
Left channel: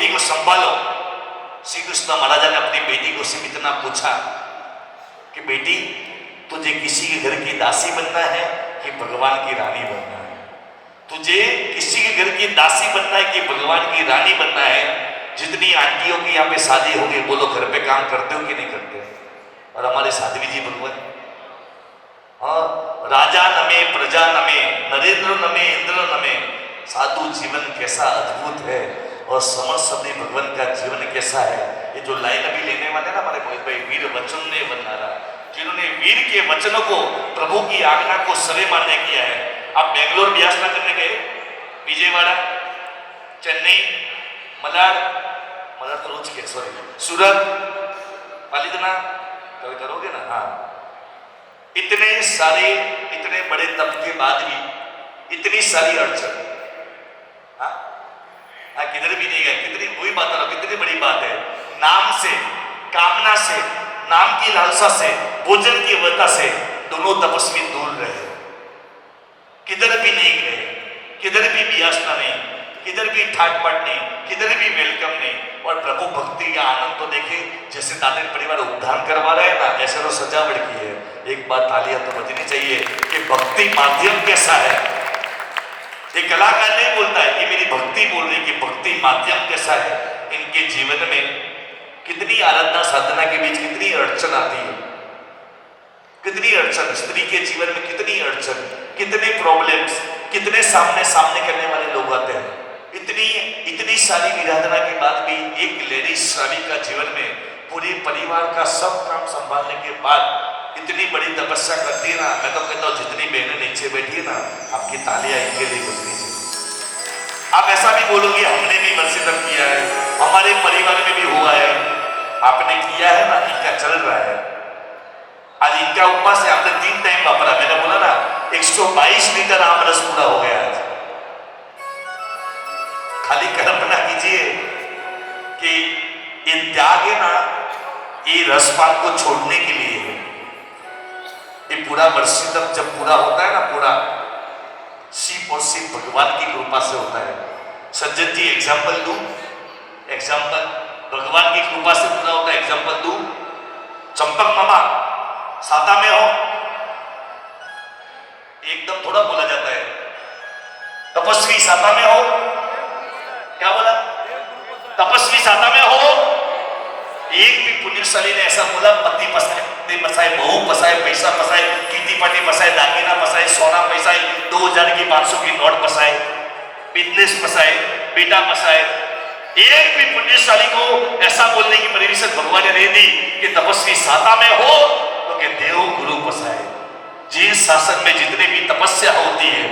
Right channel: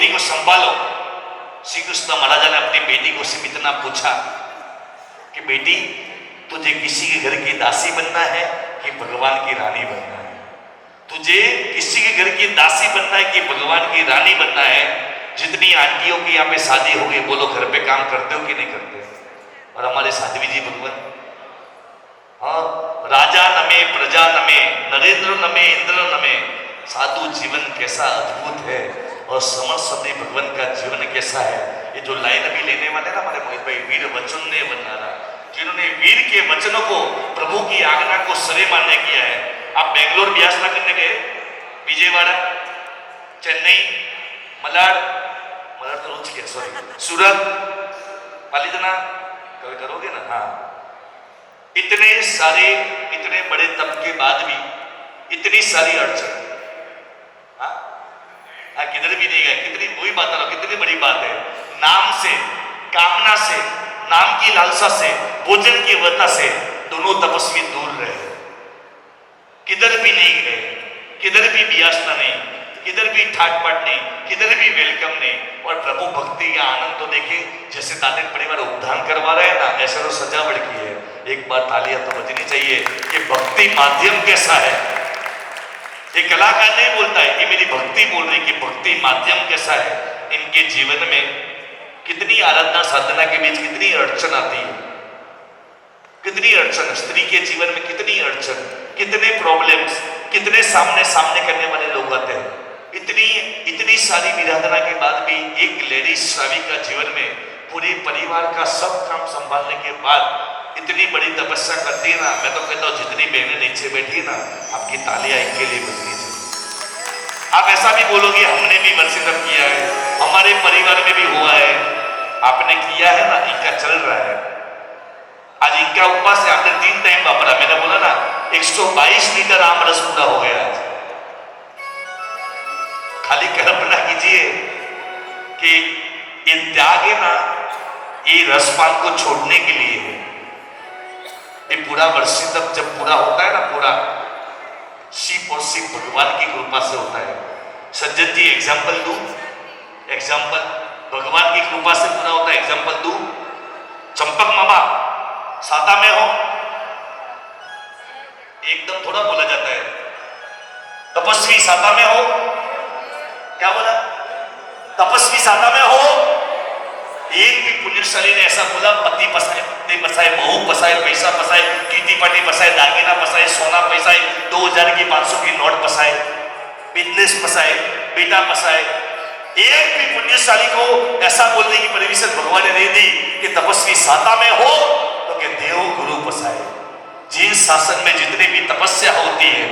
बेटी को संभालो। श्री कृष्ण महाराजा ने अपनी बेटी को सिर्फ इतना पूछा कि बेटी, तुझे किसी के घर की दासी बनना है कि भगवान की रानी बनना है? तुझे किसी के घर की दासी बनना है कि भगवान की रानी बनना है? जितनी आंटियों की यहाँ पे शादी होगी, बोलो घर पे काम करते हो कि नहीं करते? और हमारे साध्वी जी भगवान, हाँ, राजा नमे प्रजा नमे नरेंद्र नमे इंद्र नमे, साधु जीवन कैसा अद्भुत है और समस्त सदी भगवान का जीवन कैसा है। ये जो लाइन अभी लेने वाले ना हमारे मोहित भाई, वीर वचन ने बनाना, जिन्होंने वीर के वचनों को, प्रभु की आज्ञा को सरे मान्य किया है। आप बेंगलोर भी आसना करने गए, विजयवाड़ा, चेन्नई, मलाड तो रोज किया, सॉरी, सूरत, पालीतना कभी करोगे ना? हाँ, इतने सारे, इतने बड़े तप के बाद भी इतनी सारी अड़चन, हाँ, किधर भी नहीं गए, कितनी कोई बात ना, कितनी बड़ी बात है। नाम से, कामना से, नाम की लालसा से, भोजन की वजह से दोनों तपस्वी दूर रहे, किधर भी नहीं गए, किधर भी याचना नहीं, किधर भी ठाट बाट नहीं, किधर भी वेलकम नहीं। और प्रभु भक्ति का आनंद तो देखिए, जैसे ताले परिवार उद्धार करवा रहे हैं ना, ऐसा तो सजावट की है। एक बात तालियां तो बजनी चाहिए कि भक्ति माध्यम कैसा है। ये कलाकार नहीं बोलता है कि मेरी भक्ति बोल रही, कि भक्ति माध्यम कैसा है। इनके जीवन में कितनी आराधना साधना के बीच कितनी अड़चन आती है, कितनी अड़चन, स्त्री के जीवन में कितनी अड़चन, कितने प्रॉब्लम्स, कितने सामने सामने करने वाले लोग आते हैं। इतनी सारी विराधना के बाद भी एक लेडी श्राविका जीवन में पूरे परिवार का सब काम संभालने के बाद इतनी बड़ी तपस्या करती है ना। मैं तो कहता हूँ जितनी बहनें नीचे बैठी है ना, आपकी तालियां इनके लिए बजनी चाहिए। आप ऐसा भी बोलोगे हमने भी वर्षित किया है, हमारे परिवार में भी हुआ है, आपने किया है ना, इनका चल रहा है। आज इनका उपवास है, आपने 3 टाइम वापरा। मैंने बोला ना 122 लीटर आम रस पूरा हो गया आज। खाली कल्पना कीजिए कि ये त्याग है ना, ये रसपान को छोड़ने के लिए है। ये पूरा वर्षित जब पूरा होता है ना, पूरा सिर्फ और सिर्फ भगवान की कृपा से होता है। सज्जन जी एग्जाम्पल दू, एग्जाम्पल भगवान की कृपा से पूरा होता है। एग्जाम्पल दू, चंपक मामा साता में हो, एकदम थोड़ा बोला जाता है। तपस्वी साता में हो, क्या बोला? तपस्वी साता में हो। एक भी पुण्यशाली ने ऐसा बोला पति पसाए, पत्नी पसाए, बहू पसाए, पैसा पसाए, कीटी पाटी पसाए, दागिना पसाए, सोना पसाए, 2000 की 500 की नोट पसाए, बिजनेस पसाए, बेटा पसाए। एक भी पुण्यशाली को ऐसा बोलने की परमिशन भगवान ने दे दी कि तपस्वी साता में हो तो कि देव गुरु पसाए। जिस शासन में जितने भी तपस्या होती है,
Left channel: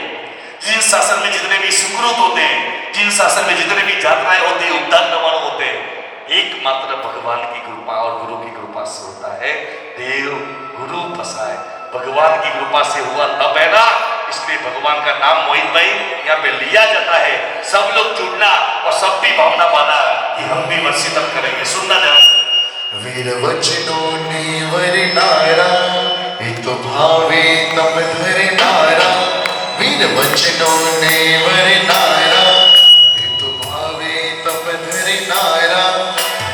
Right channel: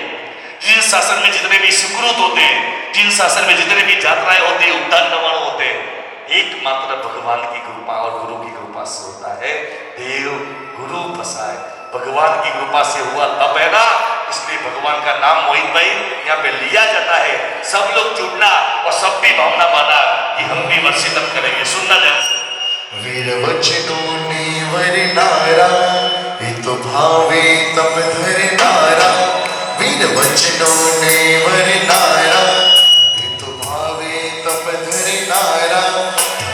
जिन शासन में जितने भी सुकृत होते हैं, जिन शासन में जितने भी यात्राएं होती है, उद्धार निर्माण होते हैं, एकमात्र भगवान की कृपा और गुरु की कृपा से होता है। देव गुरु पसाए, भगवान की कृपा से हुआ तब है ना। इसलिए भगवान का नाम मोहित भाई यहाँ पे लिया जाता है। सब लोग जुड़ना और सबकी भावना पाना कि हम भी वर्षित करेंगे। सुनना ध्यान। वीर वचनों ने वरनारा, तो भावे तप धर नारा। वीर वचनों ने वरनारा, तो भावे तप धर नारा।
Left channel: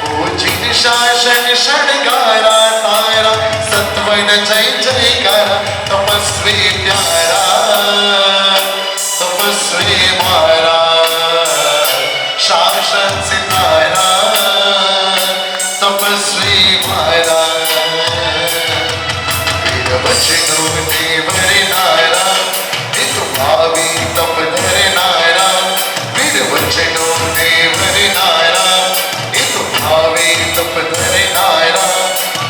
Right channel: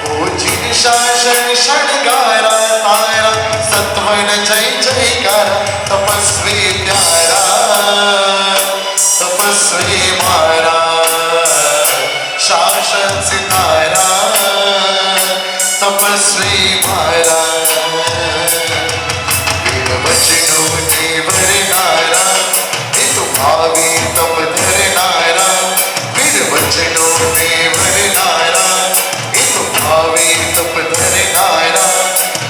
ओ जिन शासन षडगारा तारा, सत्वन जय जयकार तपस्वी प्यारा, तपस्वी मारा शासन सितारा, तपस्वी मारा। वचनों ने वरनारा, तो भावी तप धर नारा। वीर वचनों ने वरनारा, तो भावी तप धर नारा।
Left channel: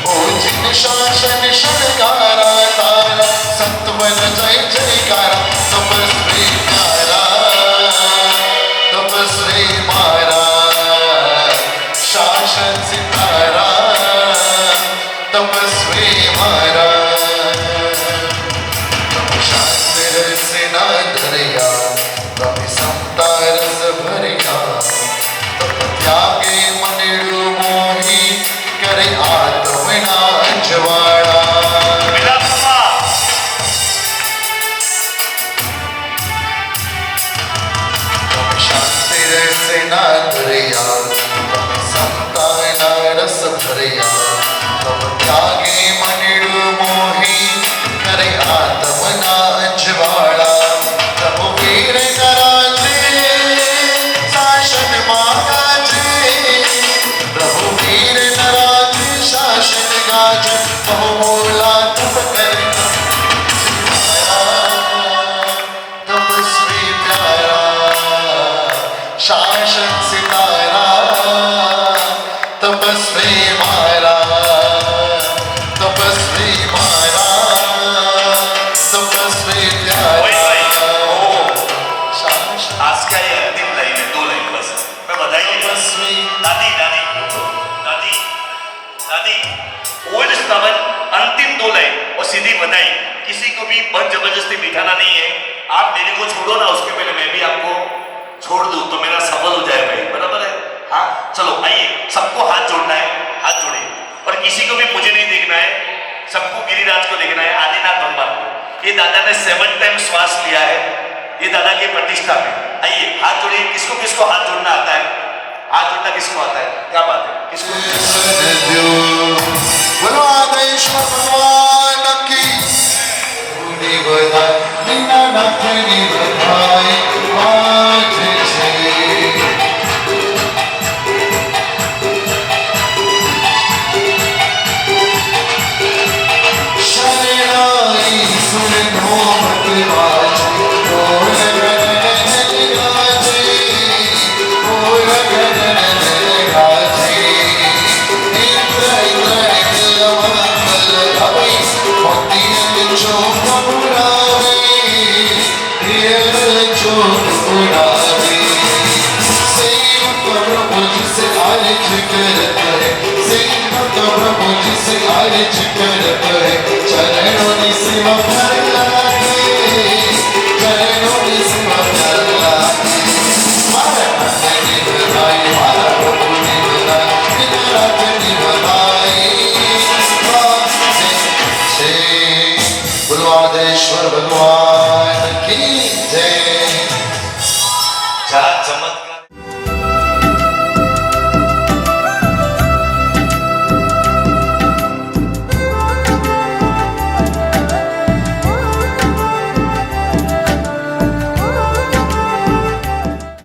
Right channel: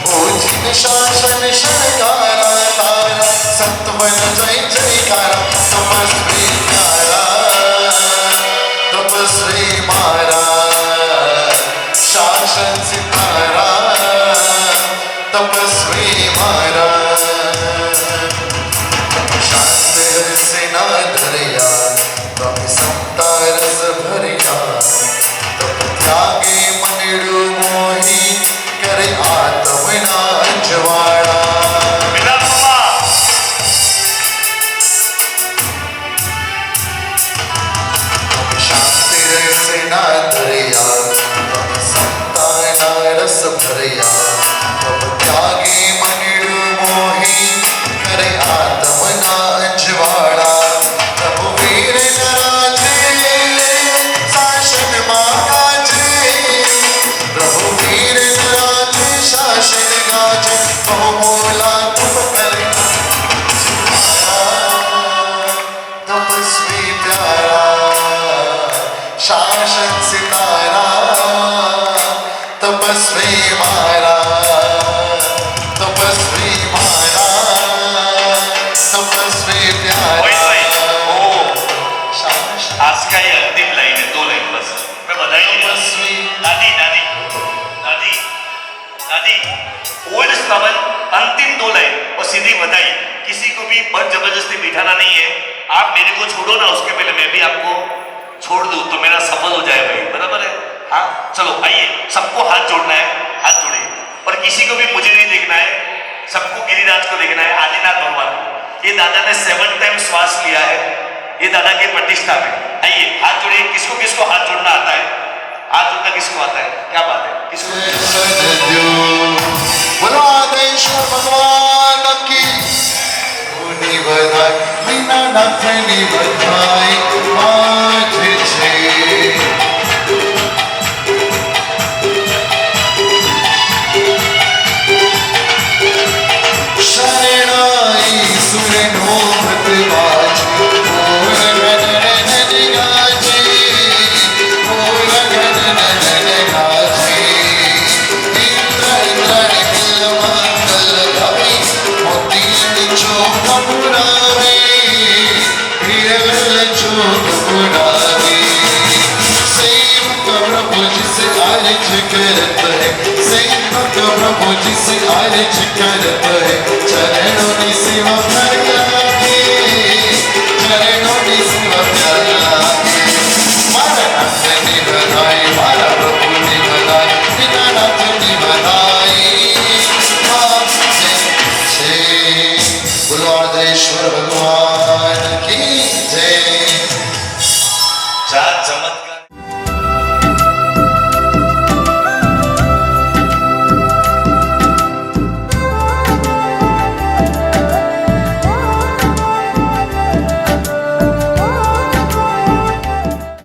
ओ जिन शासन षडगारा तारा, सत्वन जय जयकारा तपस्वी प्यारा, तपस्वी मारा जैसे ना दरिया तब संताना रस भरिया तब त्यागे मनिडु मोही करे आत्मना अजवाड़ा रघुवीर कराजे शासन महाराजे रघुवीर कराजे शासन गाजे बहुमोला तब करना तपस्वी प्यारा शासन सितारा तपस्वी मारा तपस्वी मारा तपस्वी प्यारा शासन आज का ये अंतिम लाइन है, 2 लाइन बस मैं बधाई नहीं बस। दादी दादी दादी दादी ओल्ड स्टावर अंतिम 2 लाइन और सीधी बधाई। किसी को भी बस जबरदस्ती बिठाना नहीं है। आप मेरे को छोड़ो ना, उसके पहले मैं भी आपको छोड़ दूं तो मेरा सफल हो जाए भाई, बराबर है? हाँ चलो आइए, सबको हाथ जोड़ना है, हाथ जोड़िए। और किसी को भी मुझे नहीं देखना है, सबको गिरिराज को देखना है, आदिनाथ भगवान को। ये दादा ने 7 टाइम श्वास लिया है, ये दादा की प्रतिष्ठा है। आइए हाथ जोड़िए। किसको किसको हाथ जोड़ना आता है? हाथ जोड़ना किसको आता है? क्या बात है? किसको? बोलो आदेश भगवान की धूनी बधाई बिना नाथनी बधाई आज छे शरणाई सुनो भटवाज बोल गगन गाजे बोल गगन गाजे इंद्र इंद्र मंगल भवे मोती बिचो कपुरावे हिरल चोक पुरावे सेवक प्रभु जिसे आरज करत है सेवक प्रभु जिसे आरज करत है चरणों की सेवा करके चरणों की सेवा करके मारा नाथनी बधाई मारा प्रभु ने बधाई बिना नाथनी बधाई गुरु आदेश्वर भगवान